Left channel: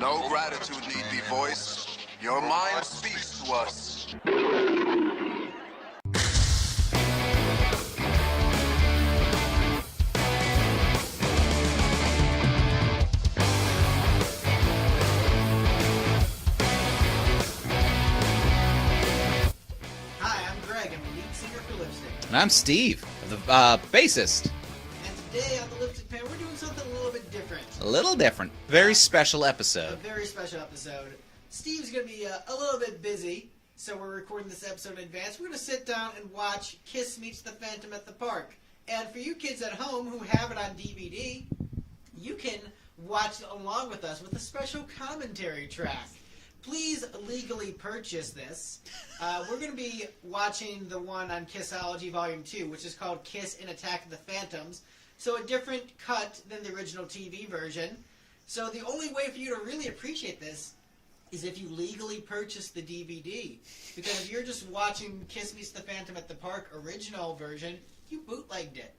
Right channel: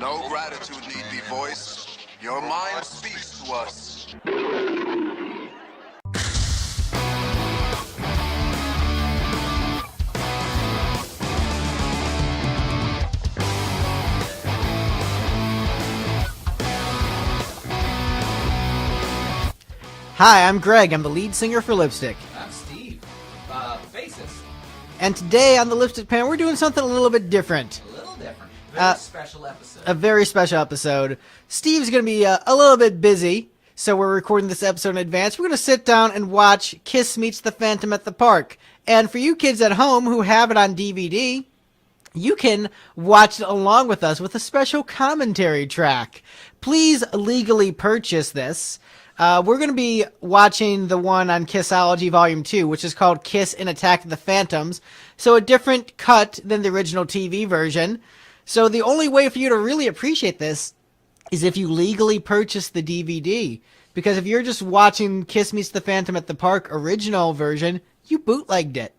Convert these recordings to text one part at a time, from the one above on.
No gratitude need be voiced. Your mind speaks to us. Hi, I'm Greg. I'm the lead singer for Lipstick. And I'm Steve, the bassist. And today on the Lipstick Panel, we're doing something a little bit different. A little different. Very special episode. A very special episode. Steve's going to be a little bit busy, so we're recording this episode in advance. We're going to sit down and watch Kiss Meets the Phantom at the Park. And for you kids at home who have it on DVD, you can watch it along with us with a special commentary track. Please legally purchase this. We're going to be watching the one on Kissology Volume 2, which is called Kiss in Attack of the Phantoms. So a different cut than the original TV version. So the only way for you to really appreciate this is if you legally purchase the DVD. Because if you're just watching Kiss Meets the Phantom at the Park original version, you bootlegged it.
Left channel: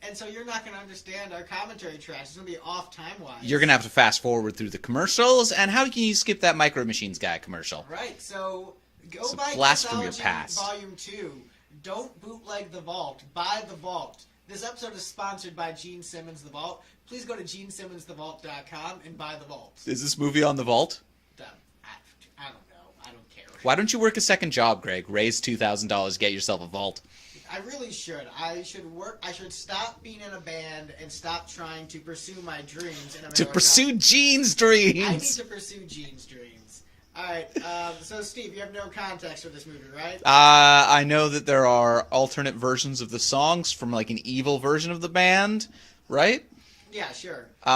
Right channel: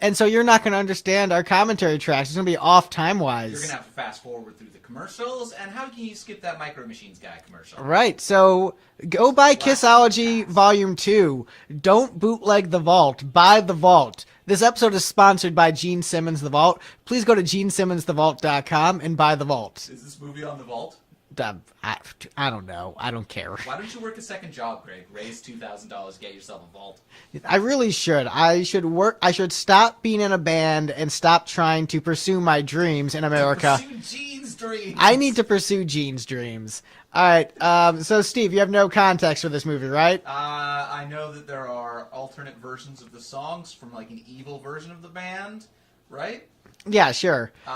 And so you're not going to understand our commentary tracks. It's going to be off time-wise. You're going to have to fast forward through the commercials. And how can you skip that Micro Machines guy commercial? Right, so go buy Blast from your Kissology past. Volume 2. Don't bootleg The Vault. Buy The Vault. This episode is sponsored by Gene Simmons The Vault. Please go to GeneSimmonsTheVault.com and buy The Vault. Is this movie on the vault? I don't know. I don't care. Why don't you work a second job, Greg? Raise $2,000, get yourself a vault. I really should. I should stop being in a band and stop trying to pursue my dreams in America. To pursue Gene's dreams. I need to pursue Gene's dreams. All right. So, Steve, you have no context for this movie, right? I know that there are alternate versions of the songs from like an evil version of the band, right? Yeah, sure. You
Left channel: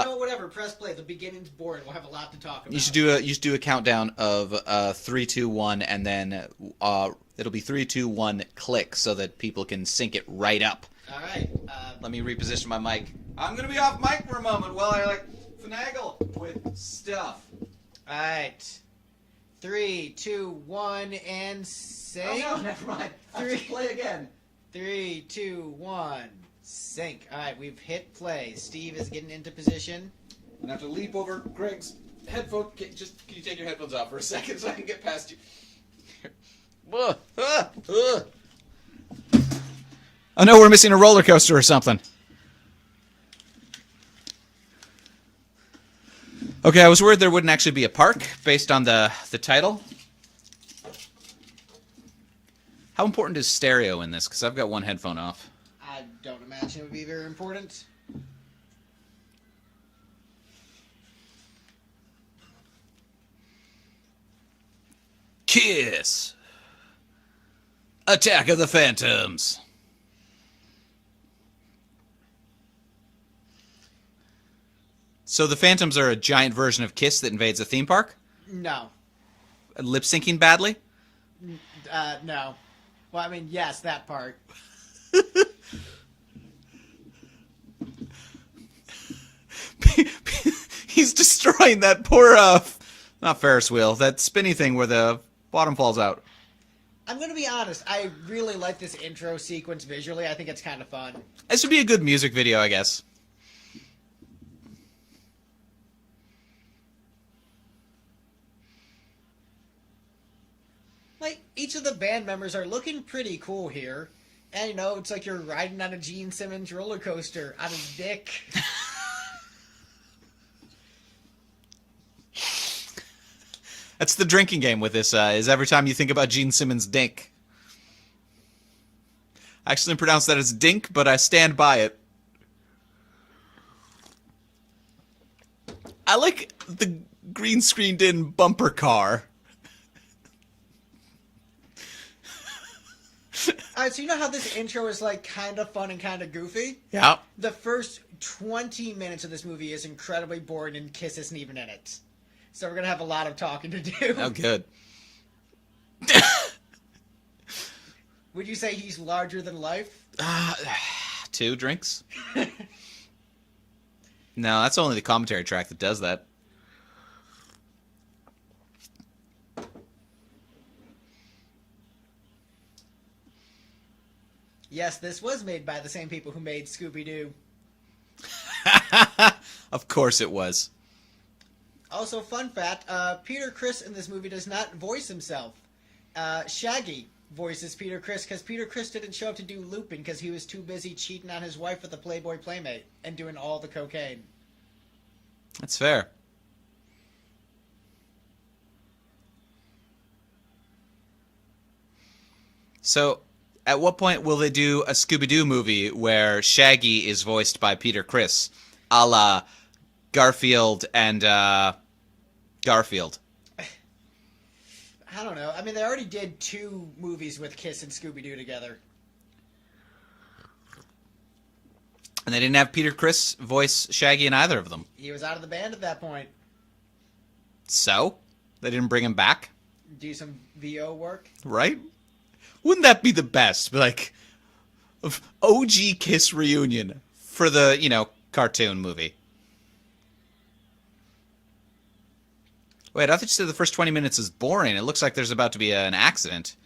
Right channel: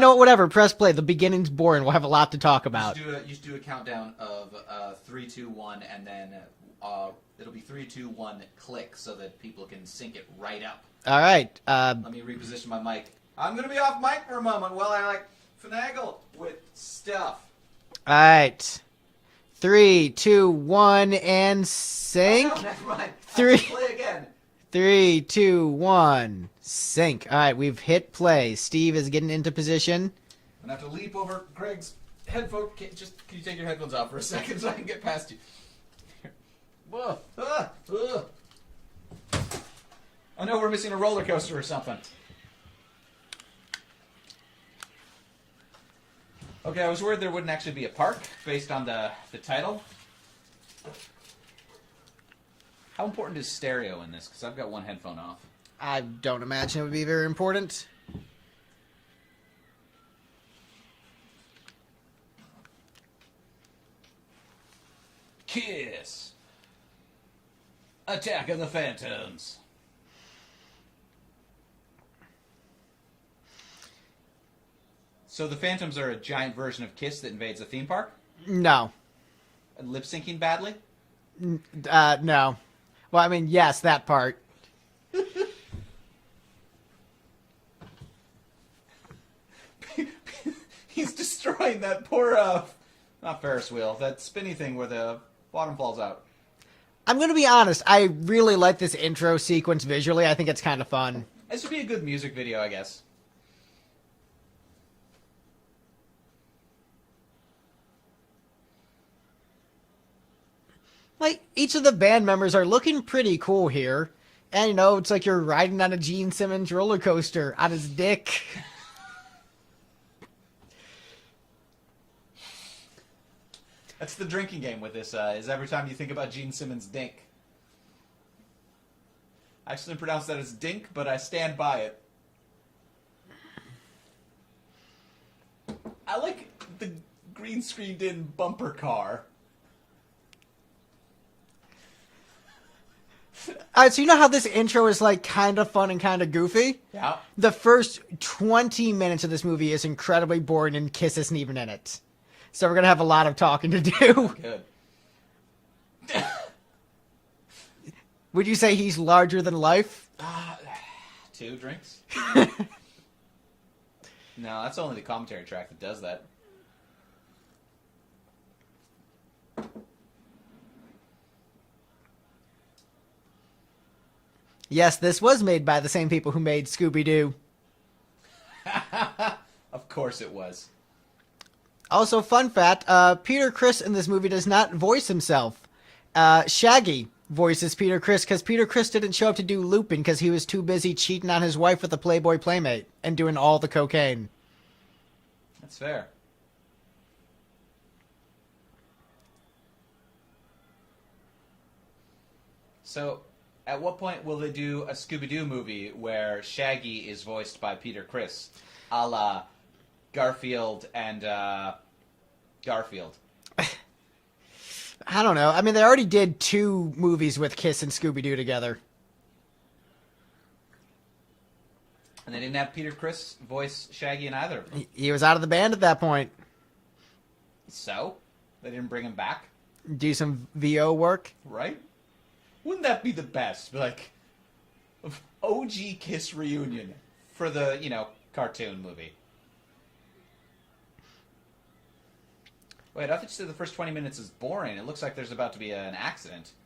know what? Whatever. Press play. The beginning's boring. We'll have a lot to talk about. You should do a countdown of 3, 2, 1, and then it'll be 3, 2, 1, click, so that people can sync it right up. All right. Let me reposition my mic. I'm gonna be off mic for a moment while I finagle with stuff. All right. 3, 2, 1, and sync. Oh, no, never mind. Three. Play again. 3, 2, 1, sync. All right, we've hit play. Steve is getting into position. I'm gonna have to leap over Greg's headphone. Can you take your headphones off for a second so I can get past you? Oh no, we're missing a roller coaster or something. Okay, I was worried there wouldn't actually be a park based on the title. How important is stereo in this? Because I've got one headphone off. I don't imagine it would be very important. Kiss. Attack of the Phantoms. So the Phantoms are a giant version of Kiss that invades a theme park? No. Lip syncing badly? No. Well, I mean, yes, that part. He's destroying that poor, not Ferris wheel, that spinny thing where the bottom falls out. I'm going to be honest. I really like this intro sequence visually. I think it's kind of fun. This would be a good music video, I guess. Like, each of the band members are looking pretty cool here. And, you know, it's like you're riding on a Gene Simmons roller coaster on his dick. That's the drinking game with this, is every time you think about Gene Simmons' dink. I actually pronounce that as dink, but I stand by it. I like the green screened in bumper car. Alright, so you know how this intro is, like, kind of fun and kind of goofy? Yeah. The first 20 minutes of this movie is incredibly boring and Kiss isn't even in it. So we're going to have a lot of talking to do. Oh, good. Would you say he's larger than life? 2 drinks? No, that's only the commentary track that does that. Yes, this was made by the same people who made Scooby-Doo. Of course it was. Also, fun fact, Peter Criss in this movie does not voice himself. Shaggy voices Peter Criss because Peter Criss didn't show up to do Lupin because he was too busy cheating on his wife with a Playboy Playmate and doing all the cocaine. That's fair. So, at what point will they do a Scooby-Doo movie where Shaggy is voiced by Peter Criss, a la Garfield and Garfield? I don't know. I mean, they already did 2 movies with Kiss and Scooby-Doo together. And they didn't have Peter Criss voice Shaggy in either of them. He was out of the band at that point. So? They didn't bring him back? Do some VO work. Right? Wouldn't that be the best? Like, of OG Kiss reunion for the, cartoon movie. Wait, I thought you said the first 20 minutes is boring. It looks like there's about to be an accident.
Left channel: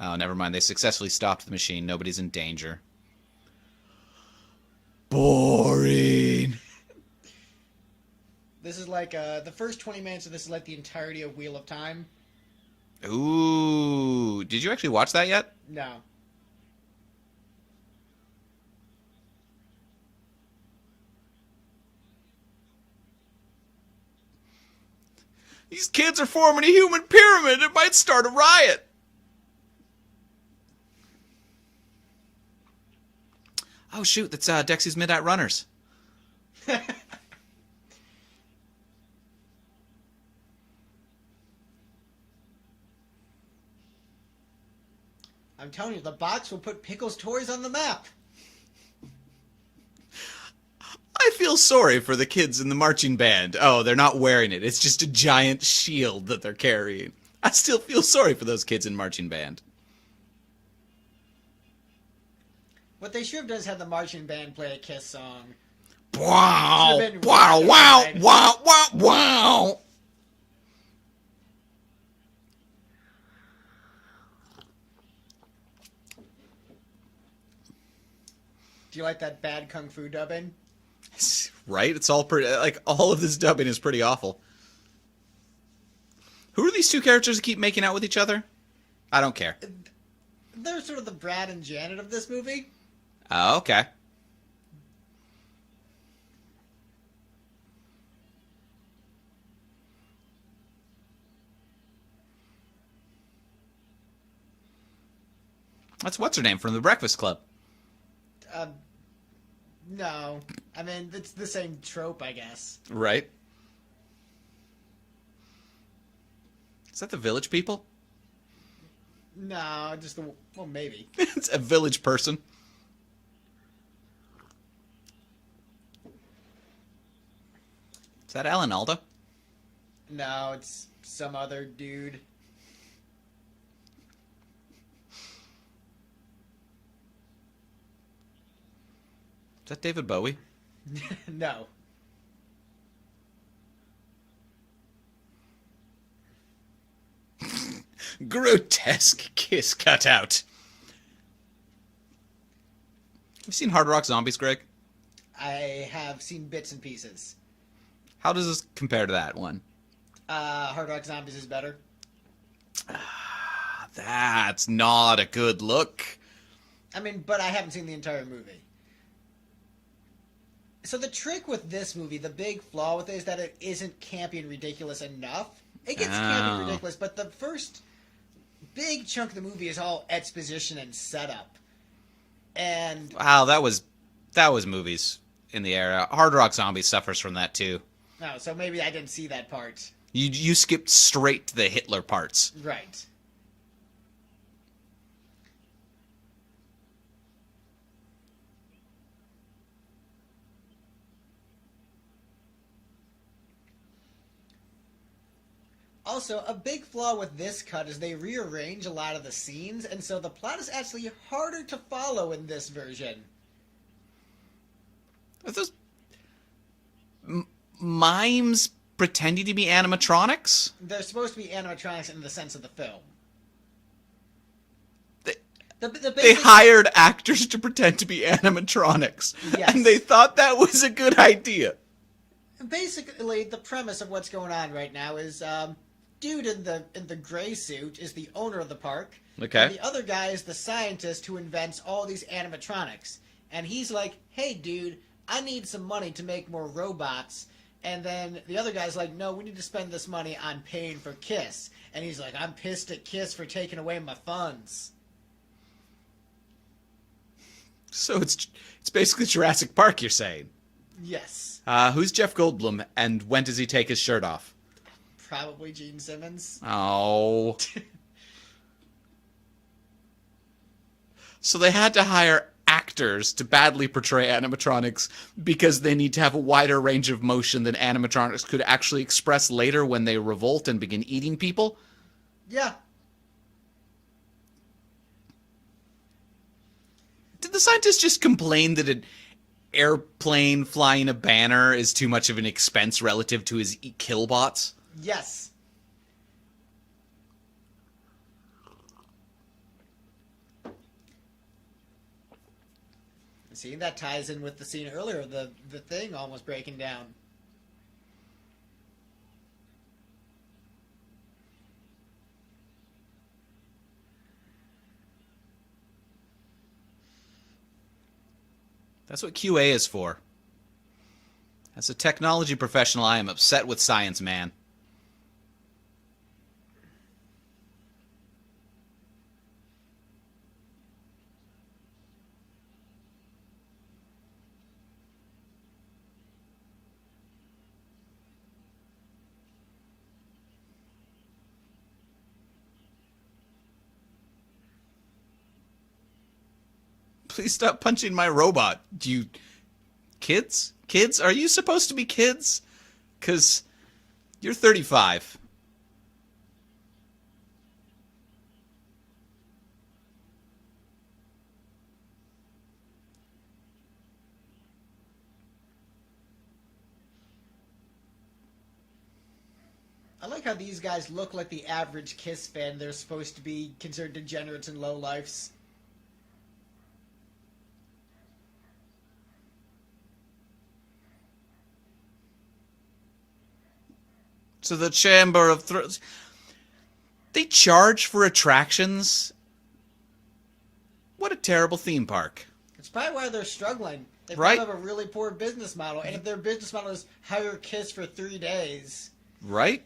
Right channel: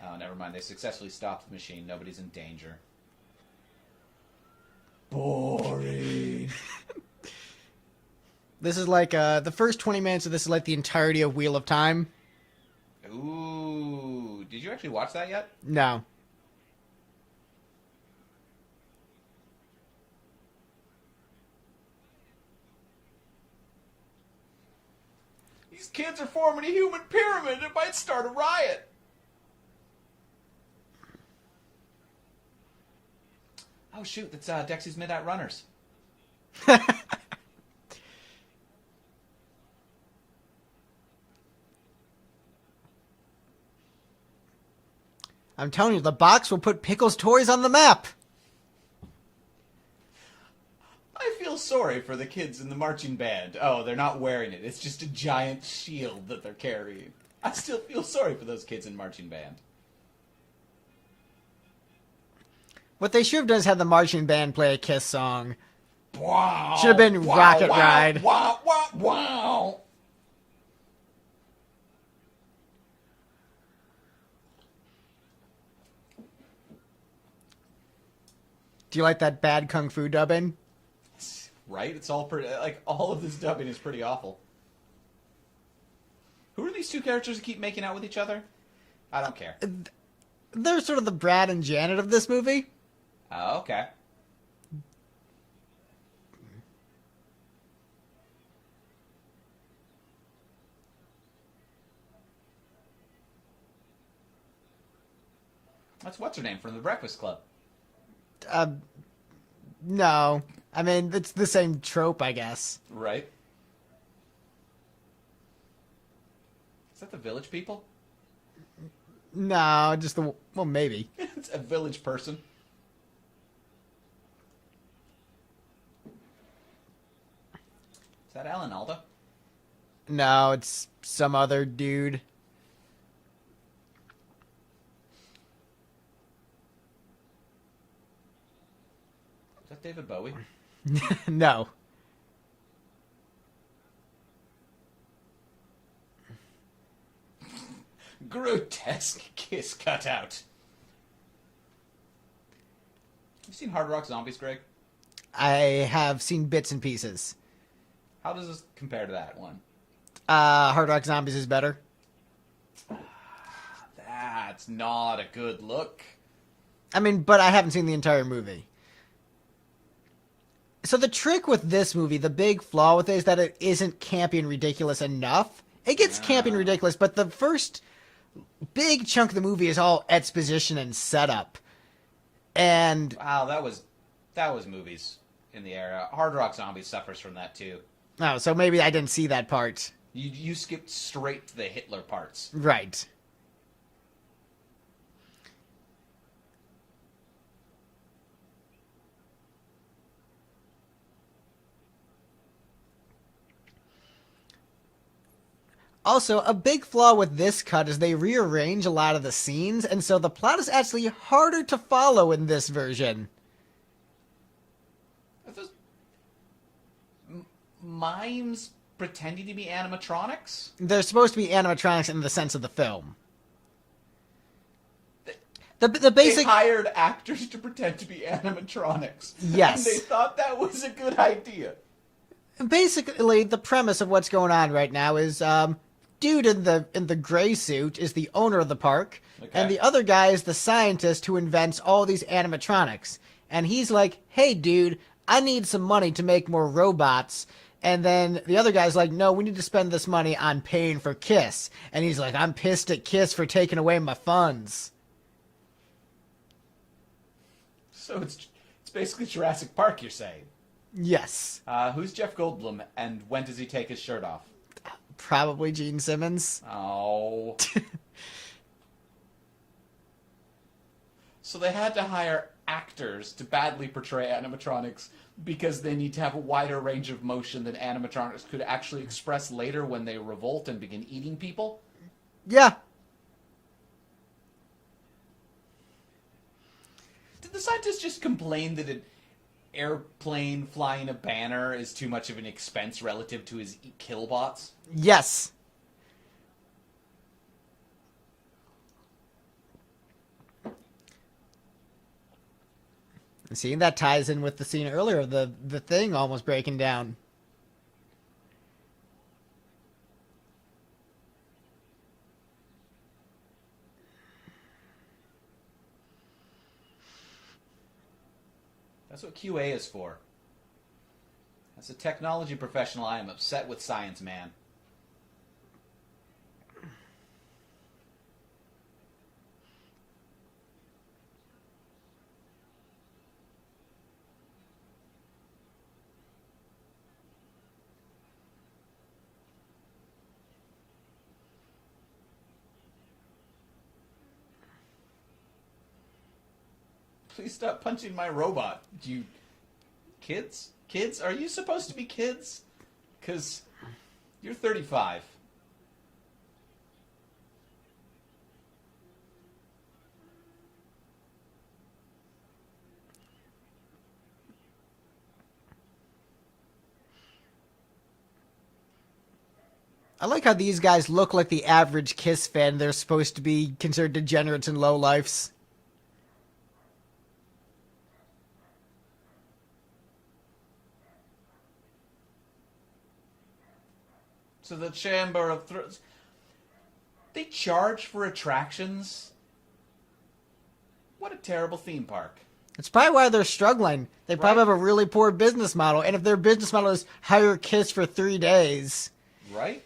Oh, never mind. They successfully stopped the machine. Nobody's in danger. Boring. This is like, the first 20 minutes of this is like the entirety of Wheel of Time. Ooh. Did you actually watch that yet? No. These kids are forming a human pyramid. It might start a riot. Oh, shoot. That's Dexy's Midnight Runners. I'm telling you, the box will put Pickles' toys on the map. I feel sorry for the kids in the marching band. Oh, they're not wearing it. It's just a giant shield that they're carrying. I still feel sorry for those kids in marching band. What they should have done is have the marching band play a Kiss song. Wow! Should have been wow! Rocket Wow! Ride. Wow! Wow! Wow! Do you like that bad kung fu dubbing? Right? It's all pretty. Like all of this dubbing is pretty awful. Who are these two characters that keep making out with each other? I don't care. They're sort of the Brad and Janet of this movie. Oh, okay. That's what's her name from The Breakfast Club. No. I mean, it's the same trope, I guess. Right. Is that the Village People? No, just the... Well, maybe. It's a village person. Is that Alan Alda? No, it's some other dude. Is that David Bowie? No. Grotesque Kiss cutout. Have you seen Hard Rock Zombies, Greg? I have seen bits and pieces. How does this compare to that one? Hard Rock Zombies is better. That's not a good look. I mean, but I haven't seen the entire movie. So the trick with this movie, the big flaw with it, is that it isn't campy and ridiculous enough. It gets campy and ridiculous, but the first big chunk of the movie is all exposition and setup. And Wow, that was movies in the era. Hard Rock Zombies suffers from that too. oh, so maybe I didn't see that part. You skipped straight to the Hitler parts. Right. Also, a big flaw with this cut is they rearrange a lot of the scenes, and so the plot is actually harder to follow in this version. Are those mimes pretending to be animatronics? They're supposed to be animatronics in the sense of the film. The They basic... hired actors to pretend to be animatronics. Yes. And they thought that was a good idea. Basically, the premise of what's going on right now is dude in the gray suit is the owner of the park, Okay. and the other guy is the scientist who invents all these animatronics. And he's like, "Hey, dude, I need some money to make more robots." And then the other guy's like, "No, we need to spend this money on paying for Kiss." And he's like, "I'm pissed at Kiss for taking away my funds." So it's basically Jurassic Park, you're saying. Yes, Who's Jeff Goldblum, and when does he take his shirt off? probably Gene Simmons. Oh. So they had to hire actors to badly portray animatronics because they need to have a wider range of motion than animatronics could actually express later when they revolt and begin eating people? Yeah. Did the scientists just complain that an airplane flying a banner is too much of an expense relative to his killbots? Yes. See, that ties in with the scene earlier of the thing almost breaking down. That's what QA is for. As a technology professional, I am upset with science, man. Please stop punching my robot. You kids? Kids? Are you supposed to be kids? 'Cause you're 35. I like how these guys look like the average Kiss fan. They're supposed to be considered degenerates and lowlifes. So the Chamber of Thrones. They charge for attractions? What a terrible theme park. It's probably why they're struggling. They probably Right. have a really poor business model. And if their business model is hire Kiss for 3 days. Right?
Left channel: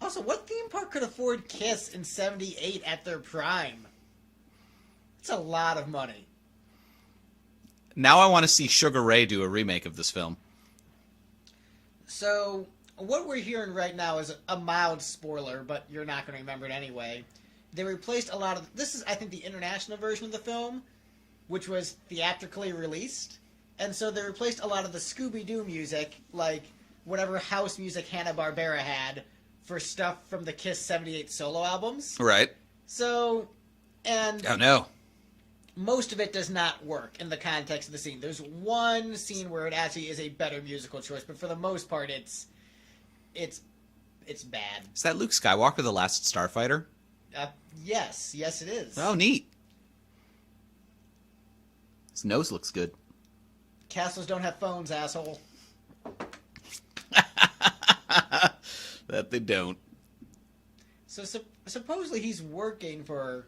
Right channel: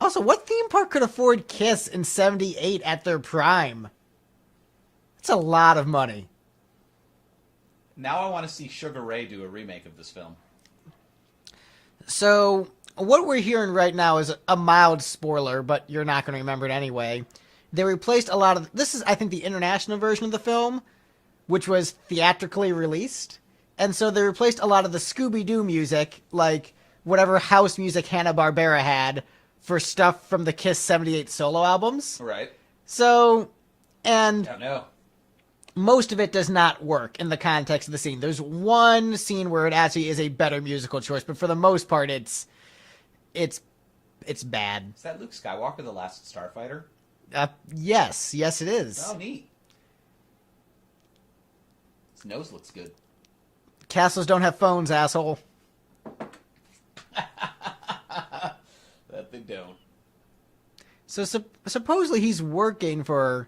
Also, what theme park could afford Kiss in 78 at their prime? It's a lot of money. Now I want to see Sugar Ray do a remake of this film. So, what we're hearing right now is a mild spoiler, but you're not going to remember it anyway. They replaced a lot of... This is, I think, the international version of the film, which was theatrically released. And so they replaced a lot of the Scooby-Doo music, like whatever house music Hanna-Barbera had, for stuff from the Kiss 78 solo albums. Right. So, and... Oh, no. most of it does not work in the context of the scene. There's one scene where it actually is a better musical choice, but for the most part, it's bad. Is that Luke Skywalker, the last Starfighter? Yes, it is. Oh, neat. His nose looks good. Castles don't have phones, asshole. That they don't. So supposedly he's working for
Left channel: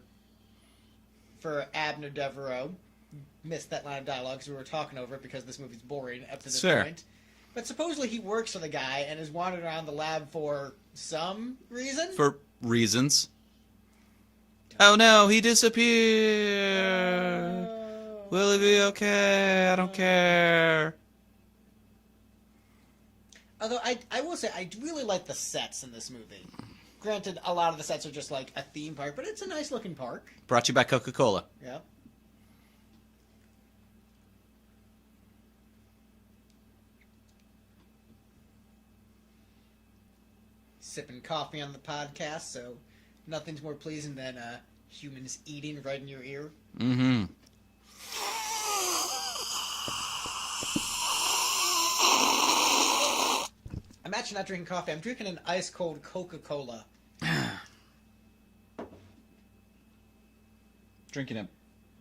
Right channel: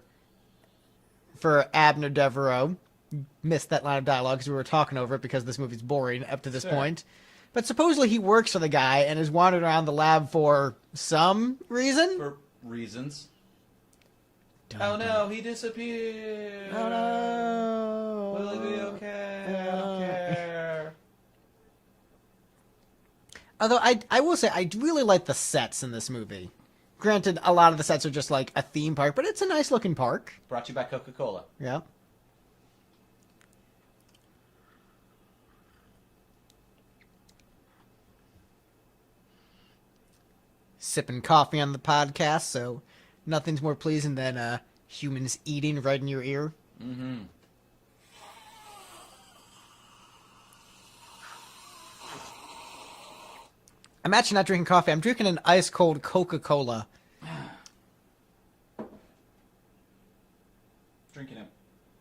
Abner Devereaux. Missed that line of dialogue because we were talking over it because this movie's boring up to this Sure. point. But supposedly he works for the guy and is wandering around the lab for some reason. For reasons. Oh no, he disappeared. Will he be okay? I don't care. Although I will say I really like the sets in this movie. Granted, a lot of the sets are just like a theme park, but it's a nice looking park. Brought to you by Coca-Cola. Yeah. Sipping coffee on the podcast, so nothing's more pleasing than humans eating right in your ear. Mm-hmm. I'm actually not drinking coffee. I'm drinking an ice cold Coca-Cola. Drinking a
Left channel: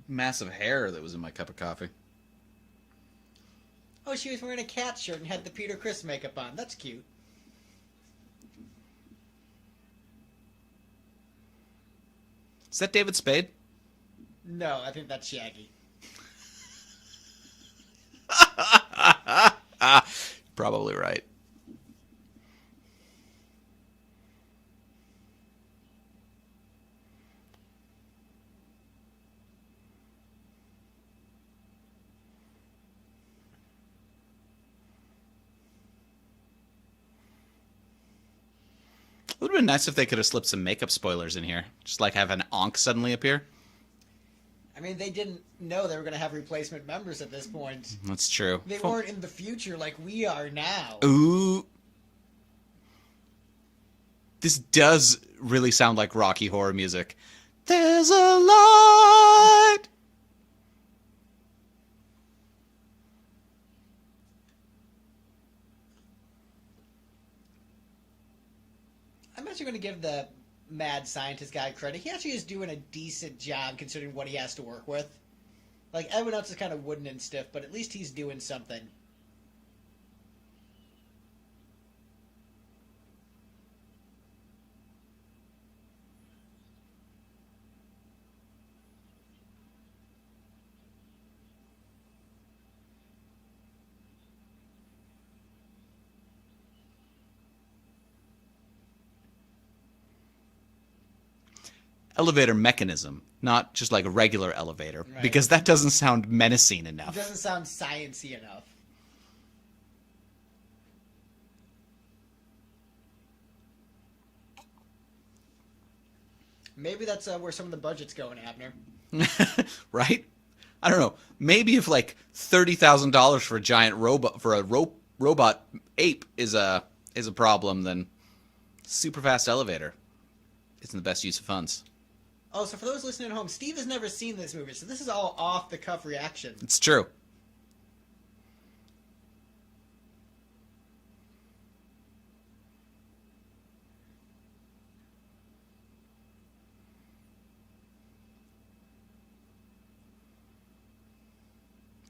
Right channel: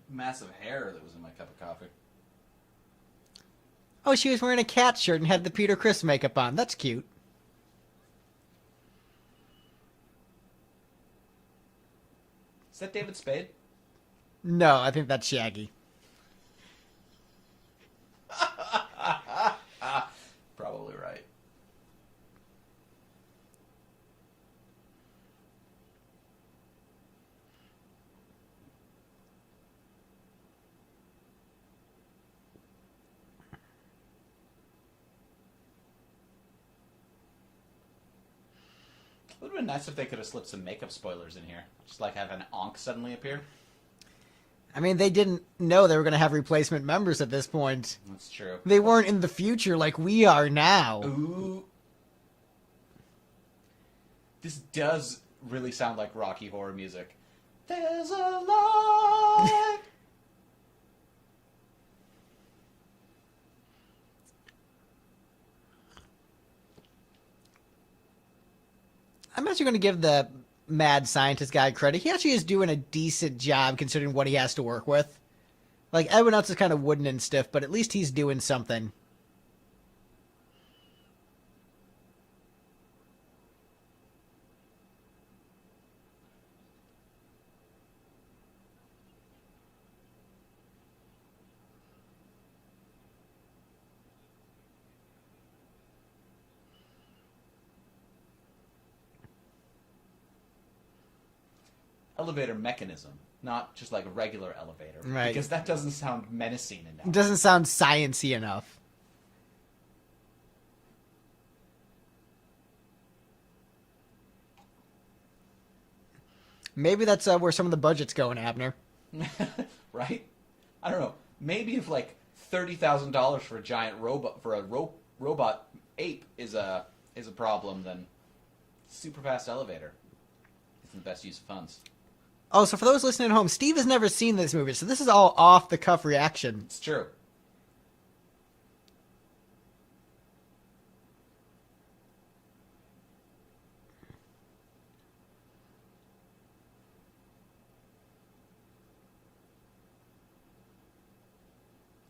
massive hair that was in my cup of coffee. Oh, she was wearing a cat shirt and had the Peter Criss makeup on. That's cute. Is that David Spade? No, I think that's Shaggy. Probably right. It would have been nice if they could have slipped some makeup spoilers in here. Just like have an Ankh suddenly appear. I mean, they didn't know they were going to have replacement members at this point. That's true. They weren't in the future like we are now. Ooh. This does really sound like Rocky Horror music. There's a light. I'm actually going to give the mad scientist guy credit. He actually is doing a decent job considering what he has to work with. Like, everyone else is kind of wooden and stiff, but at least he's doing something. Elevator mechanism, not just like a regular elevator, Right. because that doesn't sound menacing It enough. doesn't sound science-y enough. Maybe that's where some of the budget's going, Abner. Right? I don't know. Maybe if like $30,000 for a giant robot robot ape is a problem, then super fast elevator isn't the best use of funds. Oh, so for those listening at home, Steve has never seen this movie, so this is all off-the-cuff reaction. It's true.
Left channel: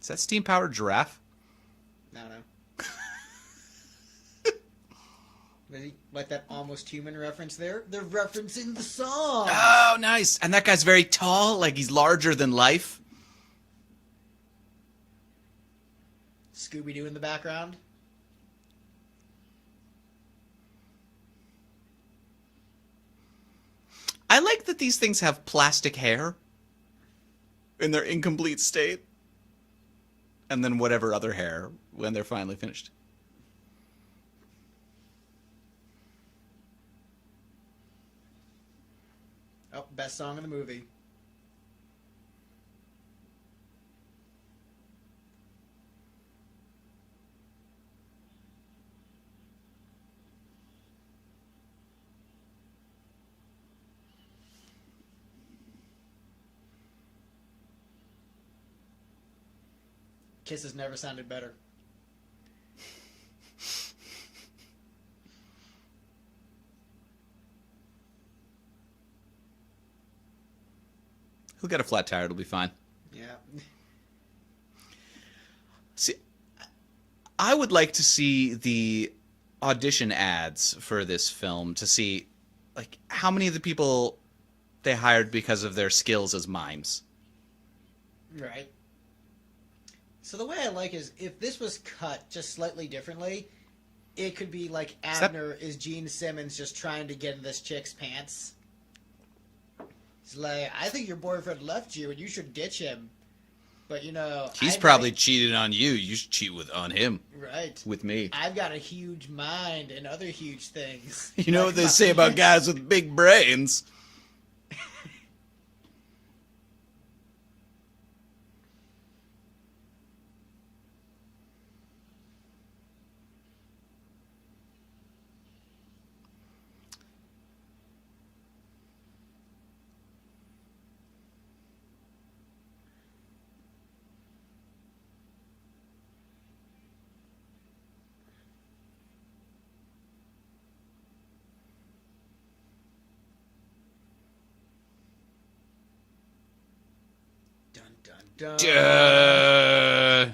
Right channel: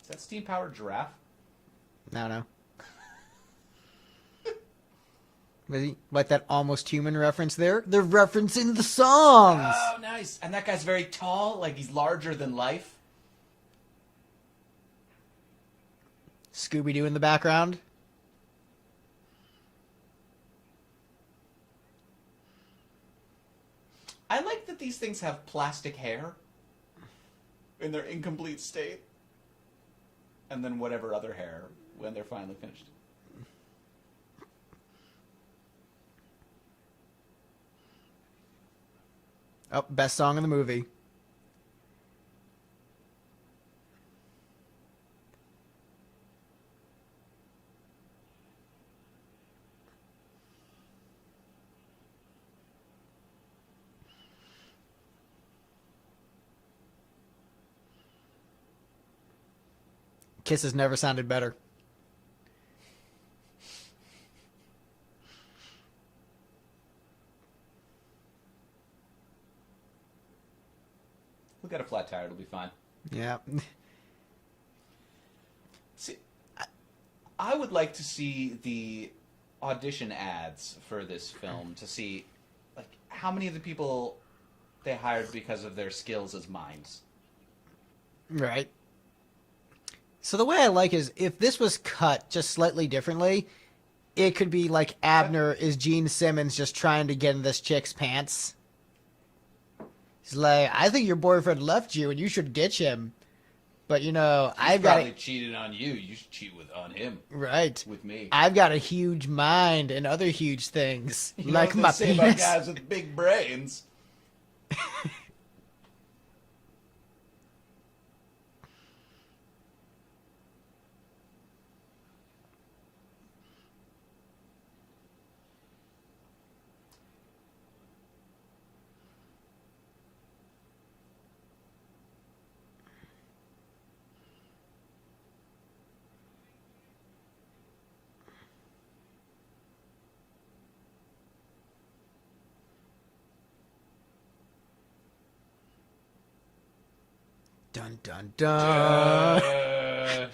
Is that steam-powered giraffe? I don't know. Like that Almost Human reference there? They're referencing the song! Oh, nice. And that guy's very tall, like he's larger than life. Scooby-Doo in the background. I like that these things have plastic hair in their incomplete state. And then whatever other hair when they're finally finished. Oh, best song in the movie. Kiss has never sounded better. He'll get a flat tire, it'll be fine. Yeah. See, I would like to see the audition ads for this film to see, like, how many of the people they hired because of their skills as mimes. Right. So the way I like is if this was cut just slightly differently, it could be like Abner is Gene Simmons just trying to get in this chick's pants. He's like, I think your boyfriend left you and you should ditch him. But, you know, He's I've probably got cheated on you. You should cheat on him. right. With me. I've got a huge mind and other huge things. You know Like what they my say about penis. guys with big brains? Dun dun dun.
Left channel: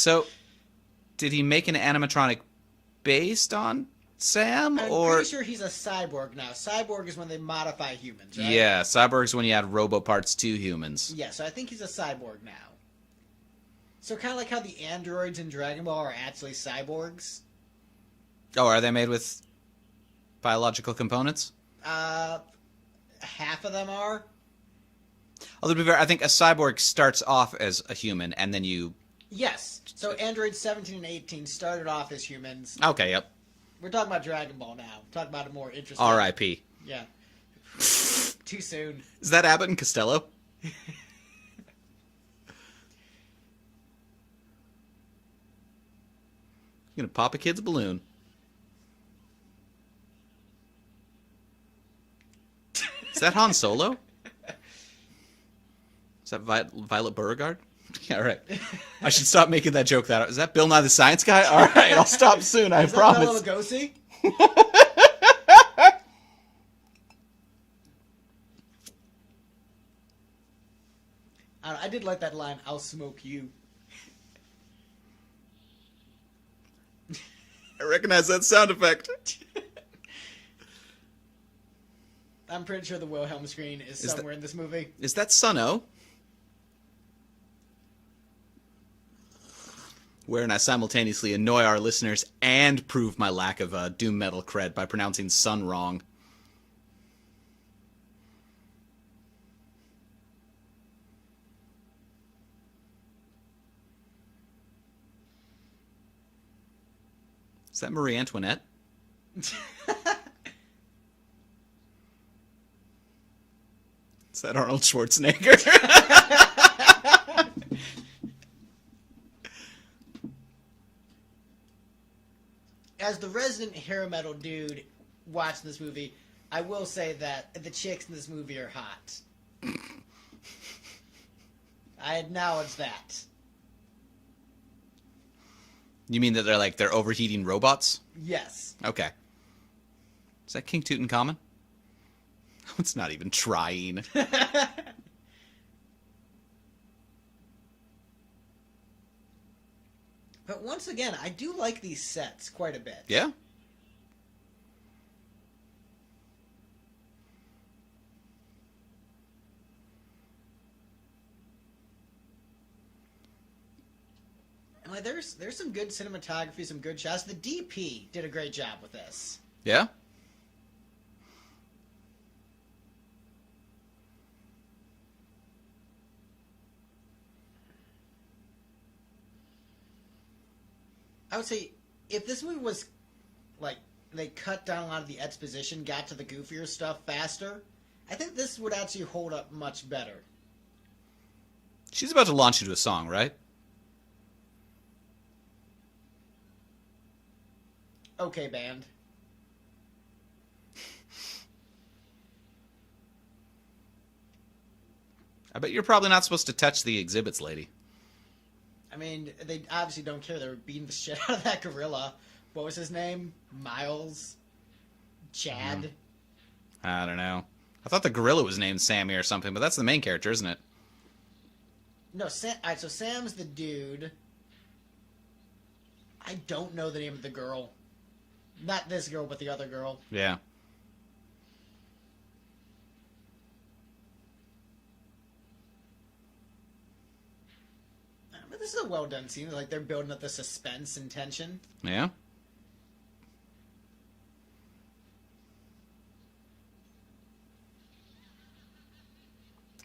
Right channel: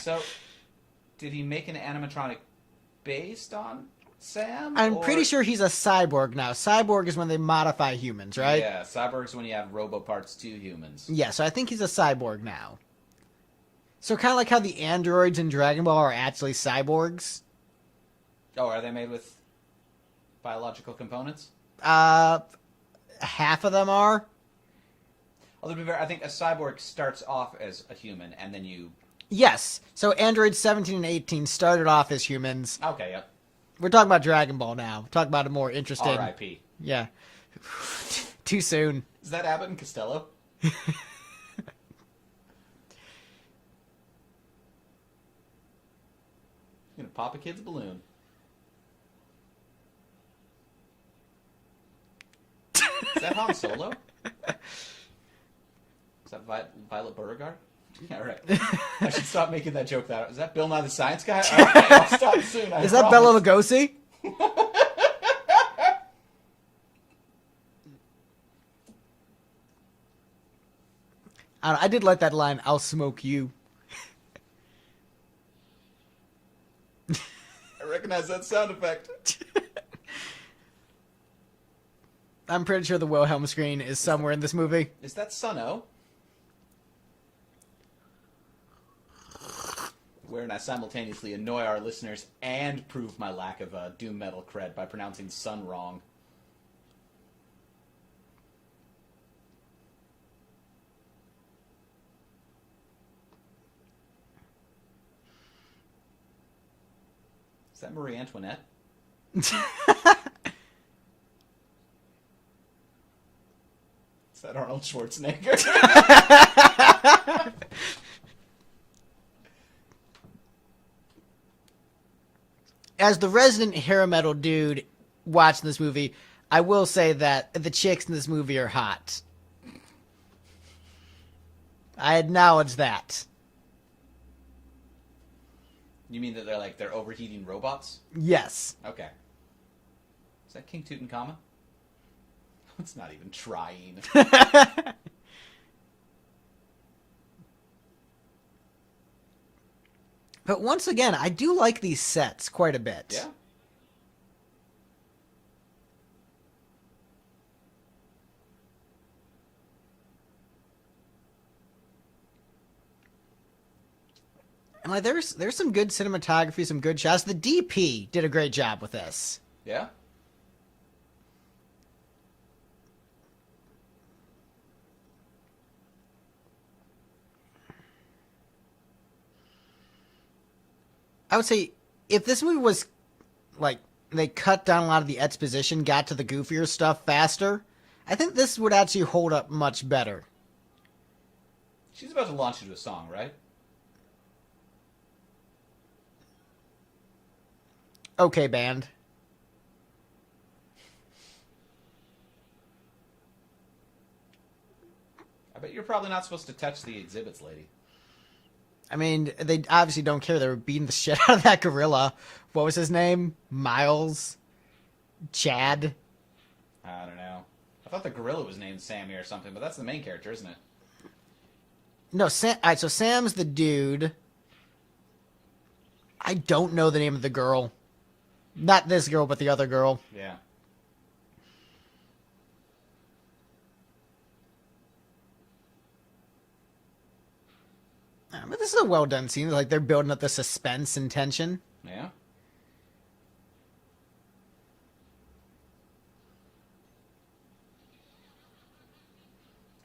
So, did he make an animatronic based on Sam? I'm pretty sure he's a cyborg now. Cyborg is when they modify humans, right? Yeah, cyborg's when you add robo parts to humans. Yeah, so I think he's a cyborg now. So kind of like how the androids in Dragon Ball are actually cyborgs. Oh, are they made with biological components? Half of them are. Although, to be fair, I think a cyborg starts off as a human, and then you... Yes. So androids 17 and 18 started off as humans. Okay, yep. We're talking about Dragon Ball now. Talk about a more interesting... R.I.P. Yeah. Too soon. Is that Abbott and Costello? You're gonna pop a kid's balloon. Is that Han Solo? Is that Violet Beauregard? Yeah, right. I should stop making that joke. Is that Bill Nye the Science Guy? All right, I'll stop soon. Is that Bela Lugosi? I did like that line, "I'll smoke you." I recognize that sound effect. I'm pretty sure the Wilhelm screen is somewhere in this movie. Is that Sun-O? Wherein I simultaneously annoy our listeners and prove my lack of doom metal cred by pronouncing sun wrong. Is that Marie Antoinette? Is that Arnold Schwarzenegger? As the resident hair metal dude watching this movie, I will say that the chicks in this movie are hot. I acknowledge that. You mean that they're overheating robots? Yes. Okay. Is that King Tutankhamun? It's not even trying. But once again, I do like these sets quite a bit. Yeah? And like there's some good cinematography, some good shots. The DP did a great job with this. Yeah? I would say if this movie was like they cut down a lot of the exposition, got to the goofier stuff faster, I think this would actually hold up much better. She's about to launch into a song, right? Okay, band. I bet you're probably not supposed to touch the exhibits, lady. I mean, they obviously don't care. They were beating the shit out of that gorilla. What was his name? Miles? Chad? I don't know. I thought the gorilla was named Sammy or something, but that's the main character, isn't it? No, so Sam's the dude. I don't know the name of the girl. Not this girl, but the other girl. Yeah. But this is a well done scene. Like they're building up the suspense and tension. Yeah?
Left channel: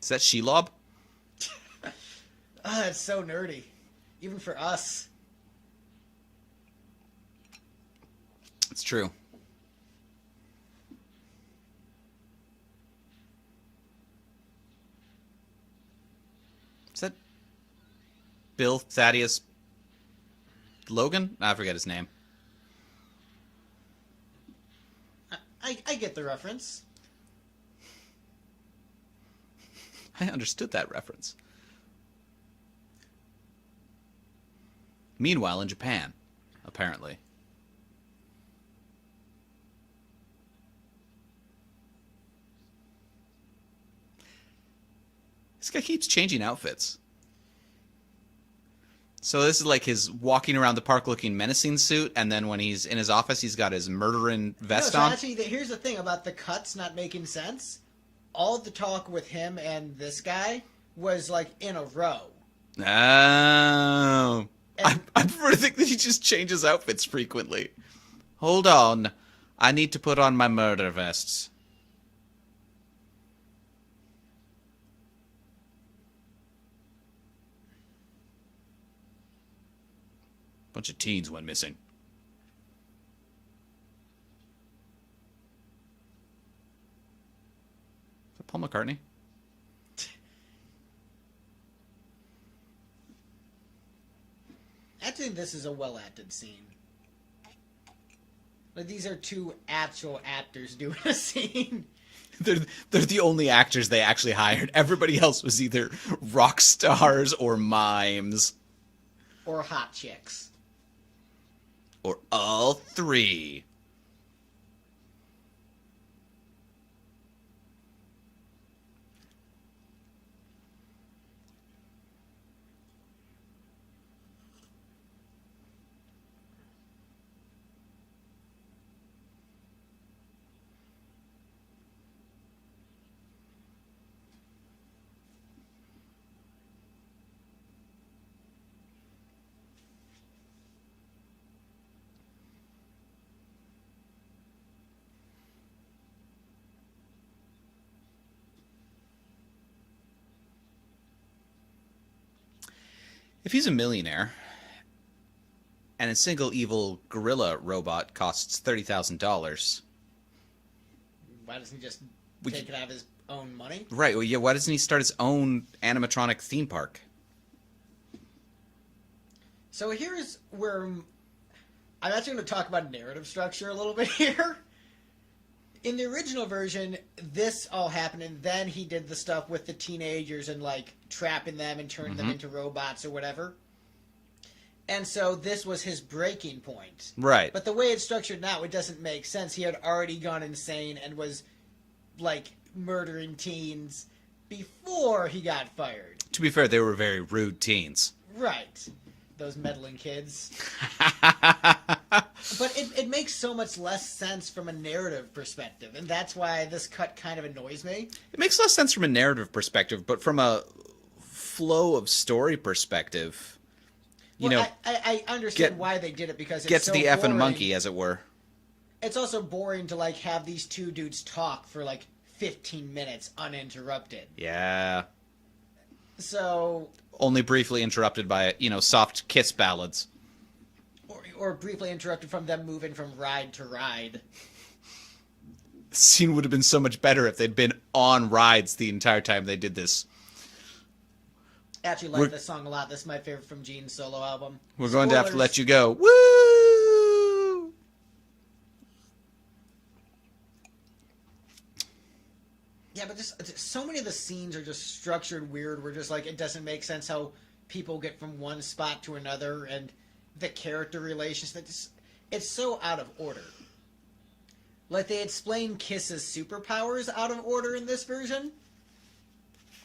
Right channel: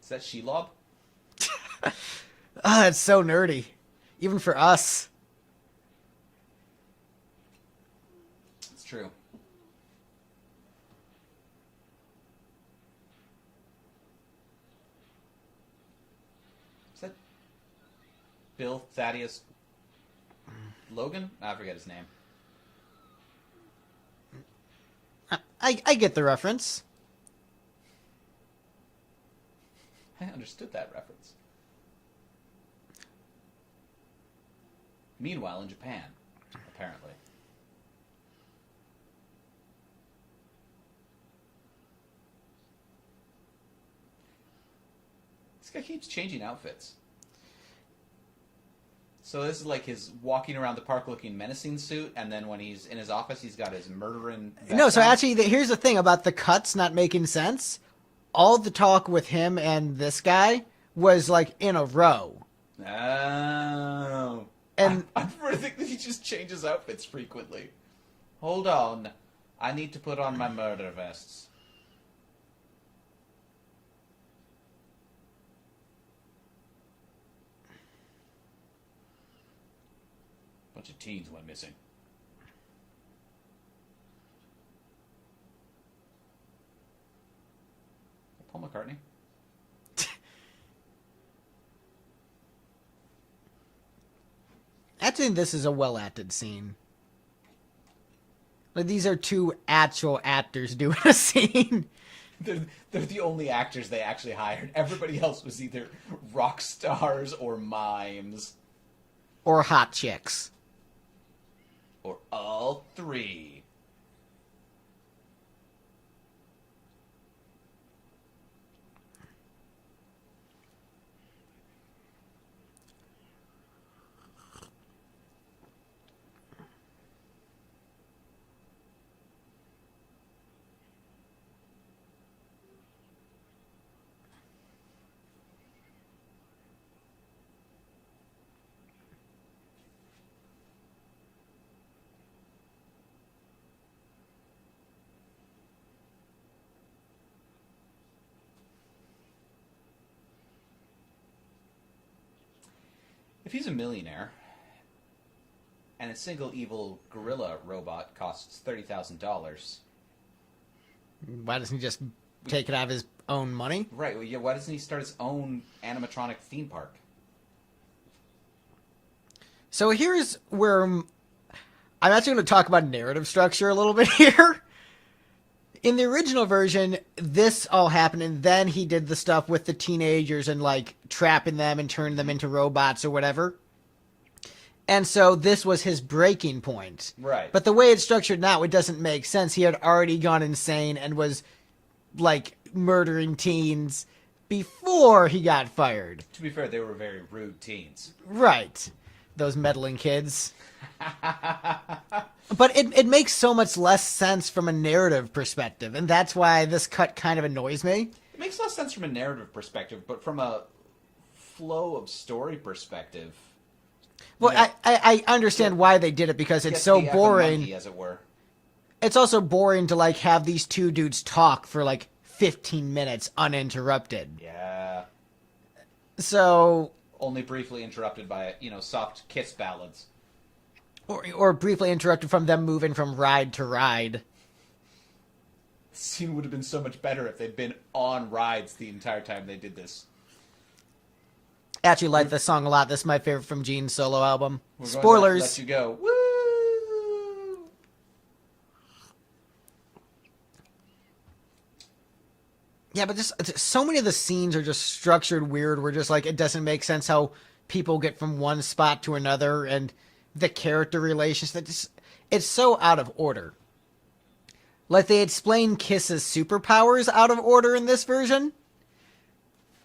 Is that Shelob? Ah, it's so nerdy. Even for us. It's true. Is that Bill Thaddeus Logan? I forget his name. I get the reference. I understood that reference. Meanwhile, in Japan, apparently. This guy keeps changing outfits. So this is like his walking around the park looking menacing suit, and then when he's in his office, he's got his murdering vest No, so on. actually, here's the thing about the cuts not making sense. All the talk with him and this guy was like in a row. Oh. And I prefer to think that he just changes outfits frequently. Hold on. I need to put on my murder vests. Bunch of teens went missing. Is that Paul McCartney? I think this is a well acted scene. Like these are two actual actors doing a scene. They're the only actors they actually hired. Everybody else was either rock stars or mimes. Or hot chicks. Or all three. If he's a millionaire and a single evil gorilla robot costs $30,000, Why doesn't he just take it out of his own money? right? Well, yeah. Why doesn't he start his own animatronic theme park? So here's where I'm actually going to talk about narrative structure a little bit here. In the original version, this all happened, and then he did the stuff with the teenagers and like trapping them and turning them into robots or whatever. And so this was his breaking point. Right. But the way it's structured now, it doesn't make sense. He had already gone insane and was like murdering teens before he got fired. To be fair, they were very rude teens. Right. Those meddling kids. But it makes so much less sense from a narrative perspective, and that's why this cut kind of annoys me. It makes less sense from a narrative perspective, but from a flow of story perspective, Well, know, I understand why they did it because it's gets so the effing boring. monkey, as it were. It's also boring to like have these two dudes talk for like 15 minutes uninterrupted. Yeah. So, Only briefly interrupted by, soft kiss ballads. or briefly interrupted from them moving from ride to ride. The scene would have been so much better if they'd been on rides the entire time they did this. Actually, like this song a lot. This is my favorite from Gene's solo album. We're going to have to let you go. Woo! Yeah, but just so many of the scenes are just structured weird. Where just like it doesn't make sense how people get from one spot to another, and the character relations. It's so out of order. Like they explain Kiss's superpowers out of order in this version.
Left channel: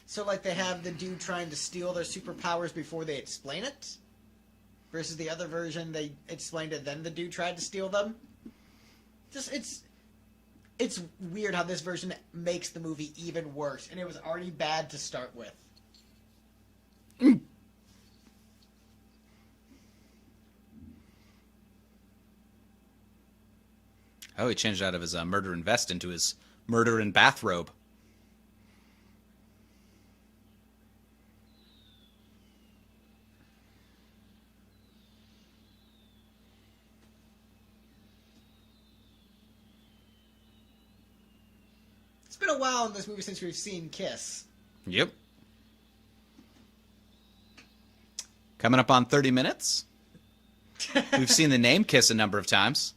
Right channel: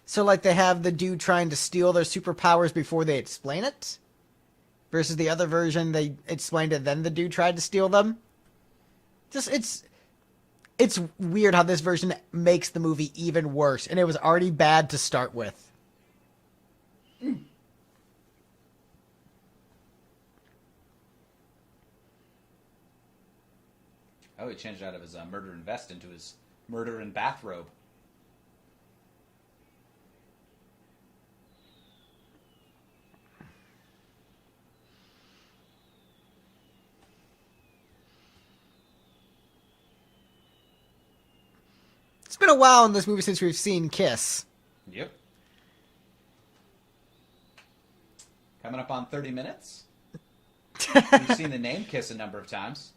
So like they have the dude trying to steal their superpowers before they explain it, versus the other version they explained it then the dude tried to steal them. It's weird how this version makes the movie even worse, and it was already bad to start with. Oh, he changed out of his murderin' vest into his murderin' bathrobe. It's been a while in this movie since we've seen Kiss. Yep. Coming up on 30 minutes. We've seen the name Kiss a number of times.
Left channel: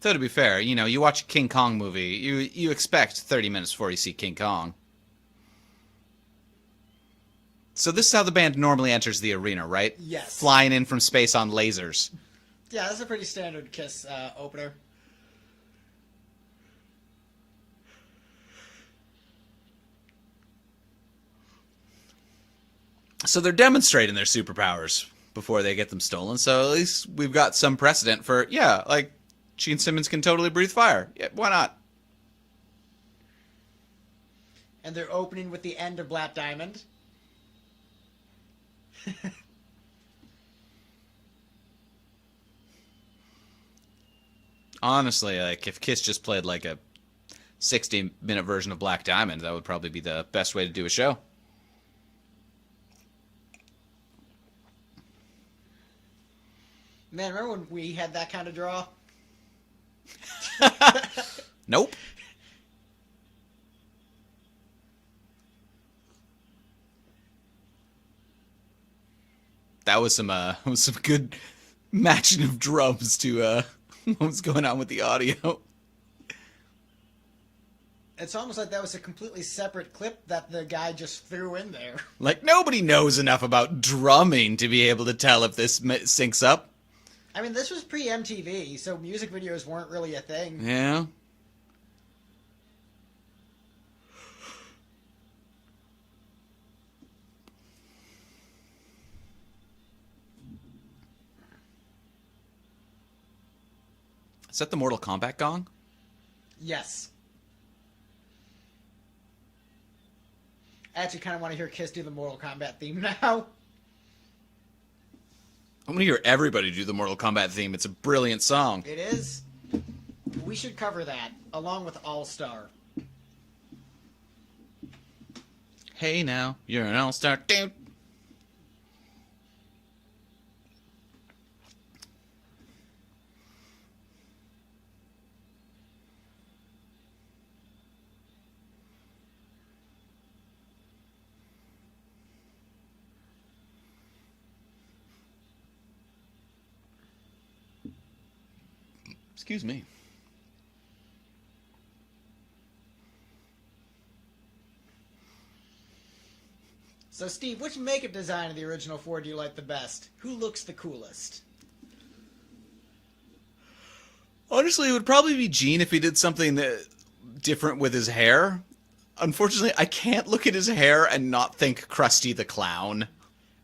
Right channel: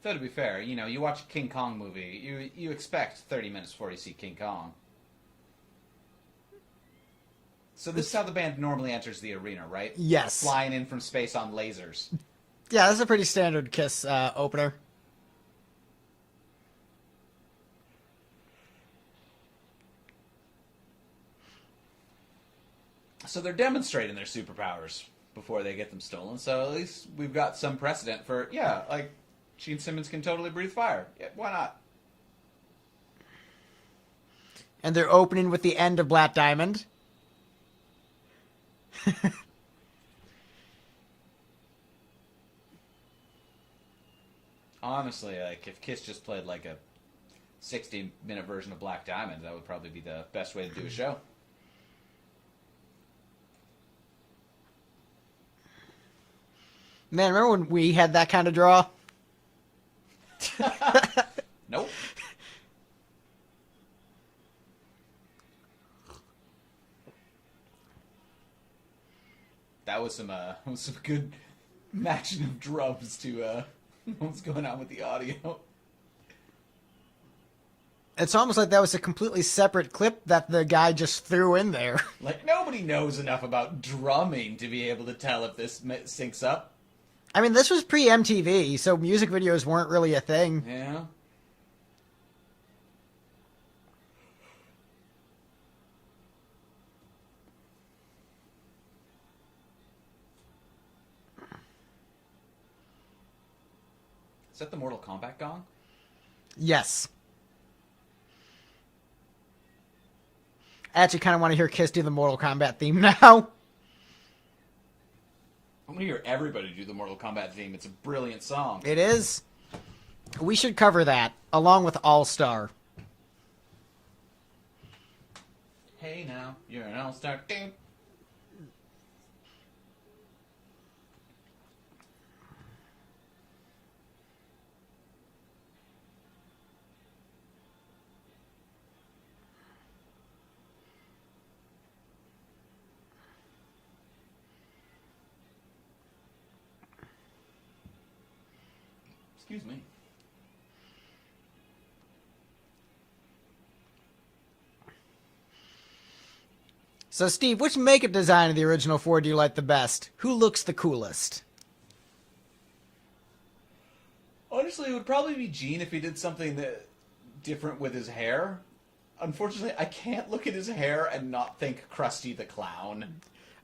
Though to be fair, you watch a King Kong movie, you expect 30 minutes before you see King Kong. So this is how the band normally enters the arena, right? Yes. Flying in from space on lasers. Yeah, this is a pretty standard Kiss opener. So they're demonstrating their superpowers before they get them stolen. So at least we've got some precedent for, yeah, like Gene Simmons can totally breathe fire. Yeah, why not? And they're opening with the end of Black Diamond. Honestly, like if Kiss just played like a 60-minute version of Black Diamond, that would probably be the best way to do a show. Man, remember when we had that kind of draw? Nope. That was some good matching of drums to what was going on with the audio. It's almost like that was a completely separate clip that the guy just threw in there. Like nobody knows enough about drumming to be able to tell if this syncs up. I mean, this was pre-MTV, so music videos weren't really a thing. Yeah. Is that the Mortal Kombat gong? Yes. I actually kind of want to hear Kiss do the Mortal Kombat theme now. I'm gonna hear everybody do the Mortal Kombat theme. It's a brilliant song. It is. We should cover that, along with All-Star. Hey now, you're an all-star. Dude. Excuse me. So, Steve, which makeup design of the original four do you like the best? Who looks the coolest? Honestly, it would probably be Gene if he did something different with his hair. Unfortunately, I can't look at his hair and not think Krusty the Clown.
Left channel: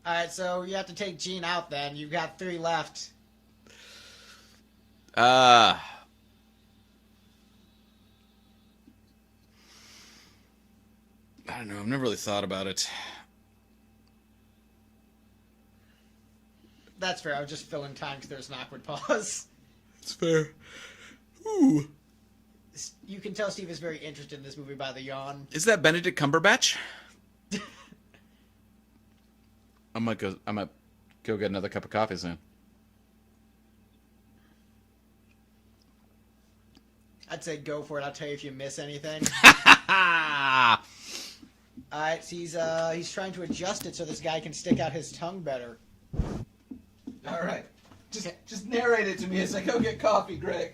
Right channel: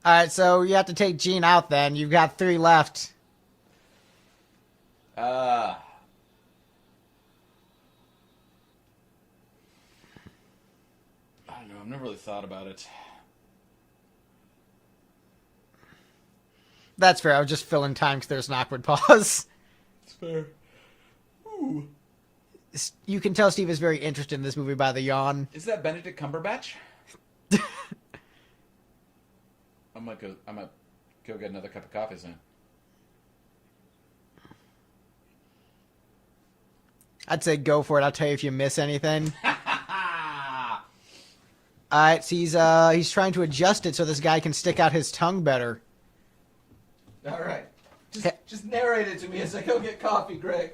All right, so you have to take Gene out then. You've got 3 left. I don't know. I've never really thought about it. That's fair. I was just filling time because there's an awkward pause. It's fair. Ooh. You can tell Steve is very interested in this movie by the yawn. Is that Benedict Cumberbatch? I might go get another cup of coffee soon. I'd say go for it. I'll tell you if you miss anything. Alright, so he's trying to adjust it so this guy can stick out his tongue better. Alright. Just narrate it to me as I go get coffee, Greg.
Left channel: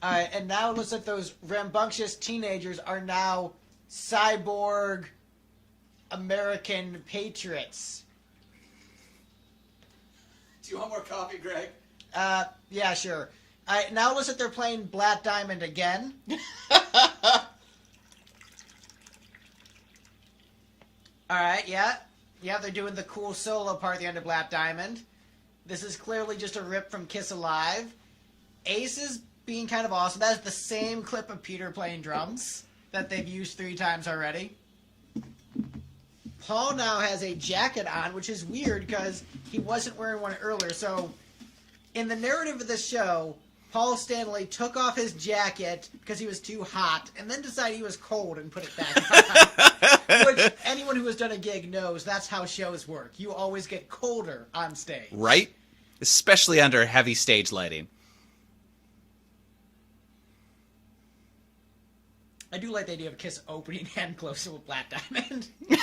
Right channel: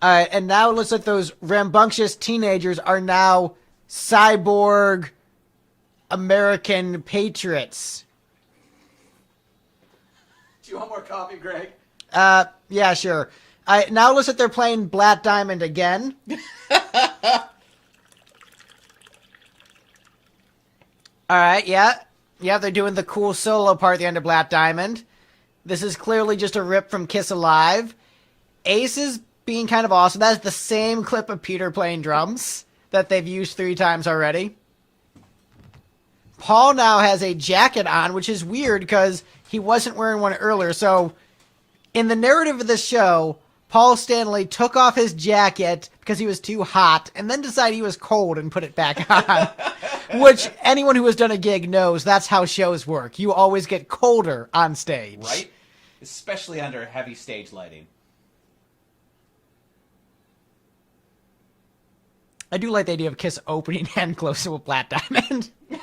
Alright, and now it looks like those rambunctious teenagers are now cyborg American patriots. Do you want more coffee, Greg? Yeah, sure. Now it looks like they're playing Black Diamond again. Alright, yeah. Yeah, they're doing the cool solo part at the end of Black Diamond. This is clearly just a rip from Kiss Alive. Ace is being kind of awesome. That is the same clip of Peter playing drums that they've used 3 times already. Paul now has a jacket on, which is weird because he wasn't wearing one earlier. So, in the narrative of the show, Paul Stanley took off his jacket because he was too hot and then decided he was cold and put it back on. Which anyone who has done a gig knows that's how shows work. You always get colder on stage. Right? Especially under heavy stage lighting. I do like the idea of Kiss opening and closing with Black Diamond. I'm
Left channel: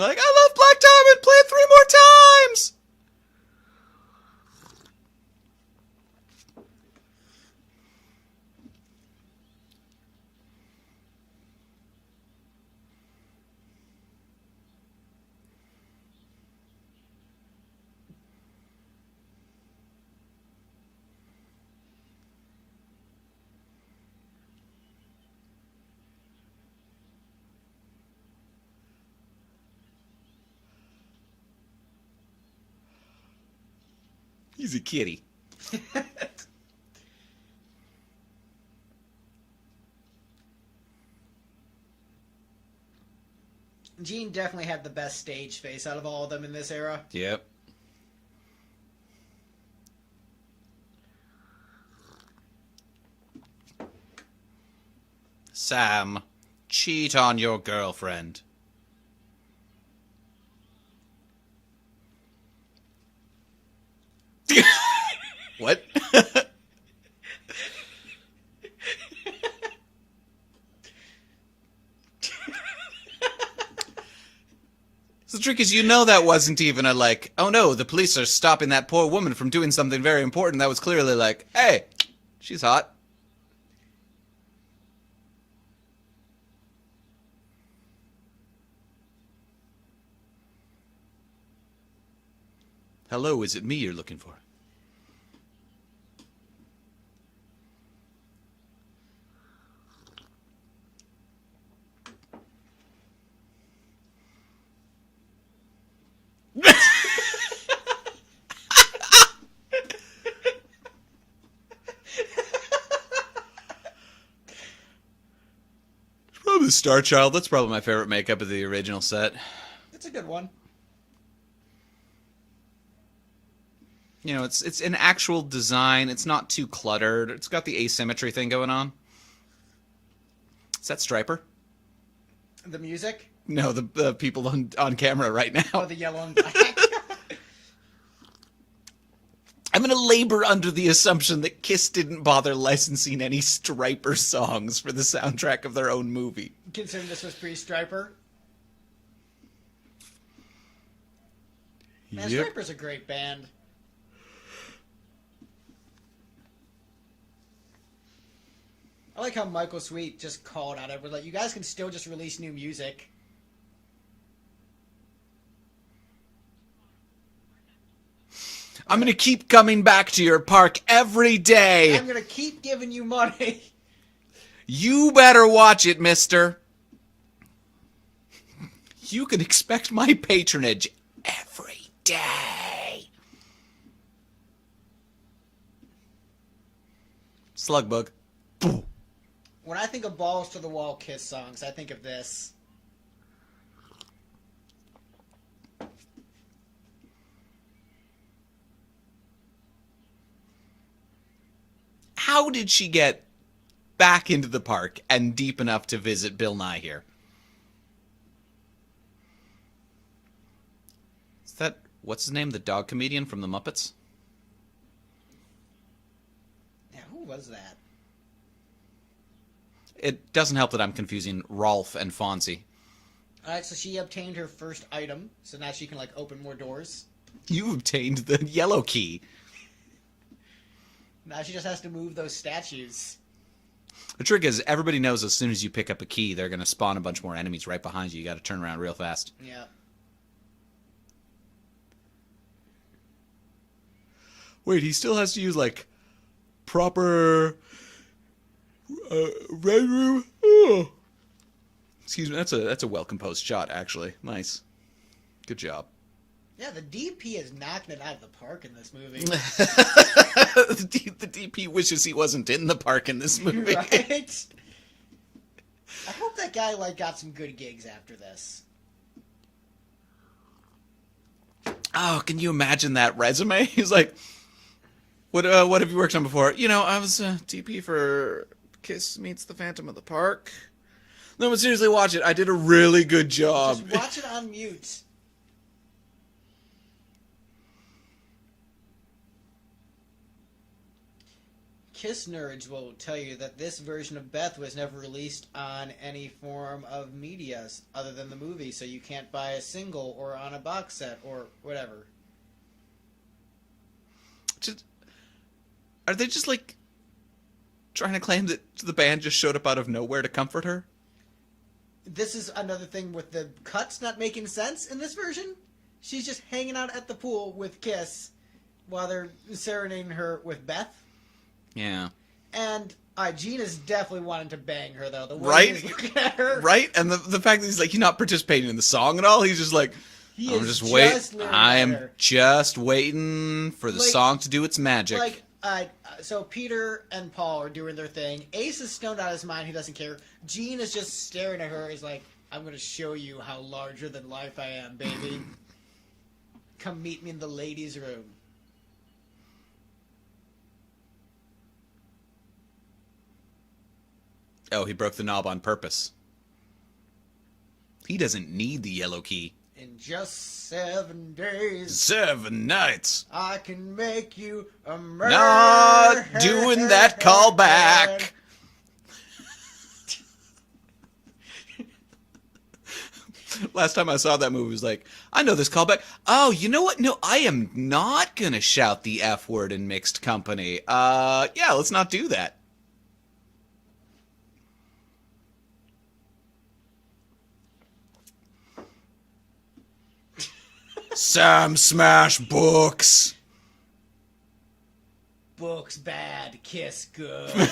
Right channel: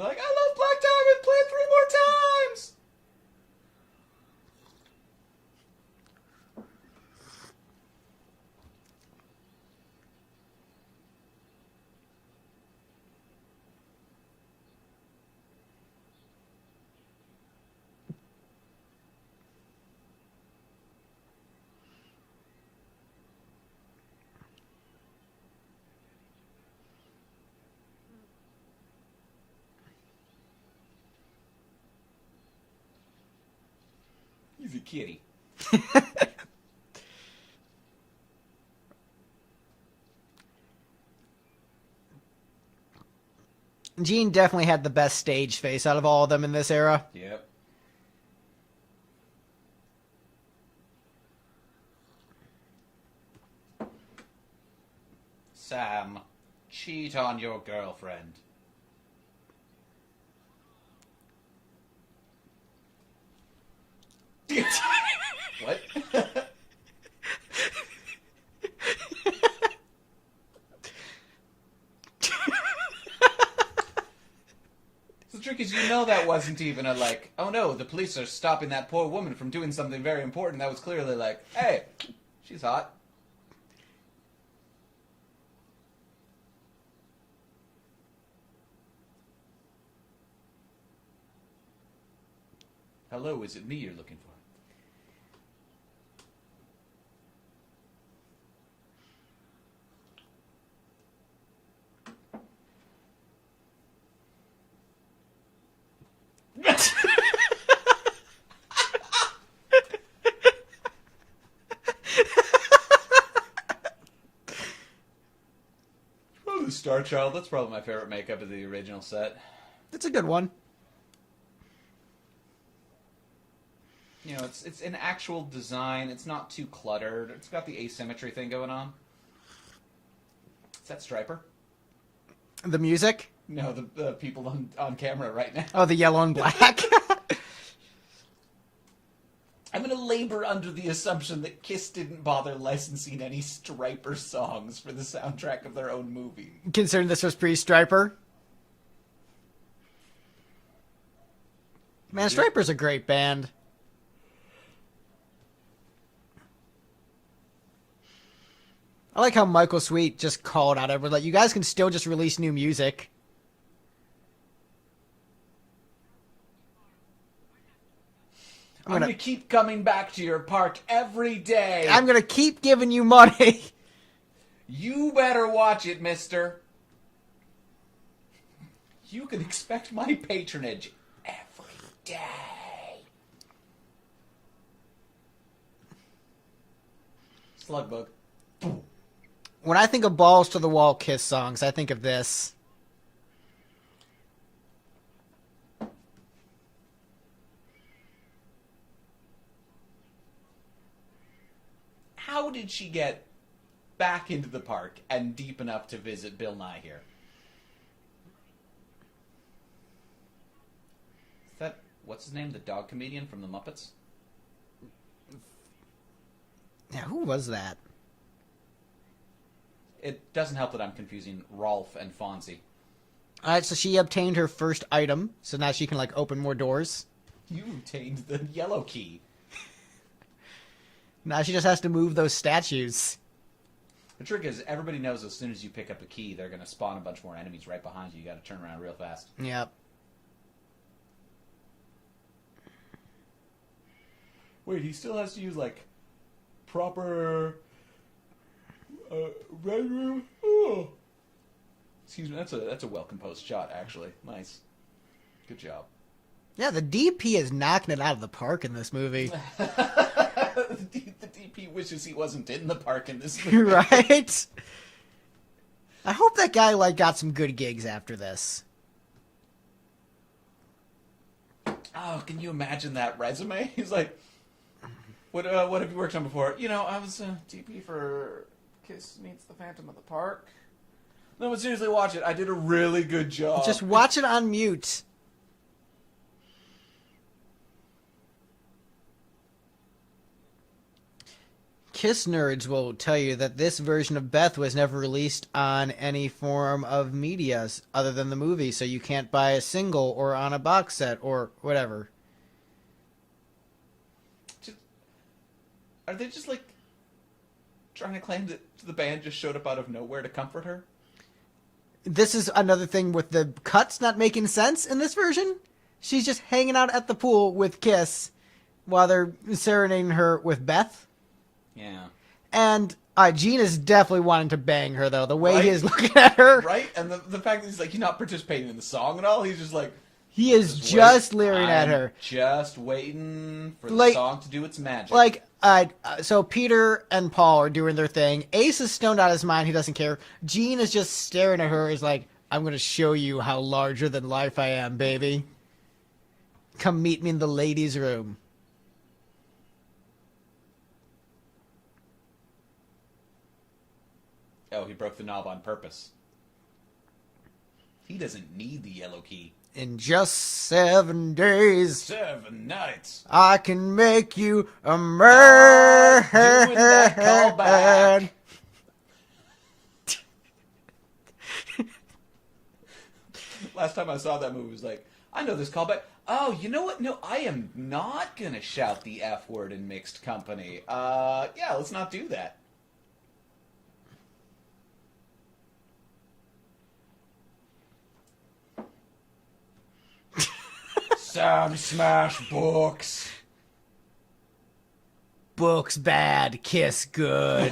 like, I love Black Diamond! Play it 3 more times! He's a kitty. Gene definitely had the best stage face out of all of them in this era. Yep. Sam, cheat on your girlfriend. What? The trick is, that wasn't even a like, oh no, the police are stopping that poor woman from doing something very important. That was clearly like, hey, she's hot. Hello, is it me you're looking for? Probably Star Child. That's probably my favorite makeup of the original set. That's a good one. You know, it's an actual design. It's not too cluttered. It's got the asymmetry thing going on. Is that Stryper? The music? No, the people on camera right now. Oh, the yellow and black. I'm going to labor under the assumption that Kiss didn't bother licensing any Stryper songs for the soundtrack of their own movie. Considering this was pre-Stryper. Man, Yep. Stryper's a great band. I like how Michael Sweet just called out everyone, like, you guys can still just release new music. I'm going to keep coming back to your park every day. I'm gonna keep giving you money. You better watch it, mister. You can expect my patronage every day. Slugbug. When I think of Balls to the Wall Kiss songs, I think of this. How did she get back into the park and deep enough to visit Bill Nye here? Is that, what's his name, the dog comedian from the Muppets? Yeah, who was that? It doesn't help that I'm confusing Rolf and Fonzie. Alright, so she obtained her first item, so now she can, like, open more doors. You obtained the yellow key. Now she just has to move those statues. The trick is, everybody knows as soon as you pick up a key, they're going to spawn a bunch more enemies right behind you. You got to turn around real fast. Yep. Wait, he still has to use, like, proper... red room? Oh. Excuse me, that's a well-composed shot, actually. Nice. Good job. Yeah, the DP is knocking it out of the park in this movie. The DP wishes he wasn't in the park in this movie. Right? I hope that guy, like, got some good gigs after this. Oh, can you imagine that resume? He's like, what have you worked on before? You know, I was DP for Kiss Meets the Phantom of the Park. No, but seriously, watch it. I did a really good job. Just watch it on mute. Kiss nerds will tell you that this version of Beth was never released on any form of media other than the movie, so you can't buy a single or on a box set or whatever. Are they just, like, trying to claim that the band just showed up out of nowhere to comfort her? This is another thing with the cuts not making sense in this version. She's just hanging out at the pool with Kiss while they're serenading her with Beth. Yeah. And Gene is definitely wanting to bang her, though. The way Right? he is looking at her. Right? And the fact that he's, like, he's not participating in the song at all, he's just like, He I'm is just leering at her. I'm just waiting for the Like- song to do its magic. Like, so Peter and Paul are doing their thing. Ace is stoned out of his mind. He doesn't care. Jean is just staring at her. He's like, I'm going to show you how larger than life I am, baby. Come meet me in the ladies' room. Oh, he broke the knob on purpose. He doesn't need the yellow key. In just 7 days, 7 nights. I can make you a Not man. doing that callback. Last time I saw that movie was like, I know this callback. Oh, you know what? No, I am not gonna shout the F word in mixed company. Yeah, let's not do that. Sam Smash Books. Books bad, kiss good.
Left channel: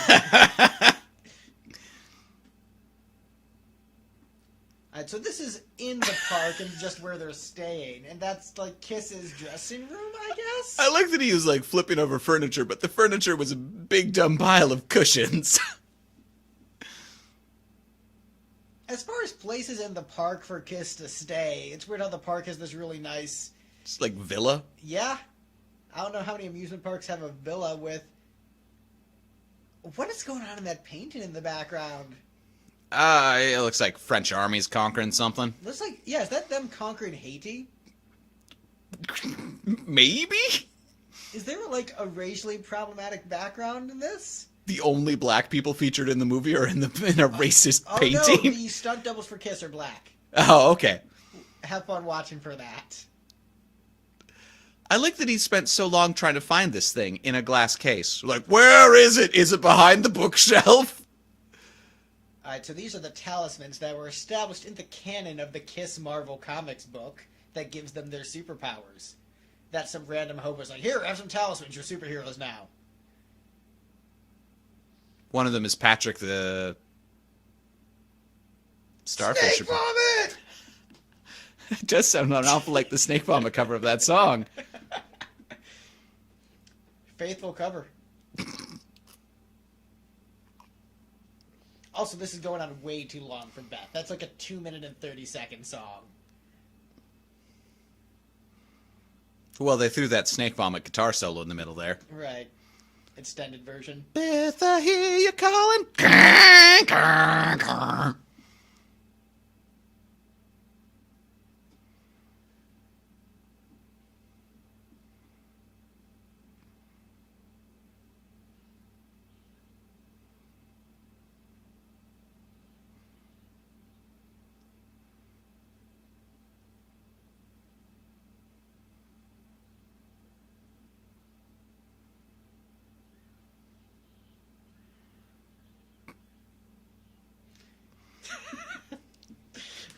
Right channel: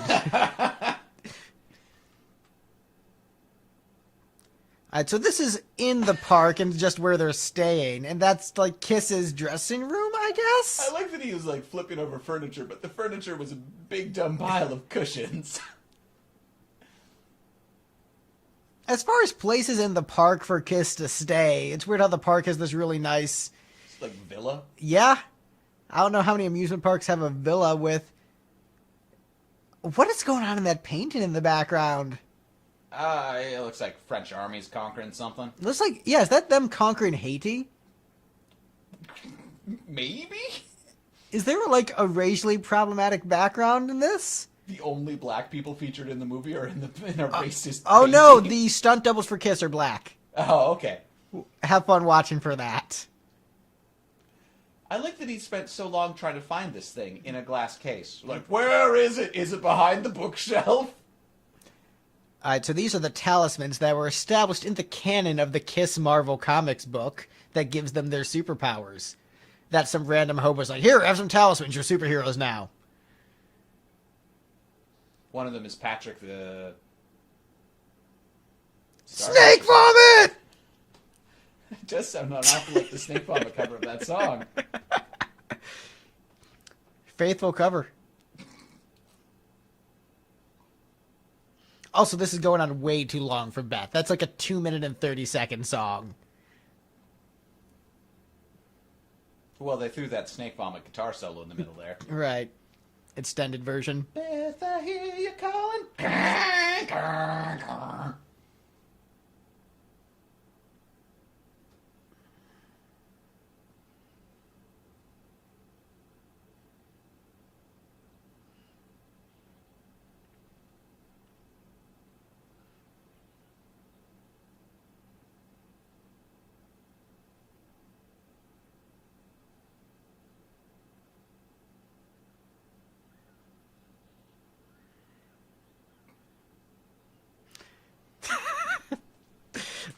Alright, so this is in the park and just where they're staying, and that's like Kiss's dressing room, I guess? I like that he was like flipping over furniture, but the furniture was a big dumb pile of cushions. As far as places in the park for Kiss to stay, it's weird how the park has this really nice... It's like villa. Yeah. I don't know how many amusement parks have a villa with... What is going on in that painting in the background? It looks like French army's conquering something. Looks like... Yeah, is that them conquering Haiti? Maybe? Is there like a racially problematic background in this? The only black people featured in the movie are in a racist Oh painting. no, the stunt doubles for Kiss are black. Oh, okay. Have fun watching for that. I like that he spent so long trying to find this thing in a glass case. Like, where is it? Is it behind the bookshelf? Alright, so these are the talismans that were established in the canon of the Kiss Marvel Comics book that gives them their superpowers. That some random hobo's like, here, have some talismans, you're superheroes now. One of them is Patrick the Snake vomit! It does sound an awful like the Snake Vomit cover of that song. Faithful cover. Also, this is going on way too long for Beth. That's like a 2-minute and 30-second song. Well, they threw that Snake Vomit guitar solo in the middle there. Right. Extended version. Beth, I hear you calling.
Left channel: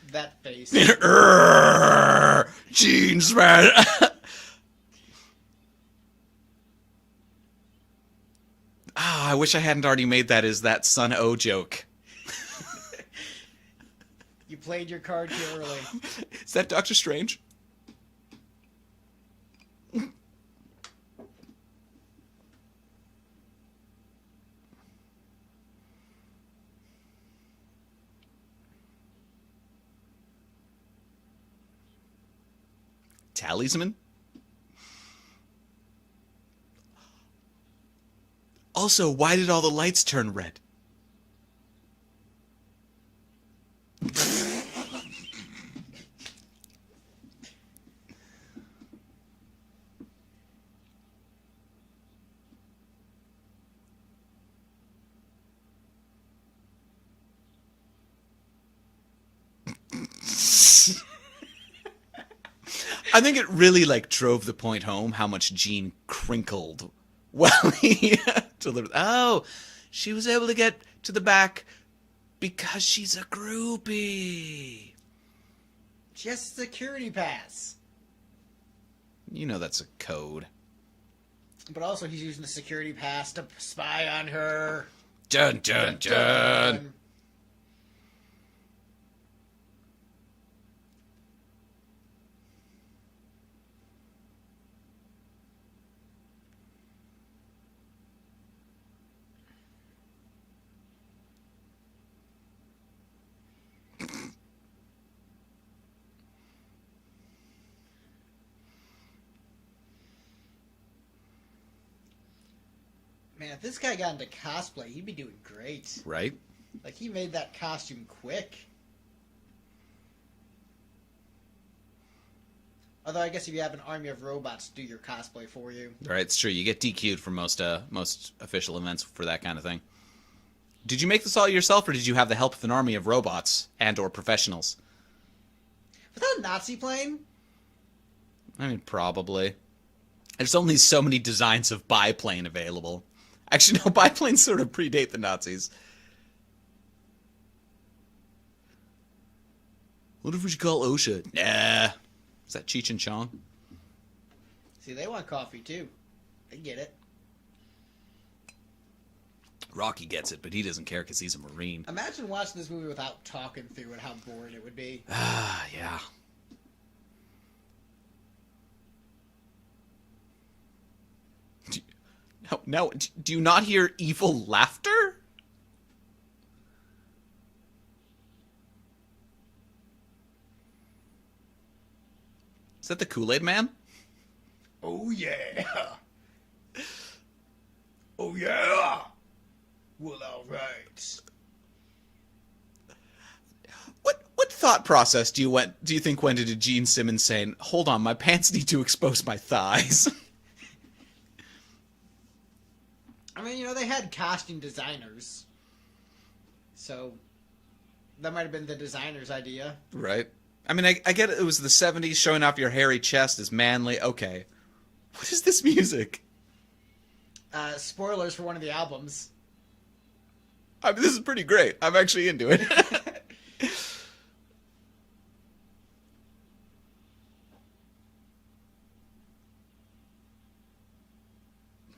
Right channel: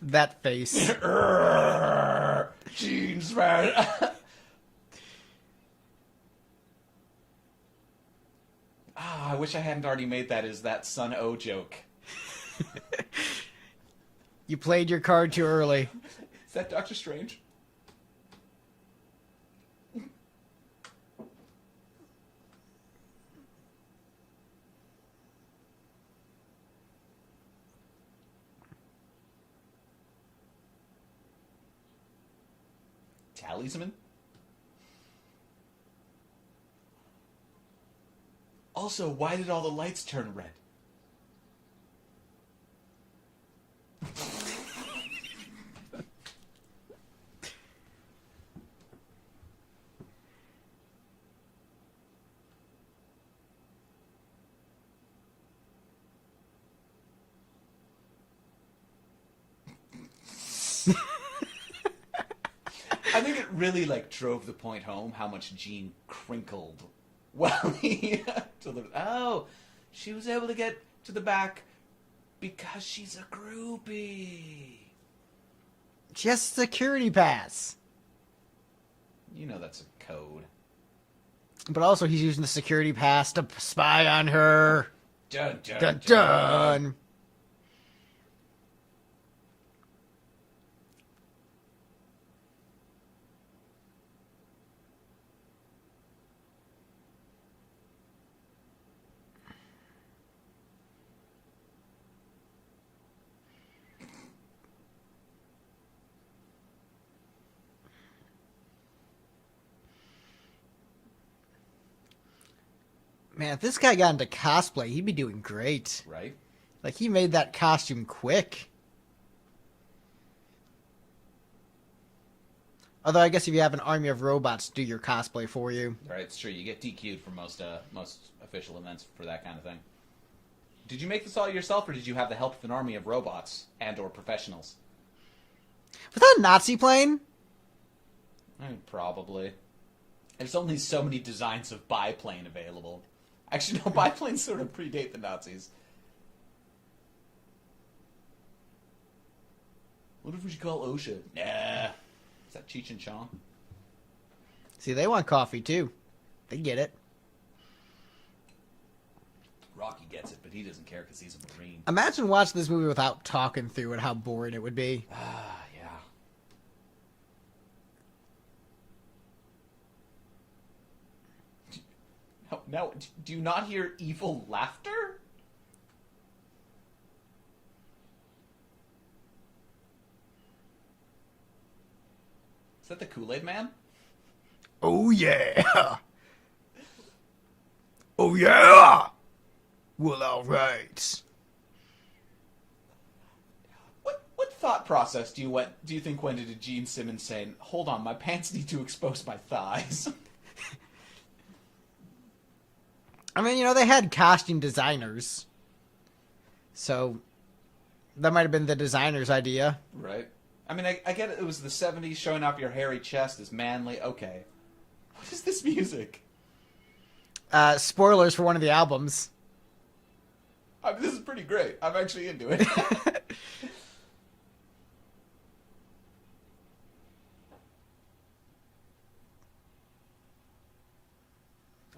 That face. Jeans, man. I wish I hadn't already made that as that Sun O joke. You played your card too early. Is that Doctor Strange? Talisman? Also, why did all the lights turn red? I think it really like drove the point home how much Gene crinkled while he delivered. Oh, she was able to get to the back because she's a groupie. Just security pass. You know that's a code. But also he's using the security pass to spy on her. Dun dun dun. Dun. Man, if this guy got into cosplay, he'd be doing great. Right? Like, he made that costume quick. Although, I guess if you have an army of robots do your cosplay for you. Right, it's true. You get DQ'd for most official events for that kind of thing. Did you make this all yourself, or did you have the help of an army of robots and or professionals? Was that a Nazi plane? I mean, probably. There's only so many designs of biplane available. Actually, no, biplanes sort of predate the Nazis. What if we should call OSHA? Nah. Is that Cheech and Chong? See, they want coffee, too. They get it. Rocky gets it, but he doesn't care because he's a Marine. Imagine watching this movie without talking through it, how boring it would be. Ah, yeah. No, do you not hear evil laughter? Is that the Kool-Aid Man? Oh, yeah. Oh, yeah. Well, all right. What thought process do you think went into Gene Simmons saying, "Hold on, my pants need to expose my thighs"? I mean, you know, they had costume designers. So, that might have been the designer's idea. Right. I mean, I get it was the 70s, showing off your hairy chest is manly. Okay. What is this music? Spoilers for one of the albums. I mean, this is pretty great. I'm actually into it.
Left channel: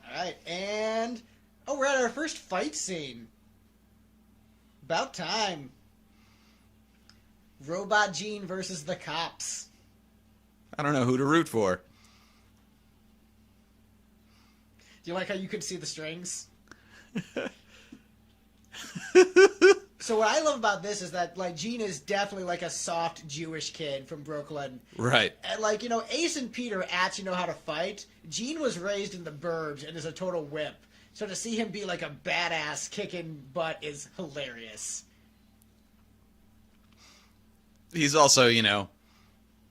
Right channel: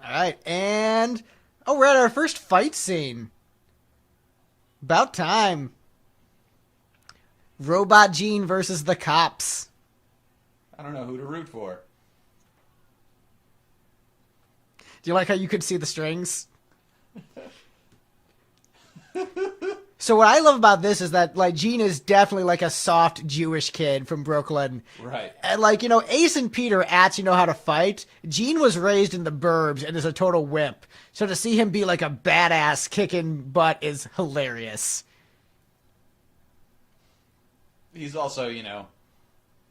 Alright, and... Oh, we're at our first fight scene. About time. Robot Gene versus the cops. I don't know who to root for. Do you like how you could see the strings? So what I love about this is that, like, Gene is definitely like a soft Jewish kid from Brooklyn. Right. And, like, you know, Ace and Peter actually know how to fight. Gene was raised in the burbs and is a total wimp. So to see him be like a badass kicking butt is hilarious. He's also,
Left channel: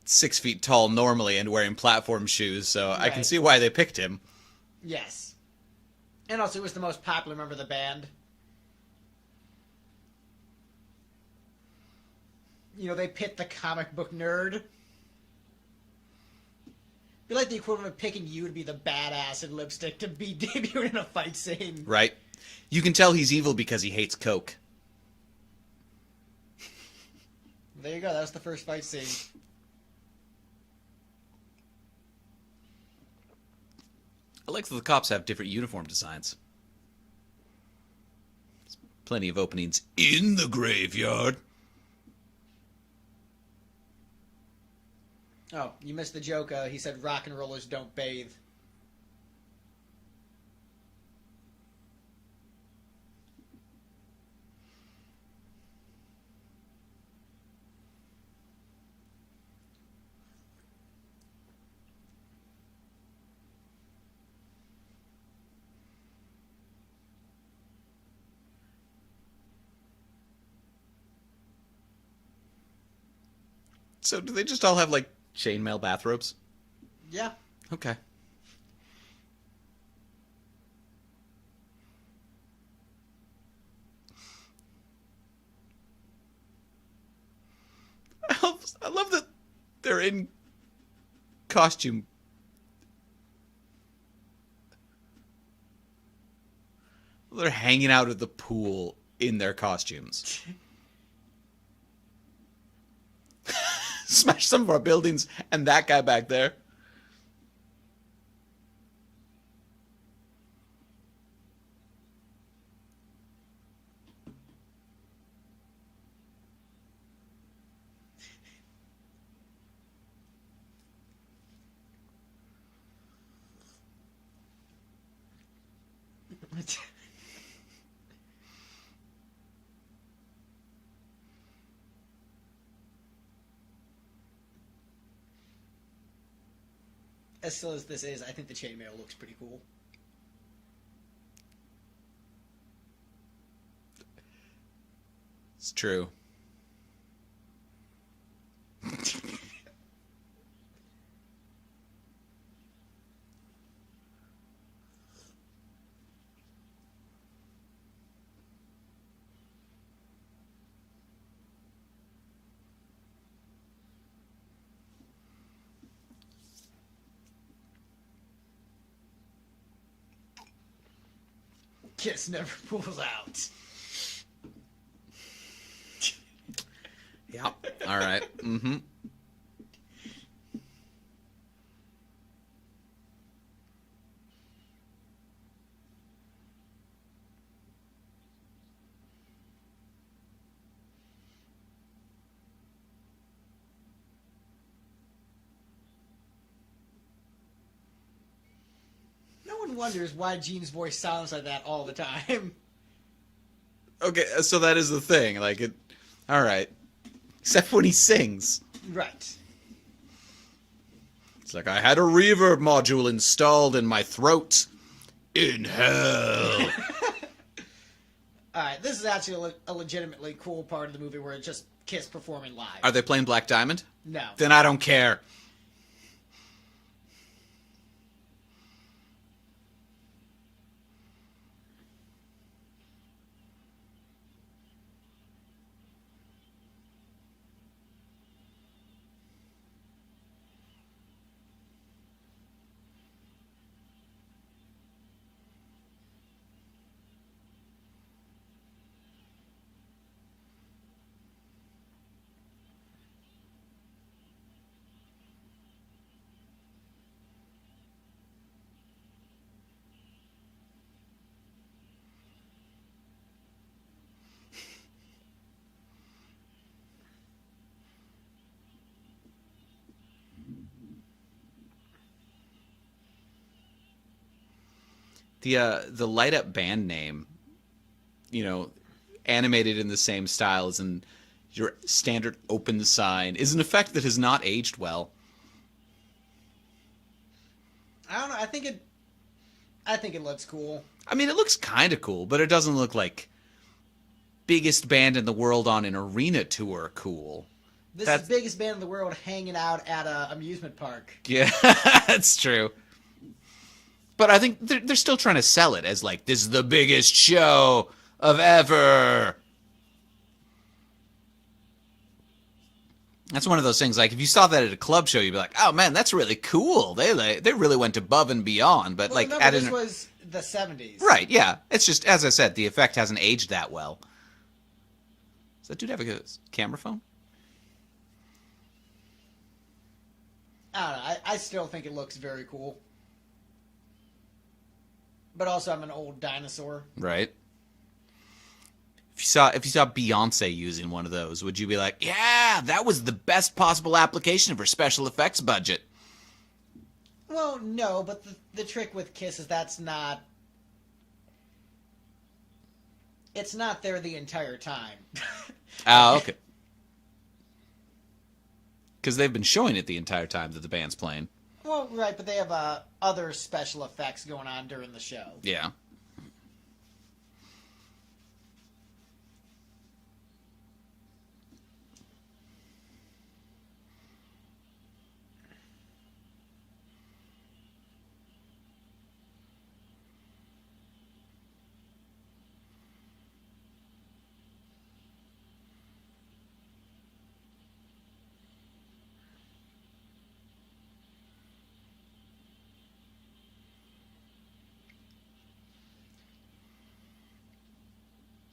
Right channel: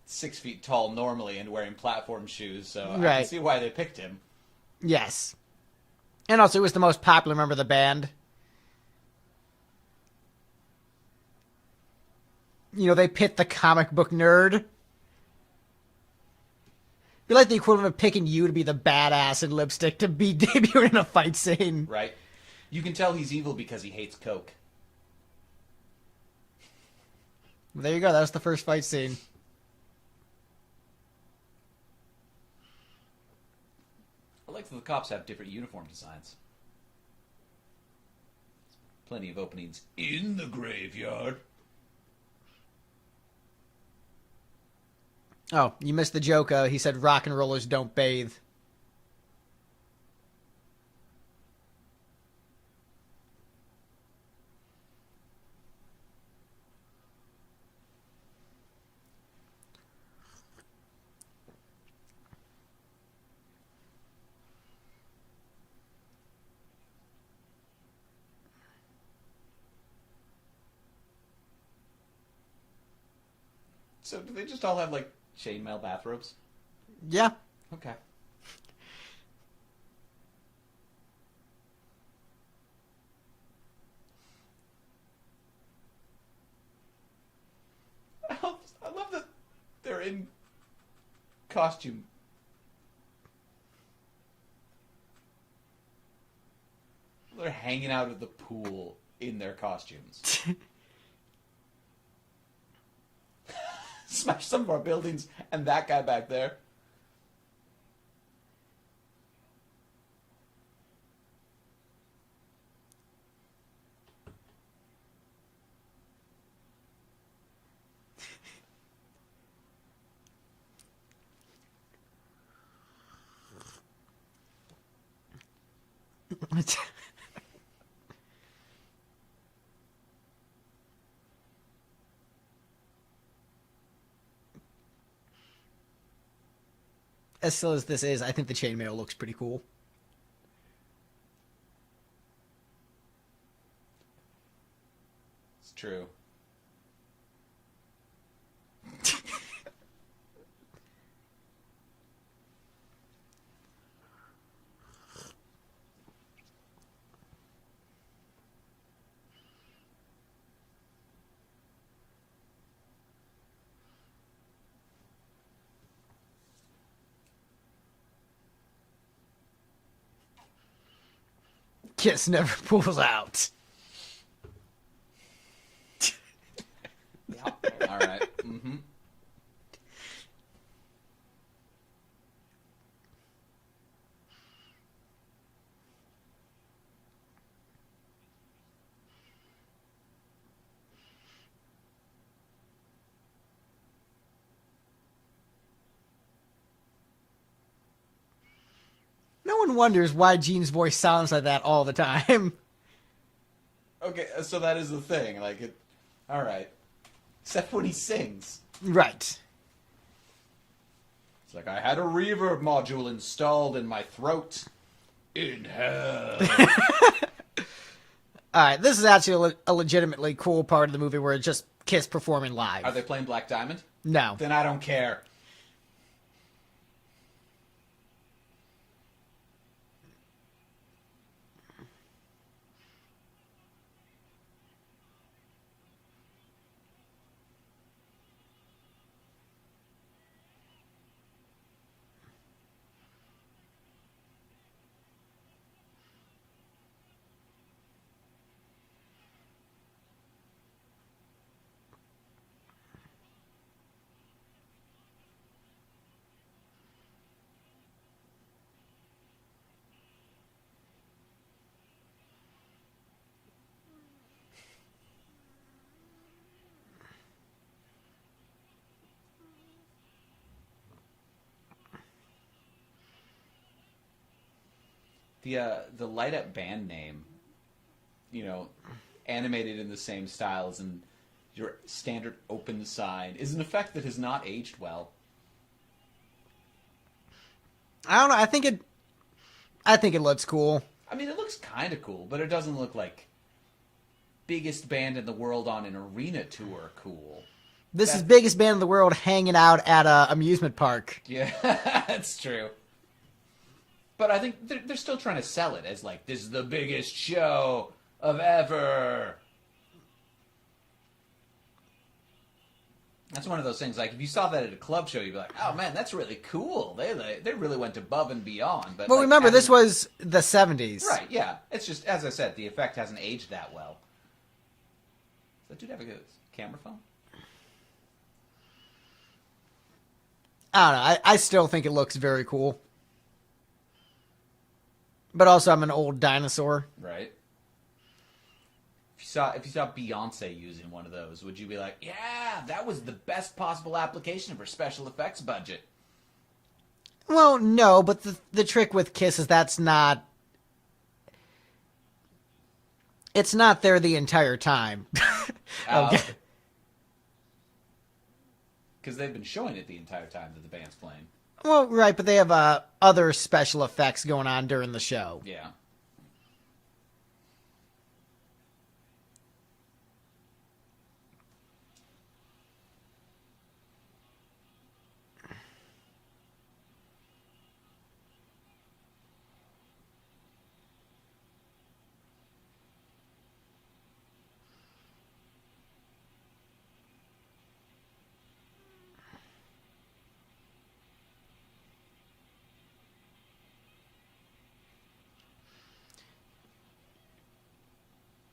6 feet tall normally and wearing platform shoes, so I can Right. see why they picked him. Yes. And also, it was the most popular member of the band. You know, they pit the comic book nerd. Be like the equivalent of picking you to be the badass in lipstick to be debuting in a fight scene. Right. You can tell he's evil because he hates Coke. There you go. That was the first fight scene. I like that the cops have different uniform designs. There's plenty of openings in the graveyard. Oh, you missed the joke. He said rock and rollers don't bathe. So do they just all have, like, chainmail bathrobes? Yeah. Okay. I love that they're in costume. They're hanging out at the pool in their costumes. Smash some of our buildings and that guy back there. As silly as this is, I think the chainmail looks pretty cool. It's true. Kiss never pulls out. Yep. All right. Mm-hmm. No one wonders why Gene's voice sounds like that all the time. Okay, so that is the thing. Like it. All right. Except when he sings. Right. It's like I had a reverb module installed in my throat. In hell. Alright, this is actually a legitimately cool part of the movie where it's just Kiss performing live. Are they playing Black Diamond? No. Then I don't care. The light up band name, animated in the same style as in your standard open sign, is an effect that has not aged well. I don't know, I think it looks cool. I mean, it looks kind of cool, but it doesn't look like biggest band in the world on an arena tour cool. This is biggest band in the world hanging out at a amusement park. Yeah, that's true. But I think they're still trying to sell it as like, this is the biggest show of ever. That's one of those things, like, if you saw that at a club show, you'd be like, oh, man, that's really cool. They really went above and beyond. But Well, like, remember, this was the 70s. Right, yeah. It's just, as I said, the effect hasn't aged that well. Does that dude have a camera phone? I don't know. I still think it looks very cool. But also, I'm an old dinosaur. Right. If you saw Beyonce using one of those, would you be like, yeah, that was the best possible application of her special effects budget? Well, no, but the trick with Kiss is it's not there the entire time. Oh, okay. Because they've been showing it the entire time that the band's playing. Well, right, but they have other special effects going on during the show. Yeah.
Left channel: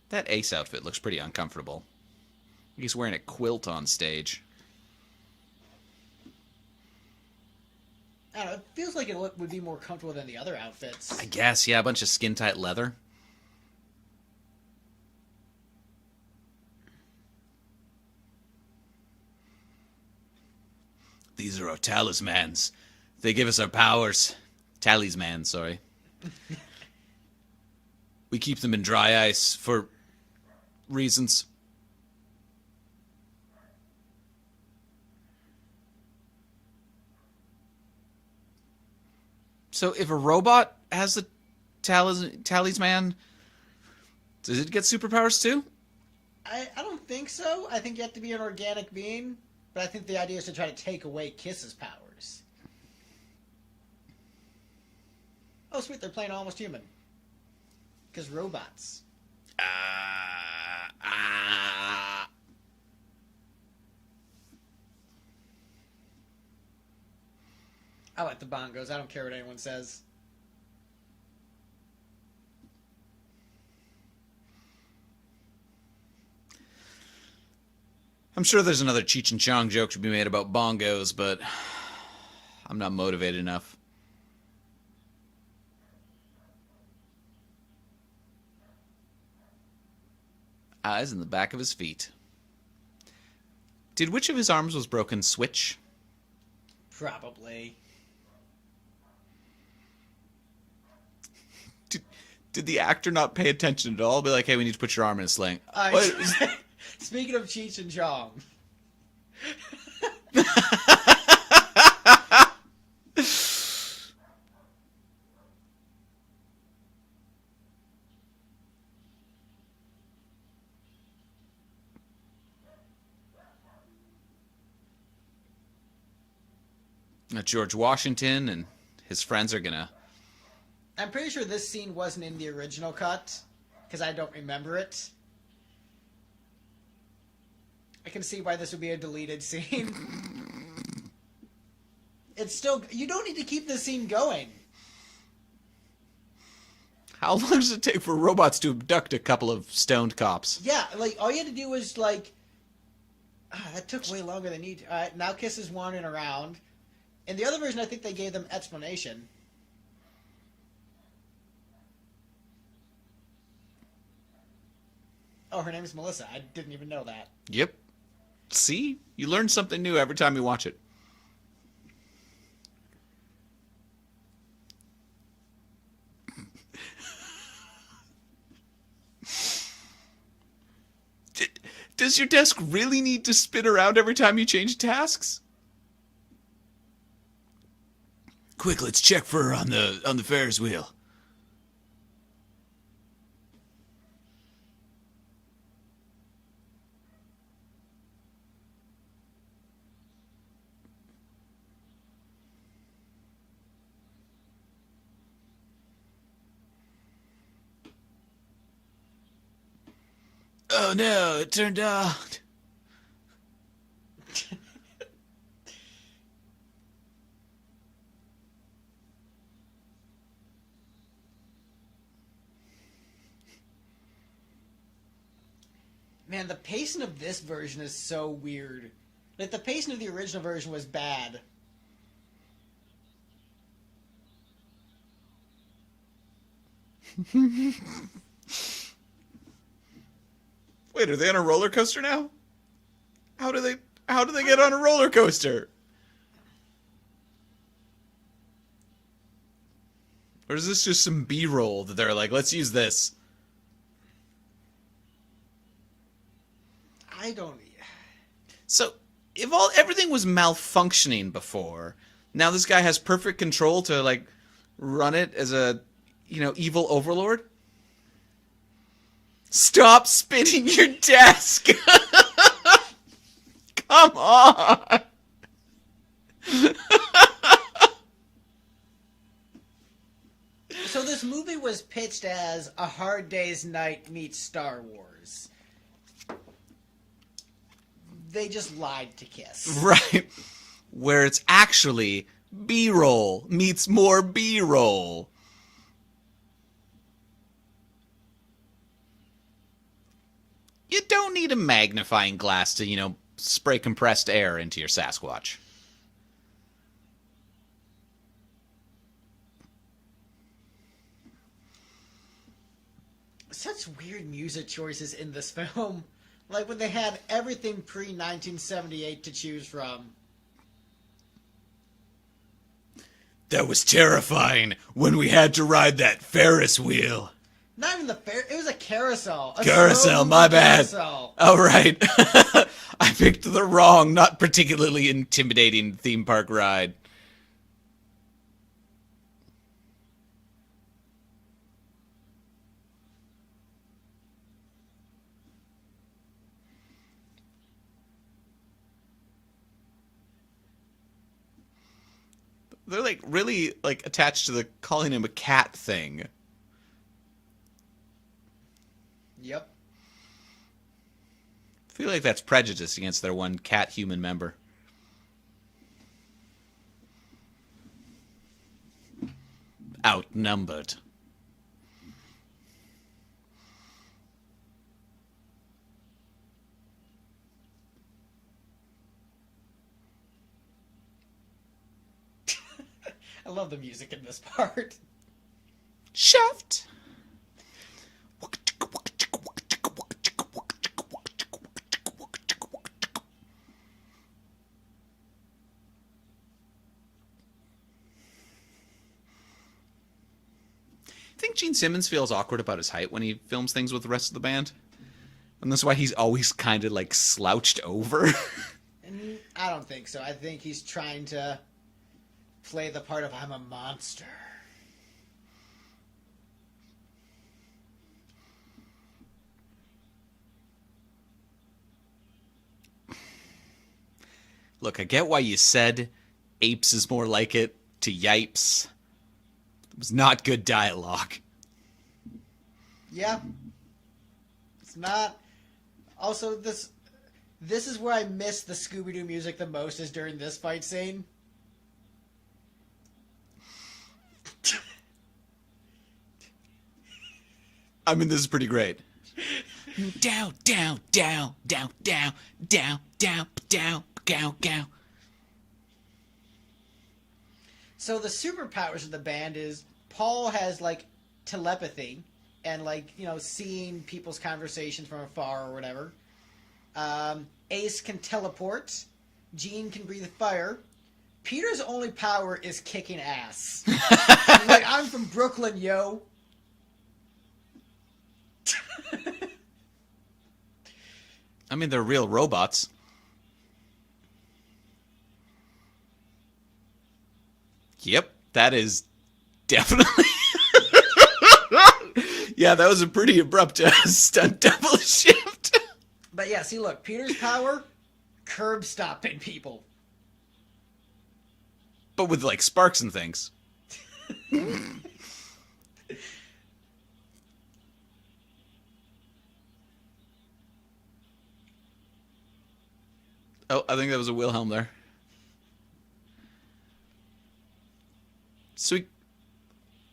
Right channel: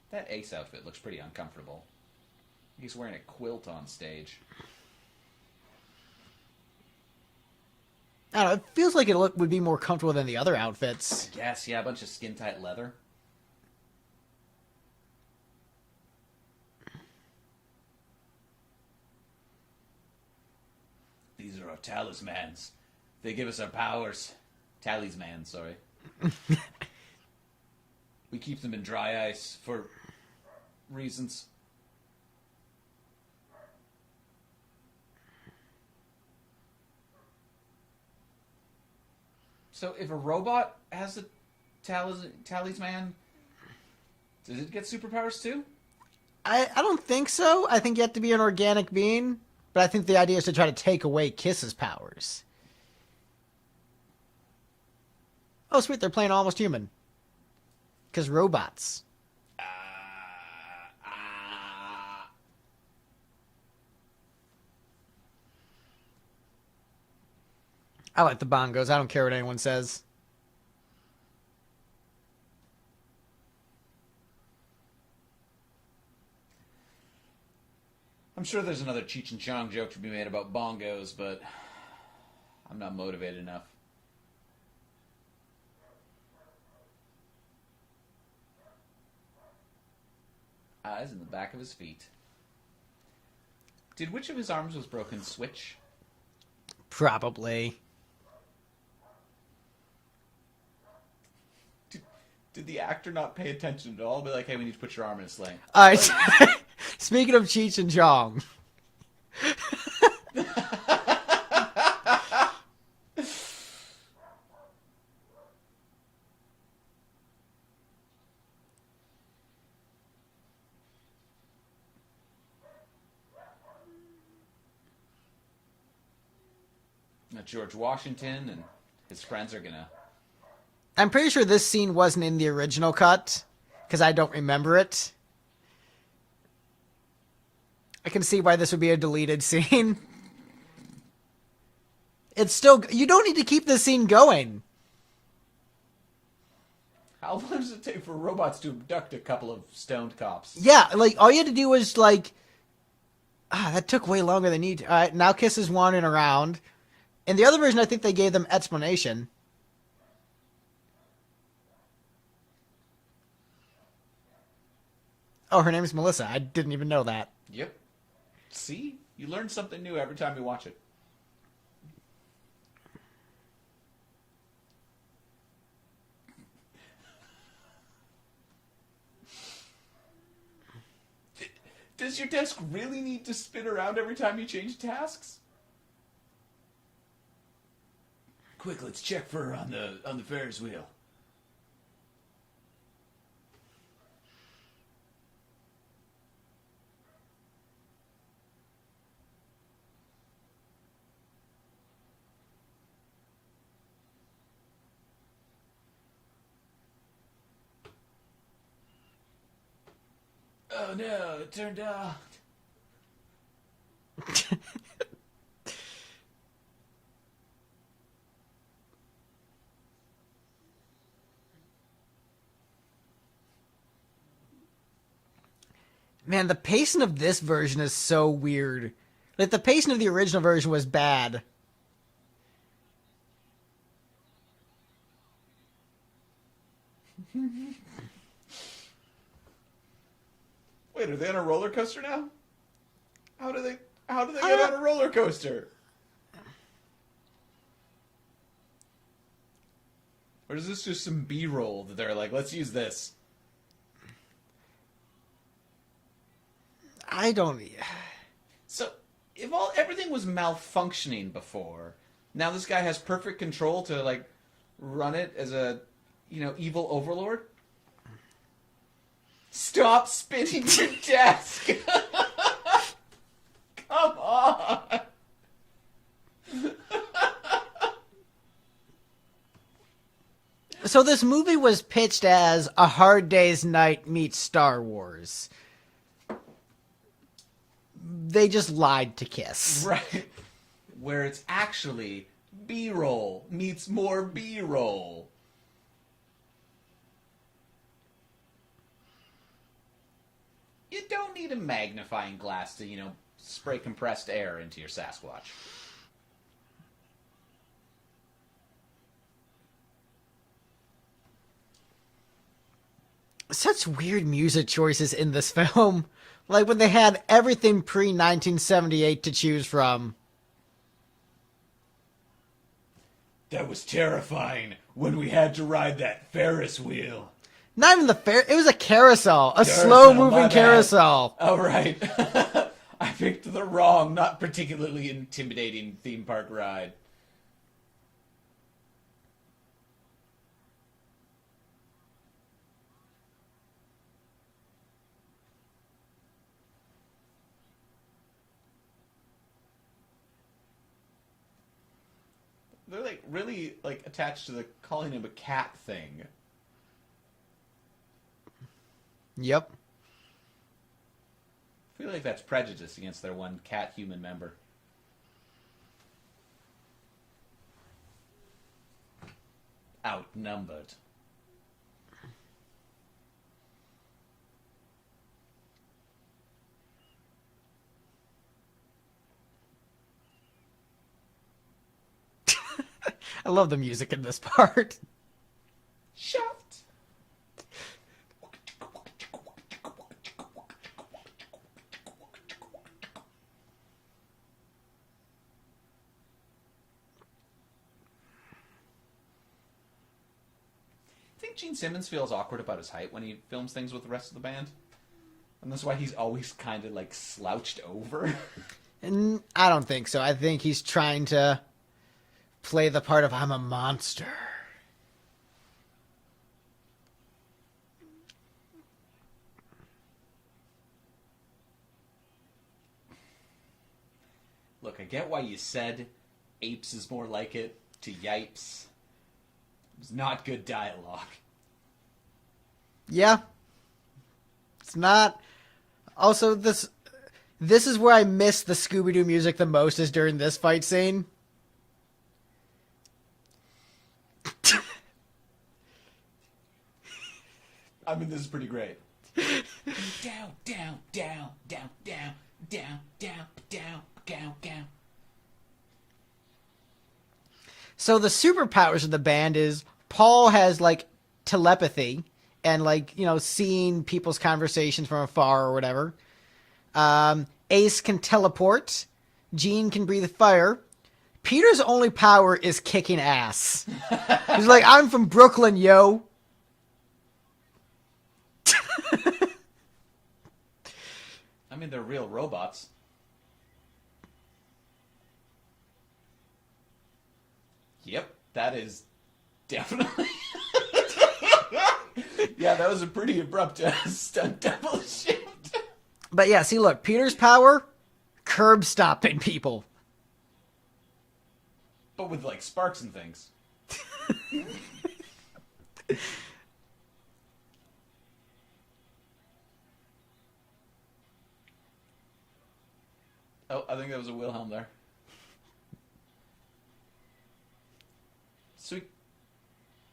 That Ace outfit looks pretty uncomfortable. He's wearing a quilt on stage. I don't know, it feels like it would be more comfortable than the other outfits. I guess, yeah, a bunch of skin-tight leather. These are our talismans. They give us our powers. Talismans, sorry. We keep them in dry ice for reasons. So if a robot has the talisman, does it get superpowers too? I don't think so. I think you have to be an organic being, but I think the idea is to try to take away Kiss's powers. Oh, sweet, they're playing Almost Human. Because robots. I like the bongos. I don't care what anyone says. I'm sure there's another Cheech and Chong joke to be made about bongos, but I'm not motivated enough. Eyes in the back of his feet. Did which of his arms was broken switch? Probably. Did the actor not pay attention at all? Be like, hey, we need to put your arm in a sling. All right. Speaking of Cheech and Chong. George Washington and his friends are gonna... I'm pretty sure this scene wasn't in the original cut, because I don't remember it. I can see why this would be a deleted scene. It's still... You don't need to keep this scene going. How long does it take for robots to abduct a couple of stoned cops? Yeah, like, all you had to do was, like... that took way longer than need to. All right, now Kiss is wandering around. In the other version, I think they gave them explanation. Oh, her name's Melissa. I didn't even know that. Yep. See? You learn something new every time you watch it. Does your desk really need to spin around every time you change tasks? Quick, let's check for her on the Ferris wheel. Oh no, it turned out. Man, the pacing of this version is so weird. Like, the pacing of the original version was bad. Wait, are they on a roller coaster now? How do they get on a roller coaster? Or is this just some B-roll that they're like, let's use this? I don't... So, if everything was malfunctioning before, now this guy has perfect control to, like, run it as a, evil overlord? Stop spinning your desk! Come on! So this movie was pitched as A Hard Day's Night meets Star Wars. They just lied to Kiss. Right. Where it's actually B-roll meets more B-roll. You don't need a magnifying glass to, spray compressed air into your Sasquatch. Such weird music choices in this film. Like when they had everything pre-1978 to choose from. That was terrifying when we had to ride that Ferris wheel. Not even it was a carousel. A Carousel, slow-moving my bad. carousel. Oh, right. I picked the wrong, not particularly intimidating theme park ride. They're like really like attached to the calling him a cat thing. Yep. I feel like that's prejudice against their one cat human member. Outnumbered. I love the music in this part. Shaft. I think Gene Simmons feels awkward about his height when he films things with the rest of the band. And that's why he's always kind of like slouched over. And I don't think so. I think he's trying to play the part of I'm a monster. Look, I get why you said apes is more like it to yipes. It was not good dialogue. Yeah. It's not. Also, this is where I miss the Scooby-Doo music the most, is during this fight scene. I mean, this is pretty great. Down, down, down, down, down, down, down, down, down, down. So the superpowers of the band is Paul has like telepathy and like, you know, seeing people's conversations from afar or whatever. Ace can teleport. Gene can breathe fire. Peter's only power is kicking ass. He's like, I'm from Brooklyn, yo. I mean, they're real robots. Yep, that is definitely... Yeah, that was a pretty abrupt stunt double shift. But yeah, see, look, Peter's power, curb stomping people. But with, like, sparks and things. Oh, I think that was a Wilhelm there. So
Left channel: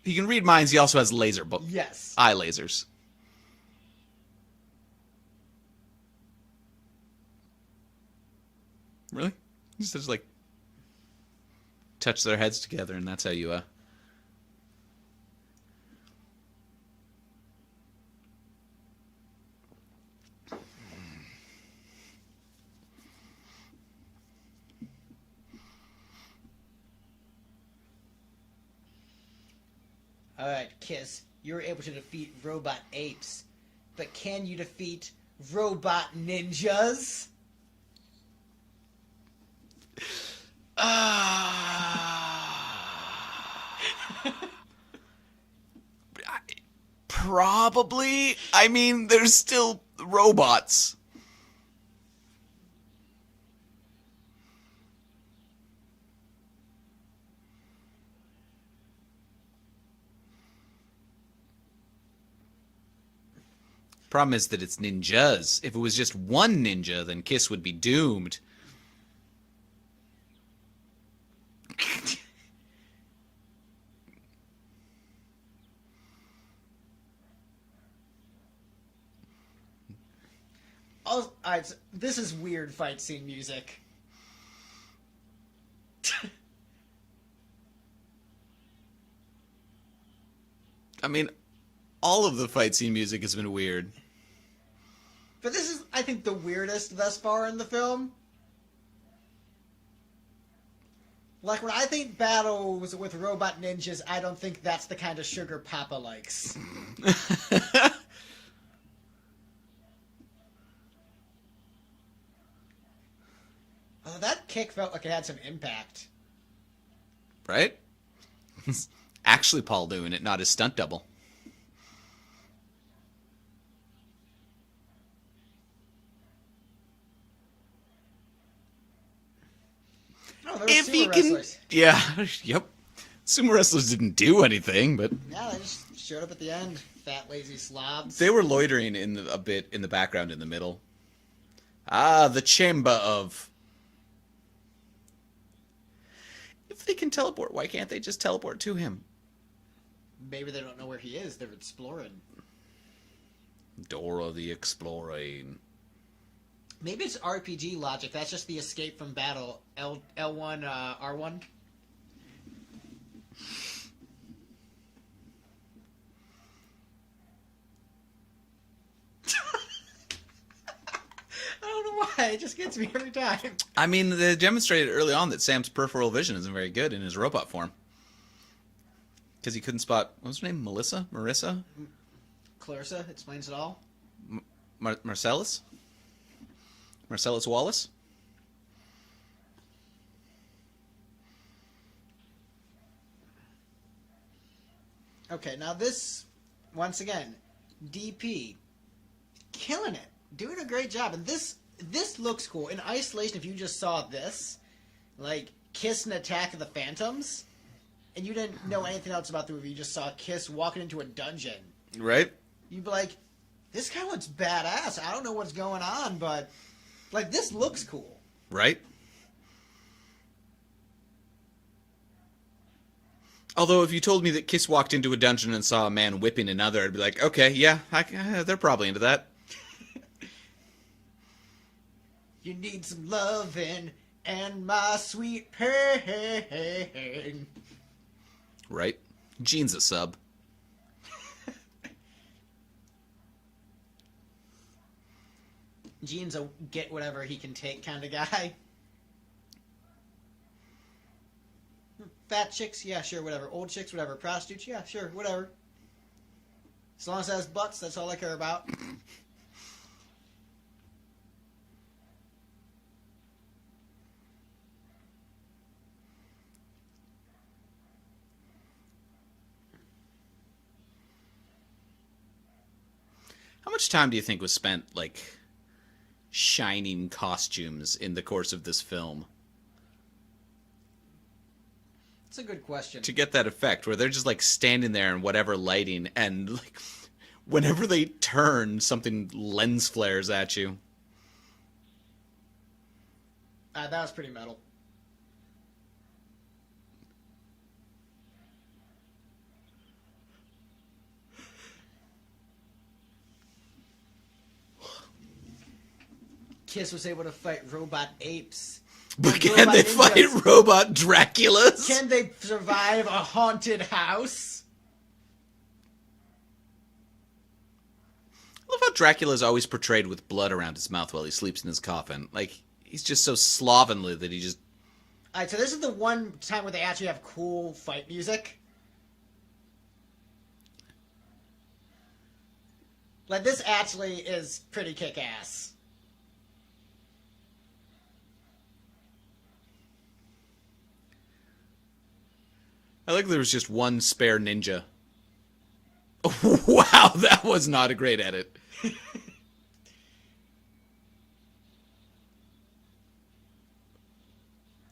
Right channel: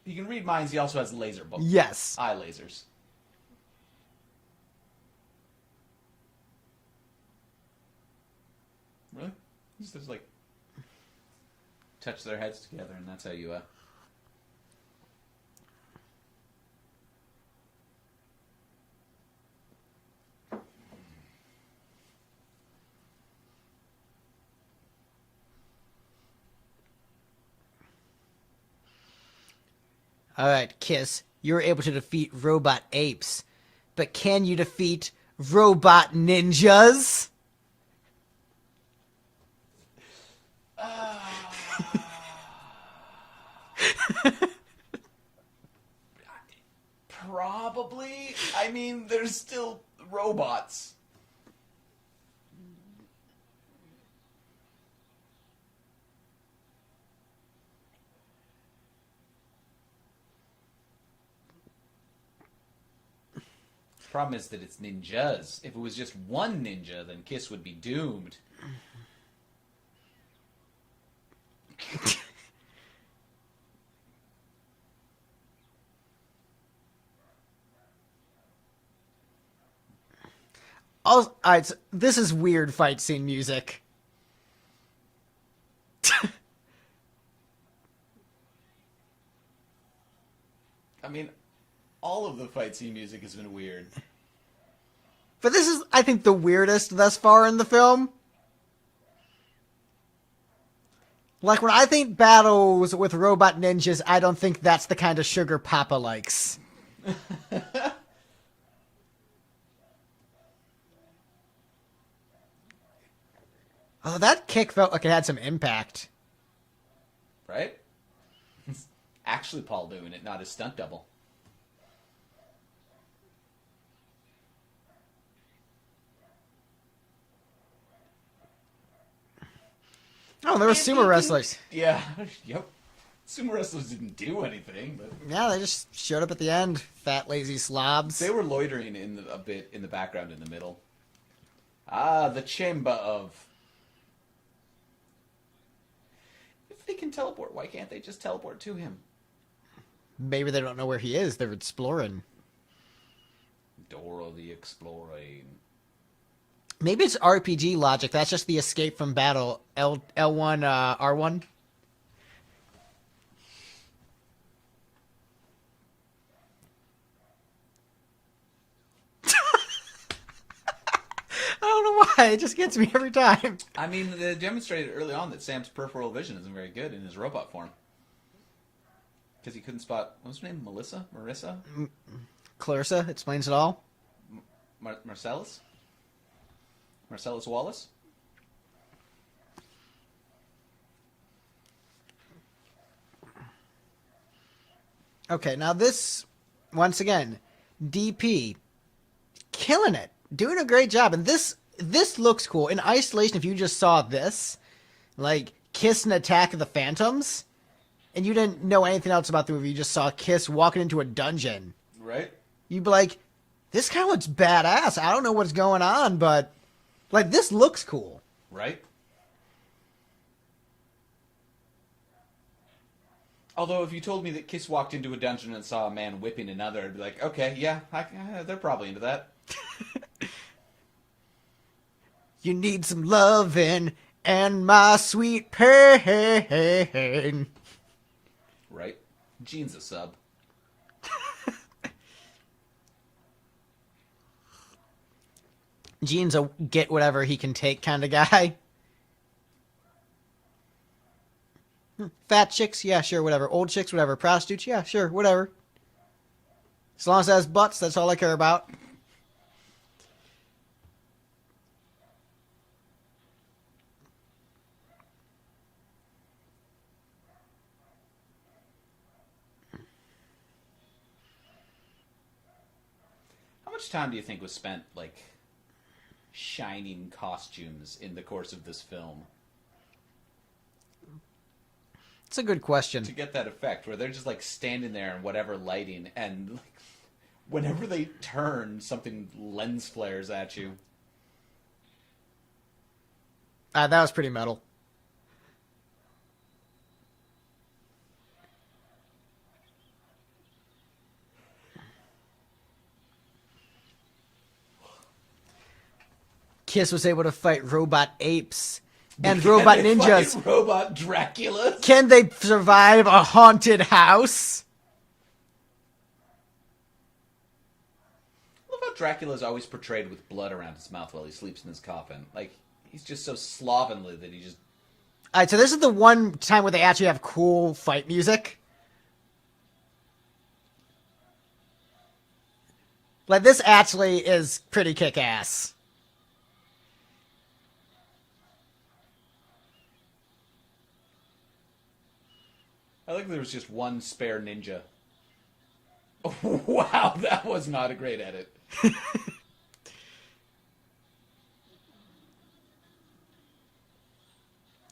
he can read minds. He also has laser Yes. eye lasers. Really? He just like touch their heads together, and that's how you All right, Kiss, you're able to defeat robot apes, but can you defeat robot ninjas? Probably. I mean, there's still robots. Problem is that it's ninjas. If it was just one ninja, then Kiss would be doomed. All right, so this is weird fight scene music. I mean, all of the fight scene music has been weird. But this is, I think, the weirdest thus far in the film. Like, when I think battles with robot ninjas, I don't think that's the kind of sugar Papa likes. Oh, that kick felt like it had some impact. Right? It's actually Paul doing it, not his stunt double. Oh, there were sumo wrestlers. Yeah, yep. Sumo wrestlers didn't do anything, but Yeah, they just showed up at the end. Fat, lazy slobs. they were loitering a bit in the background in the middle. Ah, the chamber of... If they can teleport, why can't they just teleport to him? Maybe they don't know where he is. They're exploring. Dora the Exploring. Maybe it's RPG logic. That's just the escape from battle. L1, R1. I don't know why. It just gets me every time. I mean, they demonstrated early on that Sam's peripheral vision isn't very good in his robot form. Because he couldn't spot... What was her name? Melissa? Marissa? Clarissa explains it all. Marcellus? Marcellus Wallace? Okay, now this, once again, DP, killing it, doing a great job, and this looks cool. In isolation, if you just saw this, like Kiss and Attack of the Phantoms, and you didn't know anything else about the movie, you just saw Kiss walking into a dungeon, Right? you'd be like, this kind of looks badass. I don't know what's going on, but like this looks cool. Right? Although, if you told me that Kiss walked into a dungeon and saw a man whipping another, I'd be like, okay, yeah, they're probably into that. You need some loving and my sweet pain. Right? Gene's a sub. Gene's a get whatever he can take kind of guy. Fat chicks, yeah, sure, whatever. Old chicks, whatever. Prostitutes, yeah, sure, whatever. As long as it has butts, that's all I care about. How much time do you think was spent, like, shining costumes in the course of this film? It's a good question. To get that effect, where they're just, like, standing there in whatever lighting, and, like, whenever they turn, something lens flares at you. That was pretty metal. Kiss was able to fight robot apes and Can robot they ninjas. fight robot Draculas? Can they survive a haunted house? I love how Dracula's always portrayed with blood around his mouth while he sleeps in his coffin. Like, he's just so slovenly that he just... Alright, so this is the one time where they actually have cool fight music. Like, this actually is pretty kick-ass. I like there was just one spare ninja. Wow, that was not a great edit.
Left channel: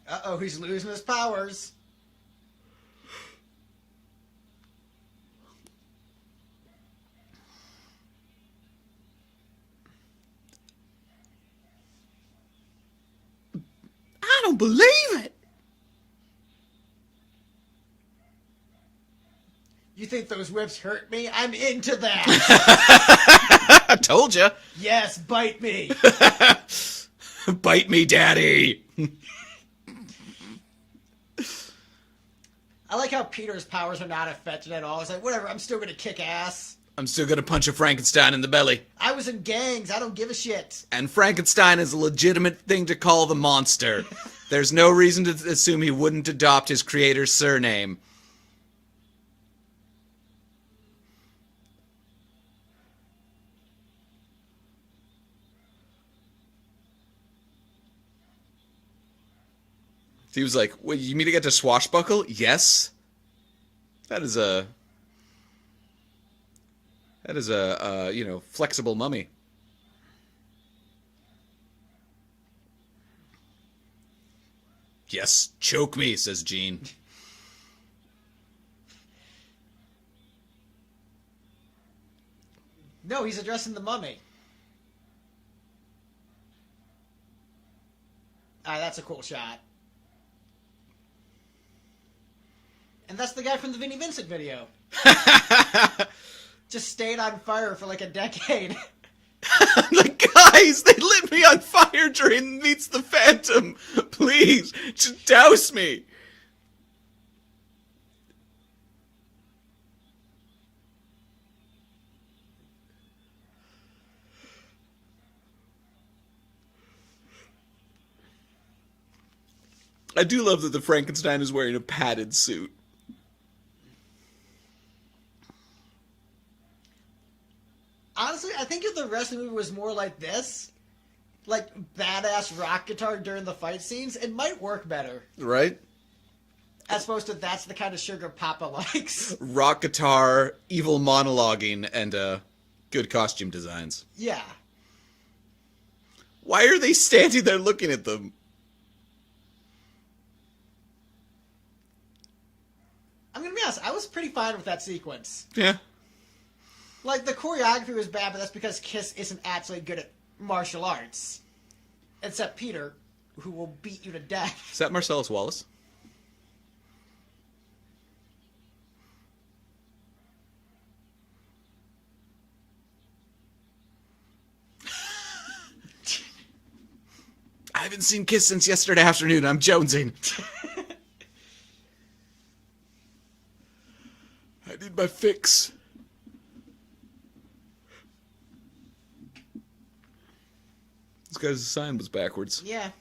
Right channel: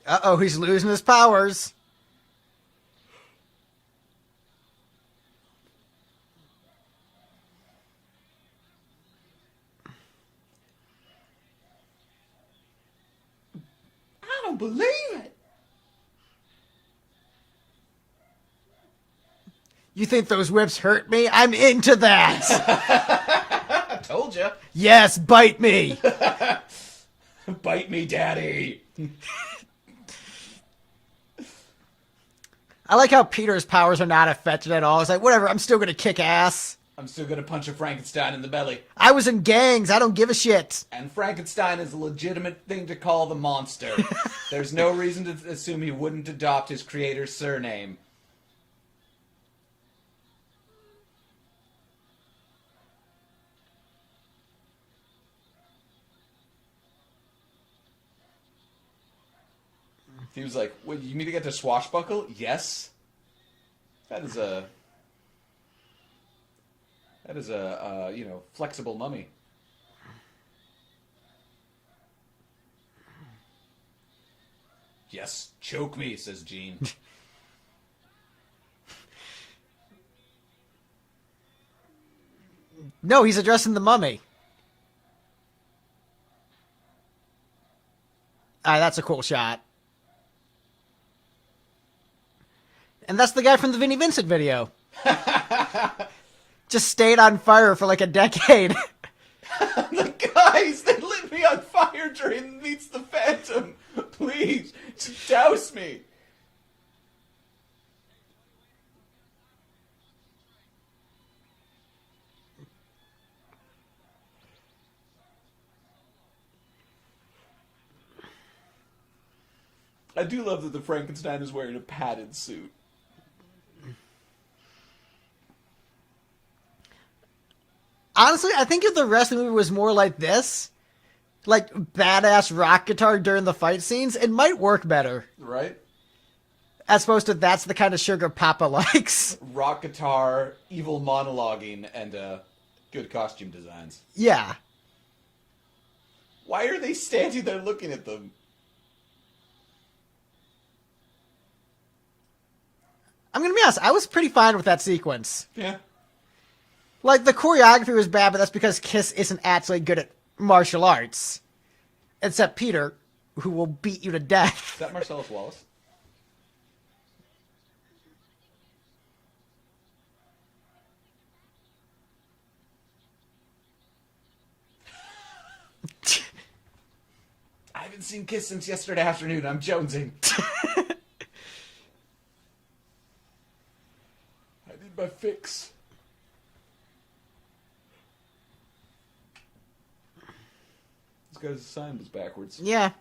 Uh-oh, he's losing his powers. I don't believe it. You think those whips hurt me? I'm into that. I told you. Yes, bite me. Bite me, daddy. I like how Peter's powers are not affected at all. It's like, whatever, I'm still gonna kick ass. I'm still gonna punch a Frankenstein in the belly. I was in gangs, I don't give a shit. And Frankenstein is a legitimate thing to call the monster. There's no reason to assume he wouldn't adopt his creator's surname. He was like, "Wait, you mean to get to swashbuckle?" Yes. That is a flexible mummy. Yes, choke me, says Jean. No, he's addressing the mummy. Alright, that's a cool shot. And that's the guy from the Vinnie Vincent video. Just stayed on fire for like a decade. Like, guys, they lit me on fire during Meets the Phantom. Please, just douse me. I do love that the Frankenstein is wearing a padded suit. Honestly, I think if the rest of the movie was more like this, like badass rock guitar during the fight scenes, it might work better. Right? As opposed to that's the kind of sugar Papa likes. Rock guitar, evil monologuing, and good costume designs. Yeah. Why are they standing there looking at them? I'm gonna be honest, I was pretty fine with that sequence. Yeah. Like, the choreography was bad, but that's because Kiss isn't actually good at martial arts. Except Peter, who will beat you to death. Is that Marcellus Wallace? I haven't seen Kiss since yesterday afternoon. I'm jonesing. I need my fix. This guy's sign was backwards. Yeah.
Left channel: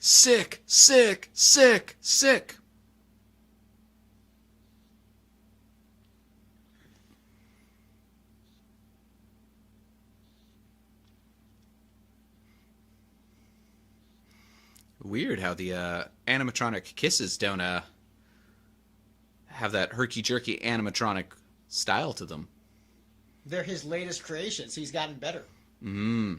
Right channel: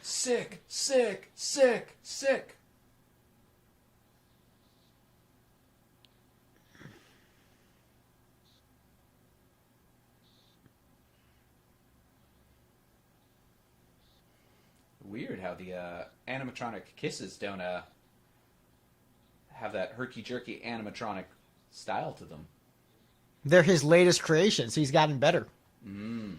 Sick, sick, sick, sick. Weird how the animatronic kisses don't have that herky-jerky animatronic style to them. They're his latest creations. He's gotten better. Mm.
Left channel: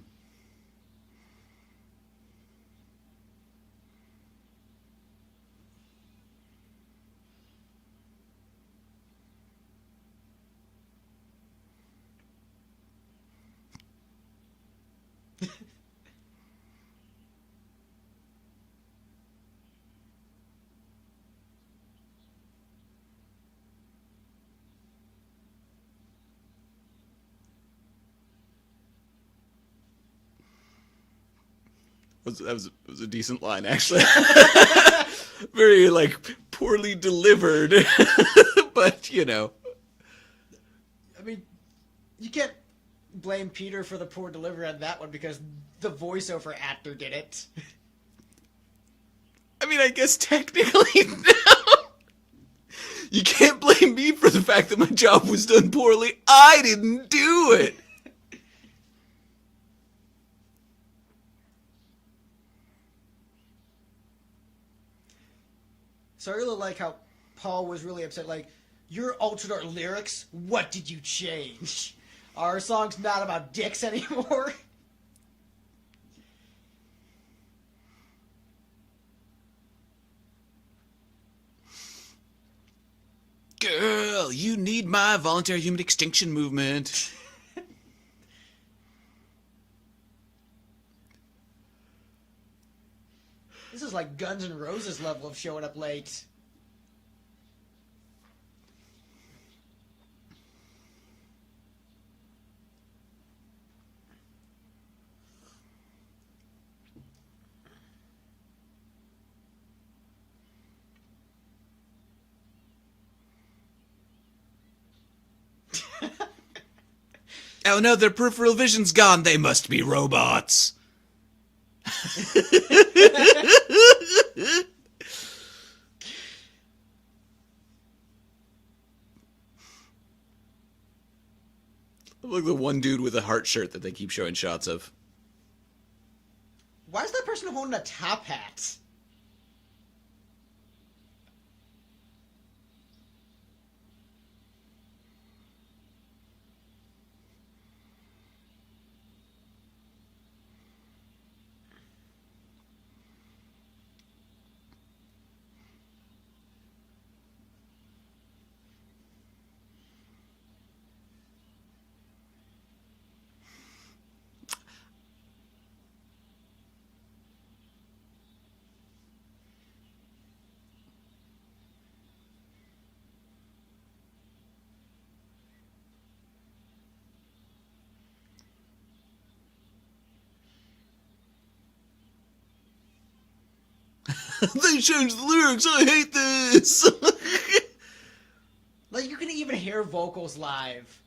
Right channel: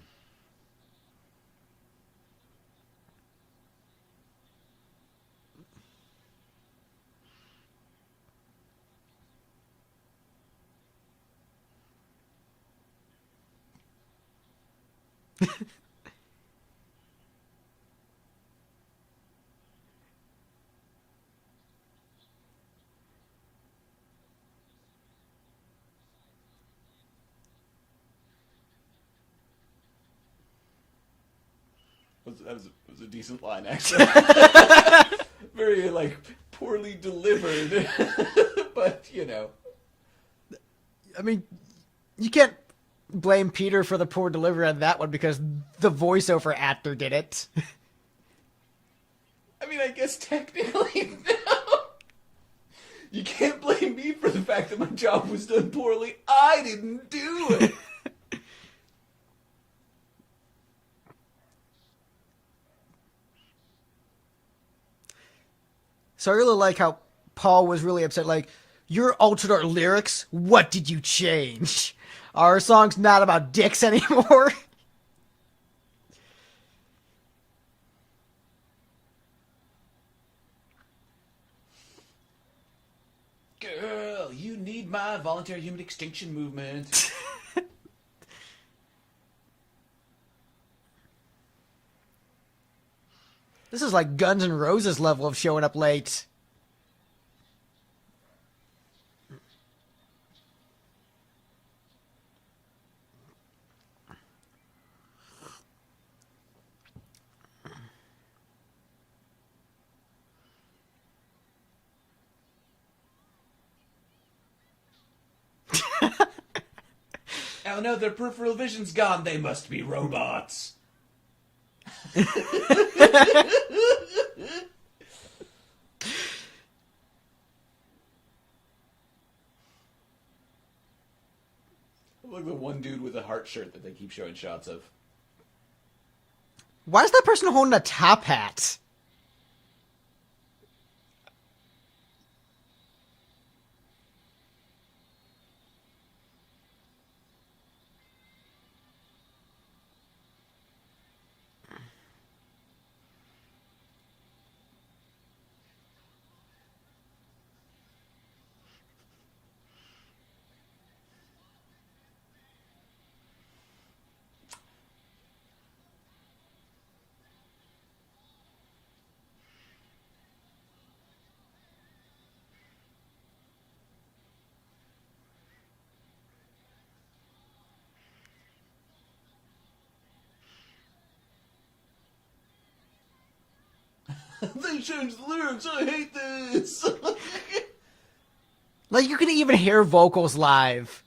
That was a decent line, actually. Very, like, poorly delivered. But, you know. I mean, you can't blame Peter for the poor delivery on that one because the voiceover actor did it. I mean, I guess technically, no. You can't blame me for the fact that my job was done poorly. I didn't do it. So I really like how Paul was really upset. Like, you altered our lyrics? What did you change? Our song's not about dicks anymore? Girl, you need my voluntary human extinction movement. This is like Guns N' Roses level of showing up late. Oh no, their peripheral vision's gone. They must be robots. Look, the one dude with a heart shirt that they keep showing shots of. Why is that person holding a top hat? They changed the lyrics. I hate this. Like, you can even hear vocals live.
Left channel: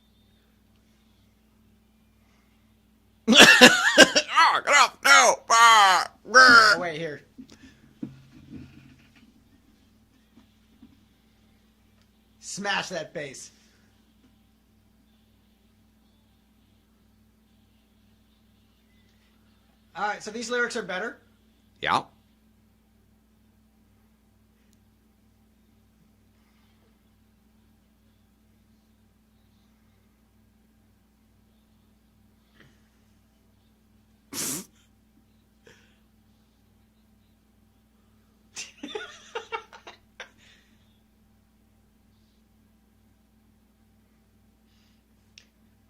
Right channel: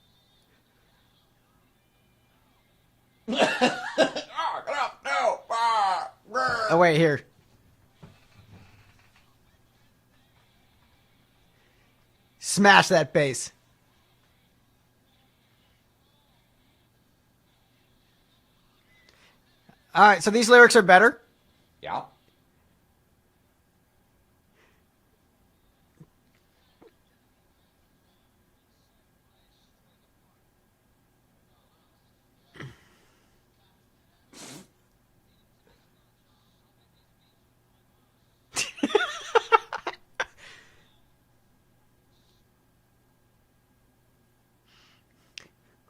Oh, get up! No! Oh, wait, here. Smash that bass. Alright, so these lyrics are better. Yeah.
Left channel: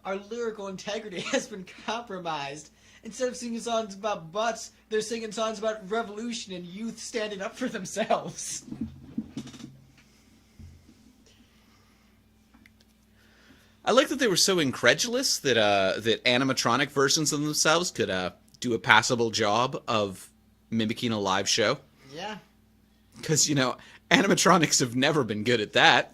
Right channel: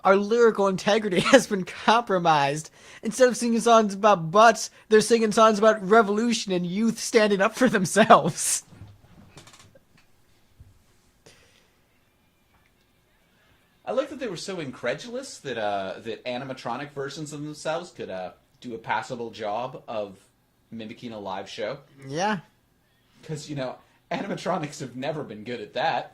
Our lyrical integrity has been compromised. Instead of singing songs about butts, they're singing songs about revolution and youth standing up for themselves. I like that they were so incredulous that that animatronic versions of themselves could do a passable job of mimicking a live show. Yeah. Because, animatronics have never been good at that.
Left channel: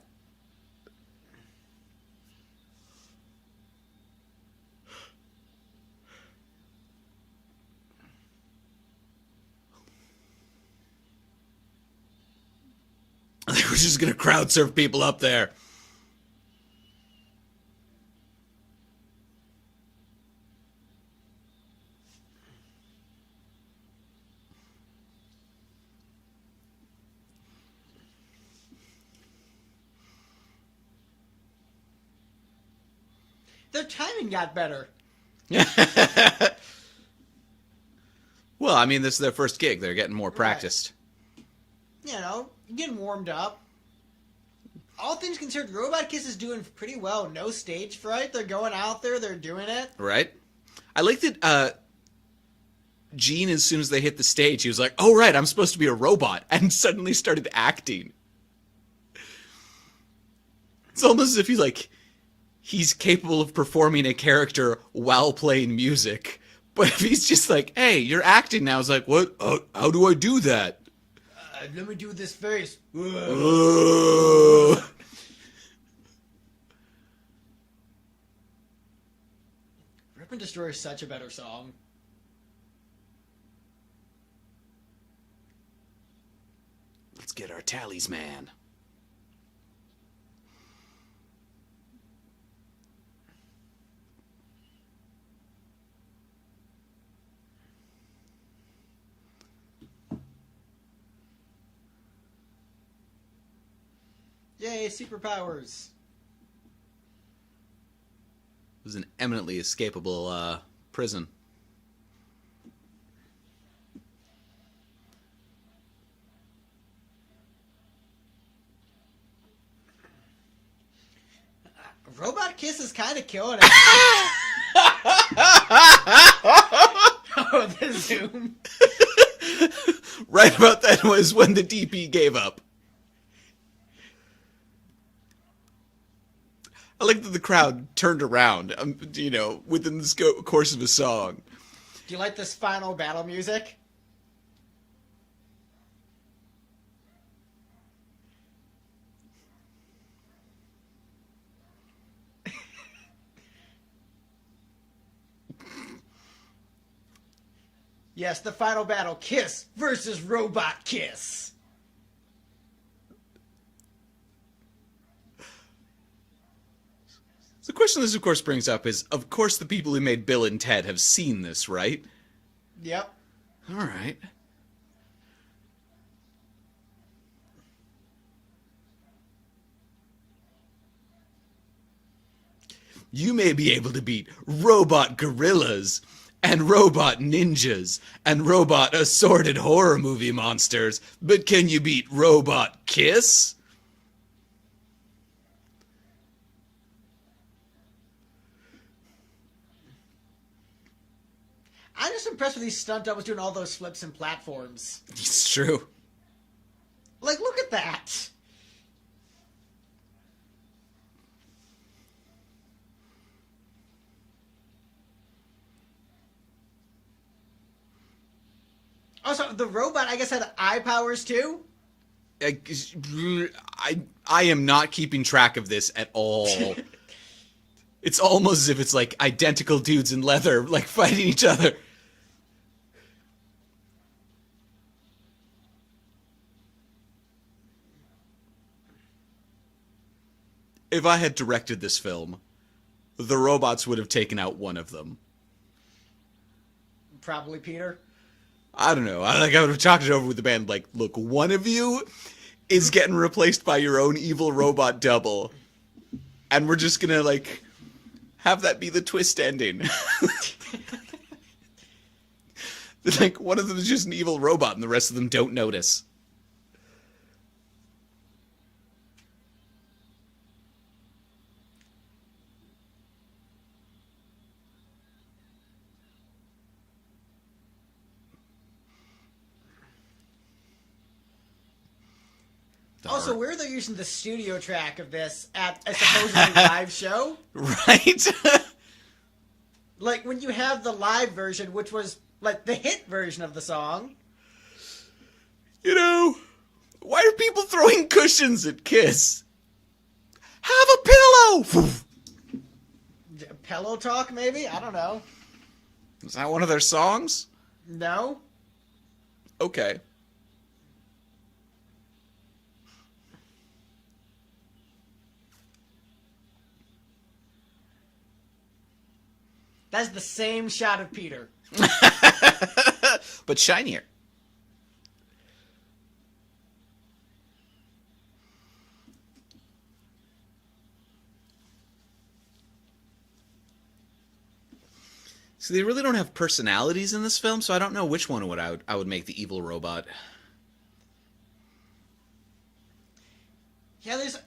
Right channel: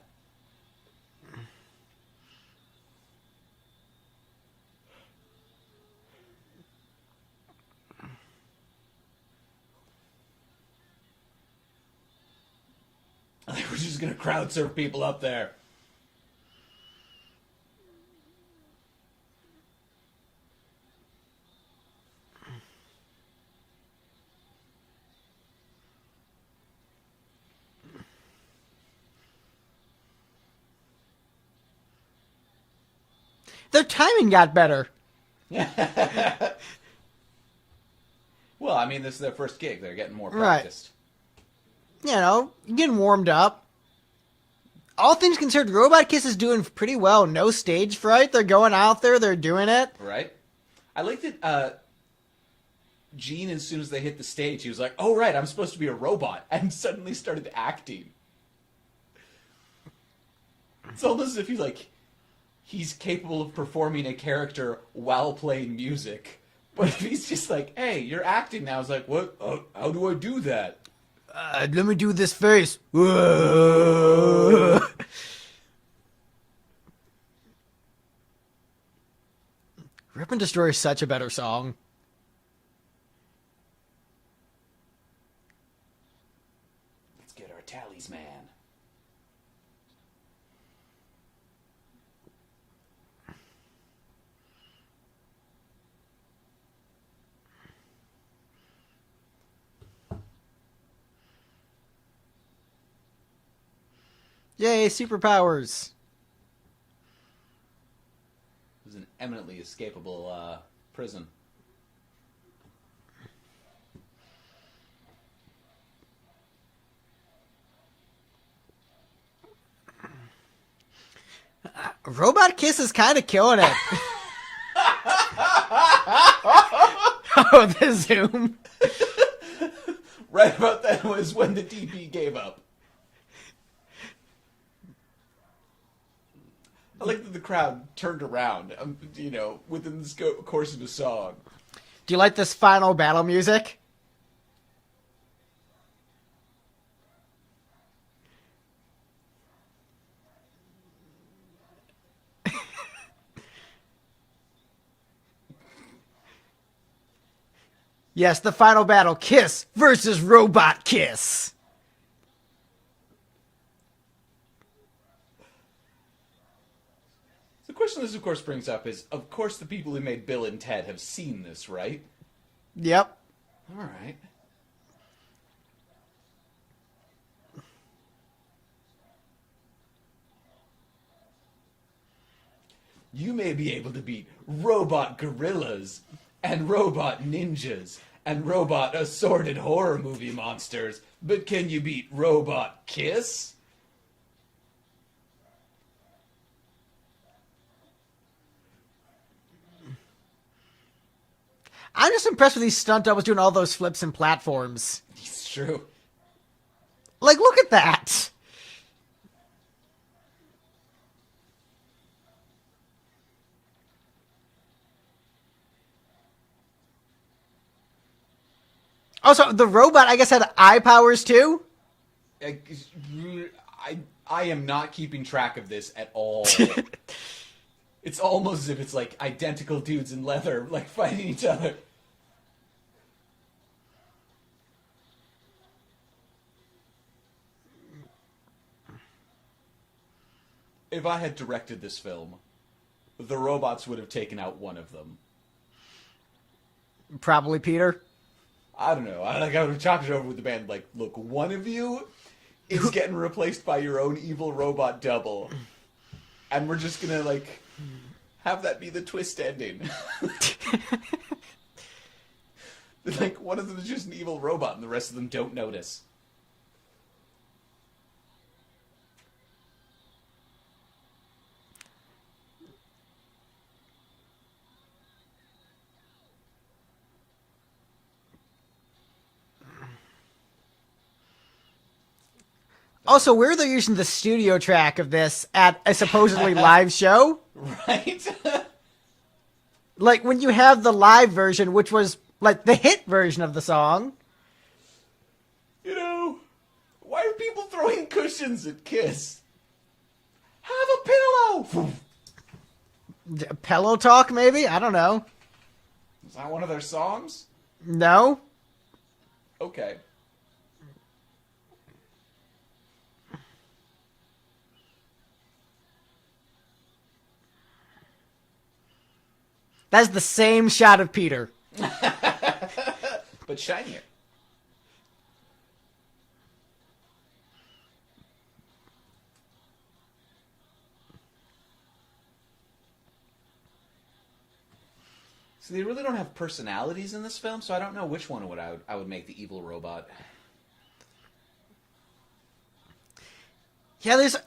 I think we're just going to crowd surf people up there. Their timing got better. Well, I mean, this is their first gig. They're getting more practiced. You know, getting warmed up. All things considered, Robot Kiss is doing pretty well. No stage fright. They're going out there. They're doing it. Right? I like that Gene, as soon as they hit the stage, he was like, oh, right, I'm supposed to be a robot. And suddenly started acting. It's almost as if he's capable of performing a character while playing music. But if he's just like, hey, you're acting now, it's like, what? How do I do that? Let me do this face. Rip and Destroy is such a better song. Let's get our tallies, man. Yay, superpowers. It was an eminently escapable prison. Robot Kiss is kind of killing it. Oh, the zoom. Right about then was when the DP gave up. I like that the crowd turned around, within the course of a song. Do you like this final battle music? Yes, the final battle, Kiss versus Robot Kiss. The question this, of course, brings up is, of course, the people who made Bill and Ted have seen this, right? Yep. All right. You may be able to beat robot gorillas and robot ninjas and robot assorted horror movie monsters, but can you beat Robot Kiss? I'm just impressed with these stunt doubles doing all those flips and platforms. It's true. Like, look at that. Also, the robot, I guess, had eye powers too. I am not keeping track of this at all. It's almost as if it's like identical dudes in leather, like fighting each other. If I had directed this film, the robots would have taken out one of them. Probably Peter. I don't know. I would have talked it over with the band. Like, look, one of you is getting replaced by your own evil robot double, and we're just gonna like have that be the twist ending. Like, one of them is just an evil robot, and the rest of them don't notice. Also, where they're using the studio track of this at a supposedly live show. Right? Like, when you have the live version, which was, like, the hit version of the song. You know, why are people throwing cushions at Kiss? Have a pillow! Pillow Talk, maybe? I don't know. Is that one of their songs? No? Okay. That's the same shot of Peter. But shinier. So they really don't have personalities in this film, so I don't know which one I would make the evil robot. Yeah, there's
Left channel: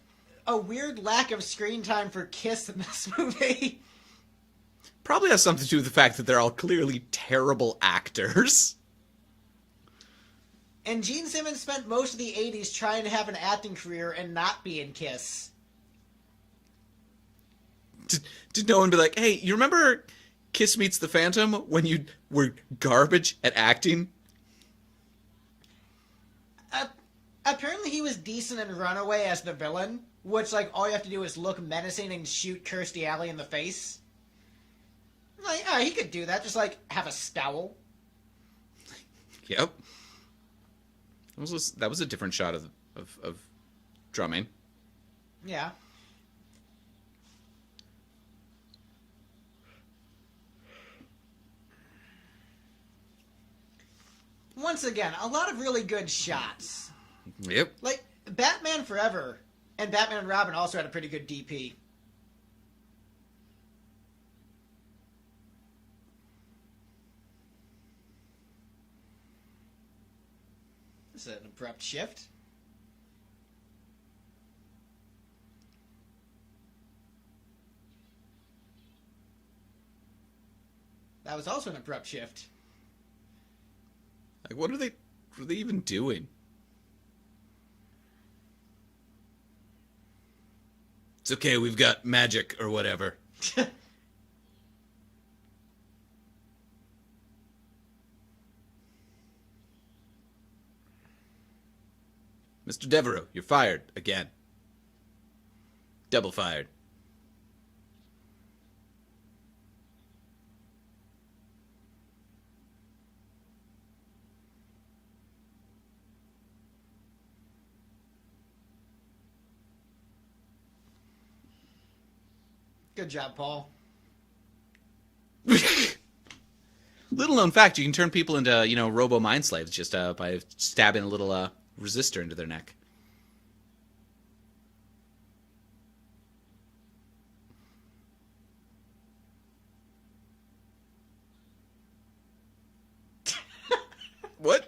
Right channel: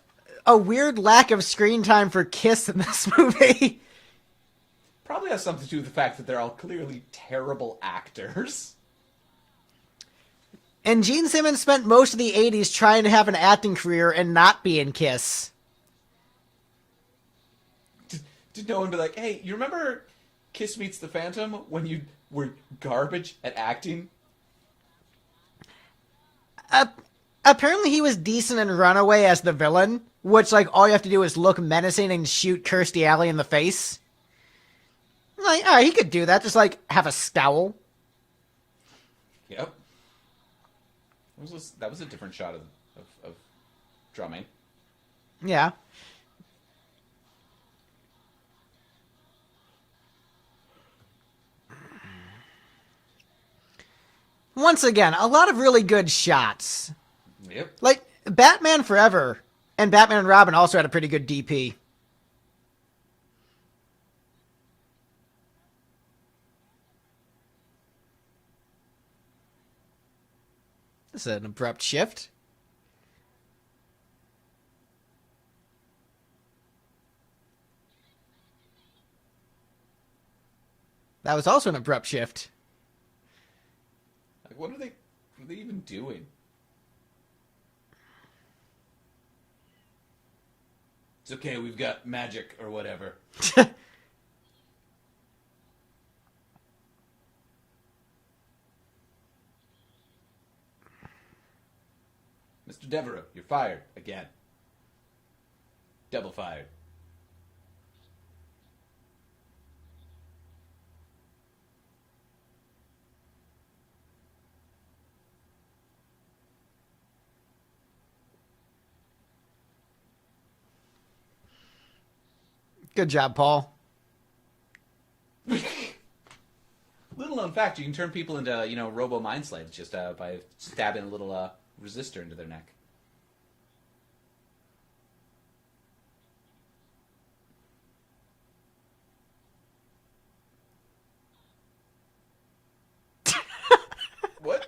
a weird lack of screen time for Kiss in this movie. Probably has something to do with the fact that they're all clearly terrible actors. And Gene Simmons spent most of the 80s trying to have an acting career and not be in Kiss. Did no one be like, hey, you remember Kiss Meets the Phantom when you were garbage at acting? Apparently he was decent in Runaway as the villain, which, like, all you have to do is look menacing and shoot Kirstie Alley in the face. Like, he could do that. Just, like, have a scowl. Yep. That was a different shot of drumming. Yeah. Once again, a lot of really good shots. Yep. Like, Batman Forever and Batman and Robin also had a pretty good DP. This is an abrupt shift. That was also an abrupt shift. Like, what are they even doing? It's okay, we've got magic or whatever. Mr. Devereaux, you're fired again. Double fired. Good job, Paul. Little known fact, you can turn people into, robo mind slaves just by stabbing a little resistor into their neck. What?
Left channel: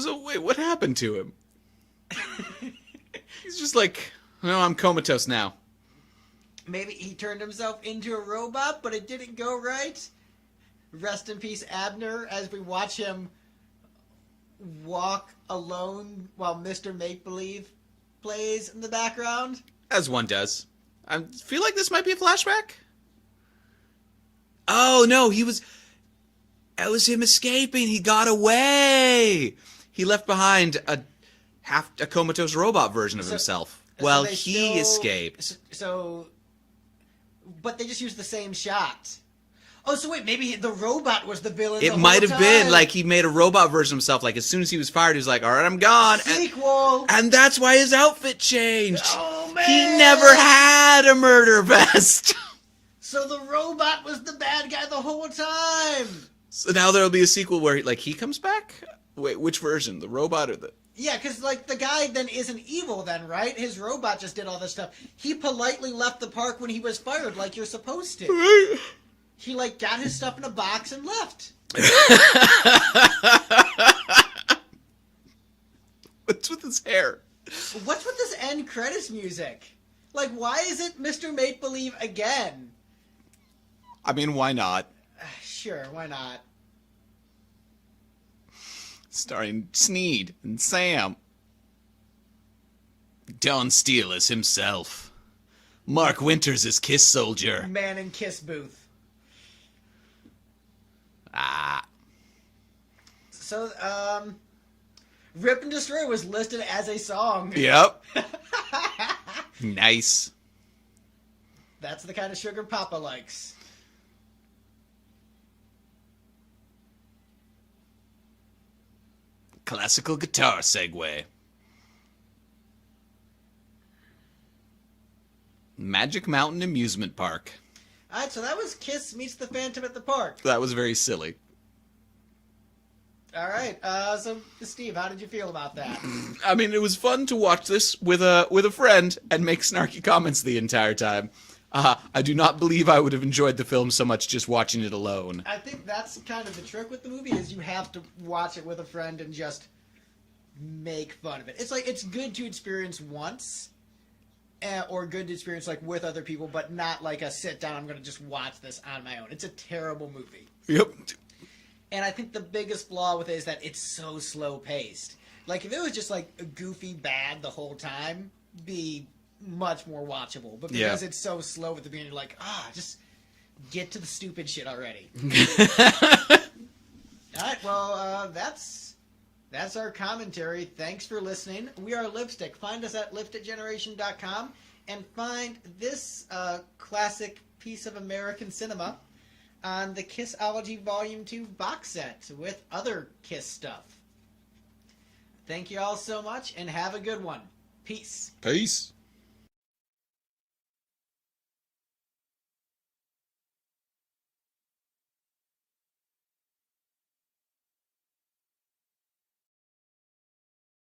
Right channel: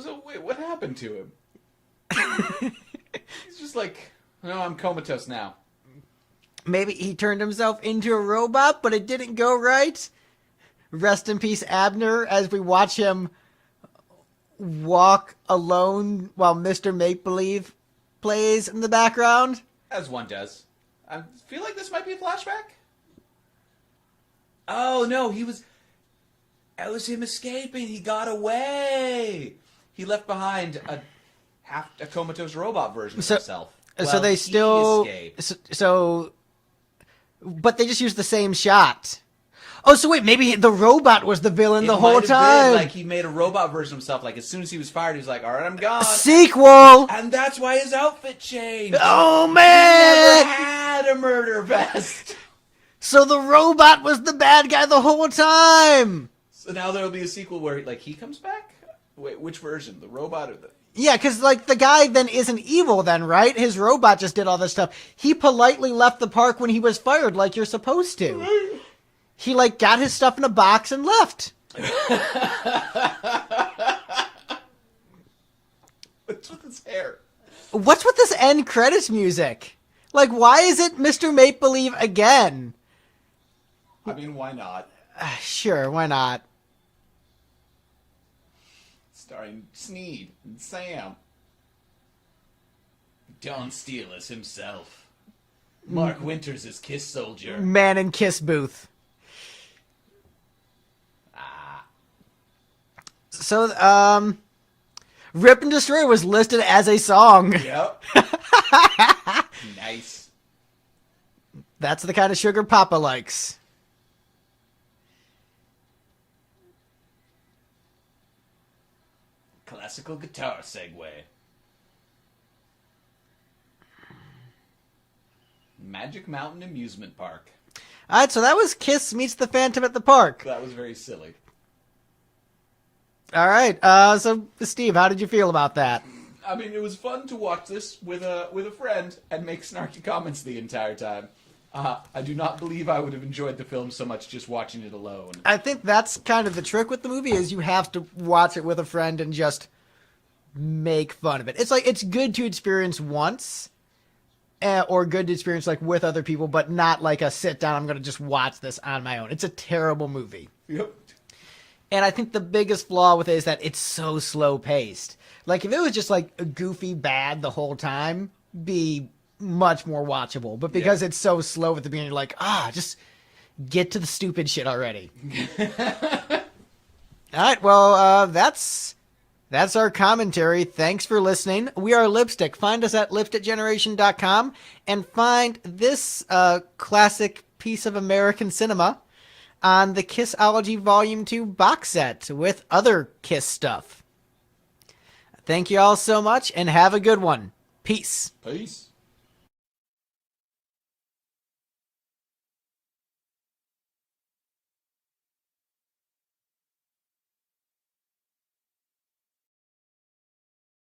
So wait, what happened to him? He's just like, no, I'm comatose now. Maybe he turned himself into a robot, but it didn't go right. Rest in peace, Abner, as we watch him walk alone while Mr. Make-Believe plays in the background. As one does. I feel like this might be a flashback. Oh, no, it was him escaping. He got away. He left behind a comatose robot version of himself. Well, they he still escaped. But they just used the same shot. Oh, so wait, maybe the robot was the villain the It whole might time. have been like he made a robot version of himself. Like as soon as he was fired, he was like, "All right, I'm gone." Sequel. And that's why his outfit changed. Oh He man! never had a murder vest. So the robot was the bad guy the whole time. So now there'll be a sequel where he comes back. Wait, which version? The robot or the? Yeah, because like the guy then isn't evil then, right? His robot just did all this stuff. He politely left the park when he was fired, like you're supposed to. He like got his stuff in a box and left. What's with his hair? What's with this end credits music? Like, why is it Mr. Make Believe again? I mean, why not? Sure, why not? Starring Sneed and Sam. Don Steele as himself. Mark Winters as Kiss Soldier. Man in Kiss Booth. So, Rip and Destroy was listed as a song. Yep. Nice. That's the kind of sugar Papa likes. Classical guitar segue. Magic Mountain Amusement Park. All right, so that was Kiss Meets the Phantom at the Park. That was very silly. All right, so Steve, how did you feel about that? I mean, it was fun to watch this with a friend and make snarky comments the entire time. I do not believe I would have enjoyed the film so much just watching it alone. I think that's kind of the trick with the movie is you have to watch it with a friend and just make fun of it. It's like it's good to experience once, or good to experience like with other people, but not like a sit down. I'm gonna just watch this on my own. It's a terrible movie. Yep. And I think the biggest flaw with it is that it's so slow paced. Like if it was just like a goofy bad the whole time, be much more watchable. But because it's so slow at the beginning, you're like, just get to the stupid shit already. All right, well, that's our commentary. Thanks for listening. We are Lipstick. Find us at lipstickgeneration.com and find this classic piece of American cinema on the Kissology Volume 2 box set with other Kiss stuff. Thank you all so much and have a good one. Peace. Peace.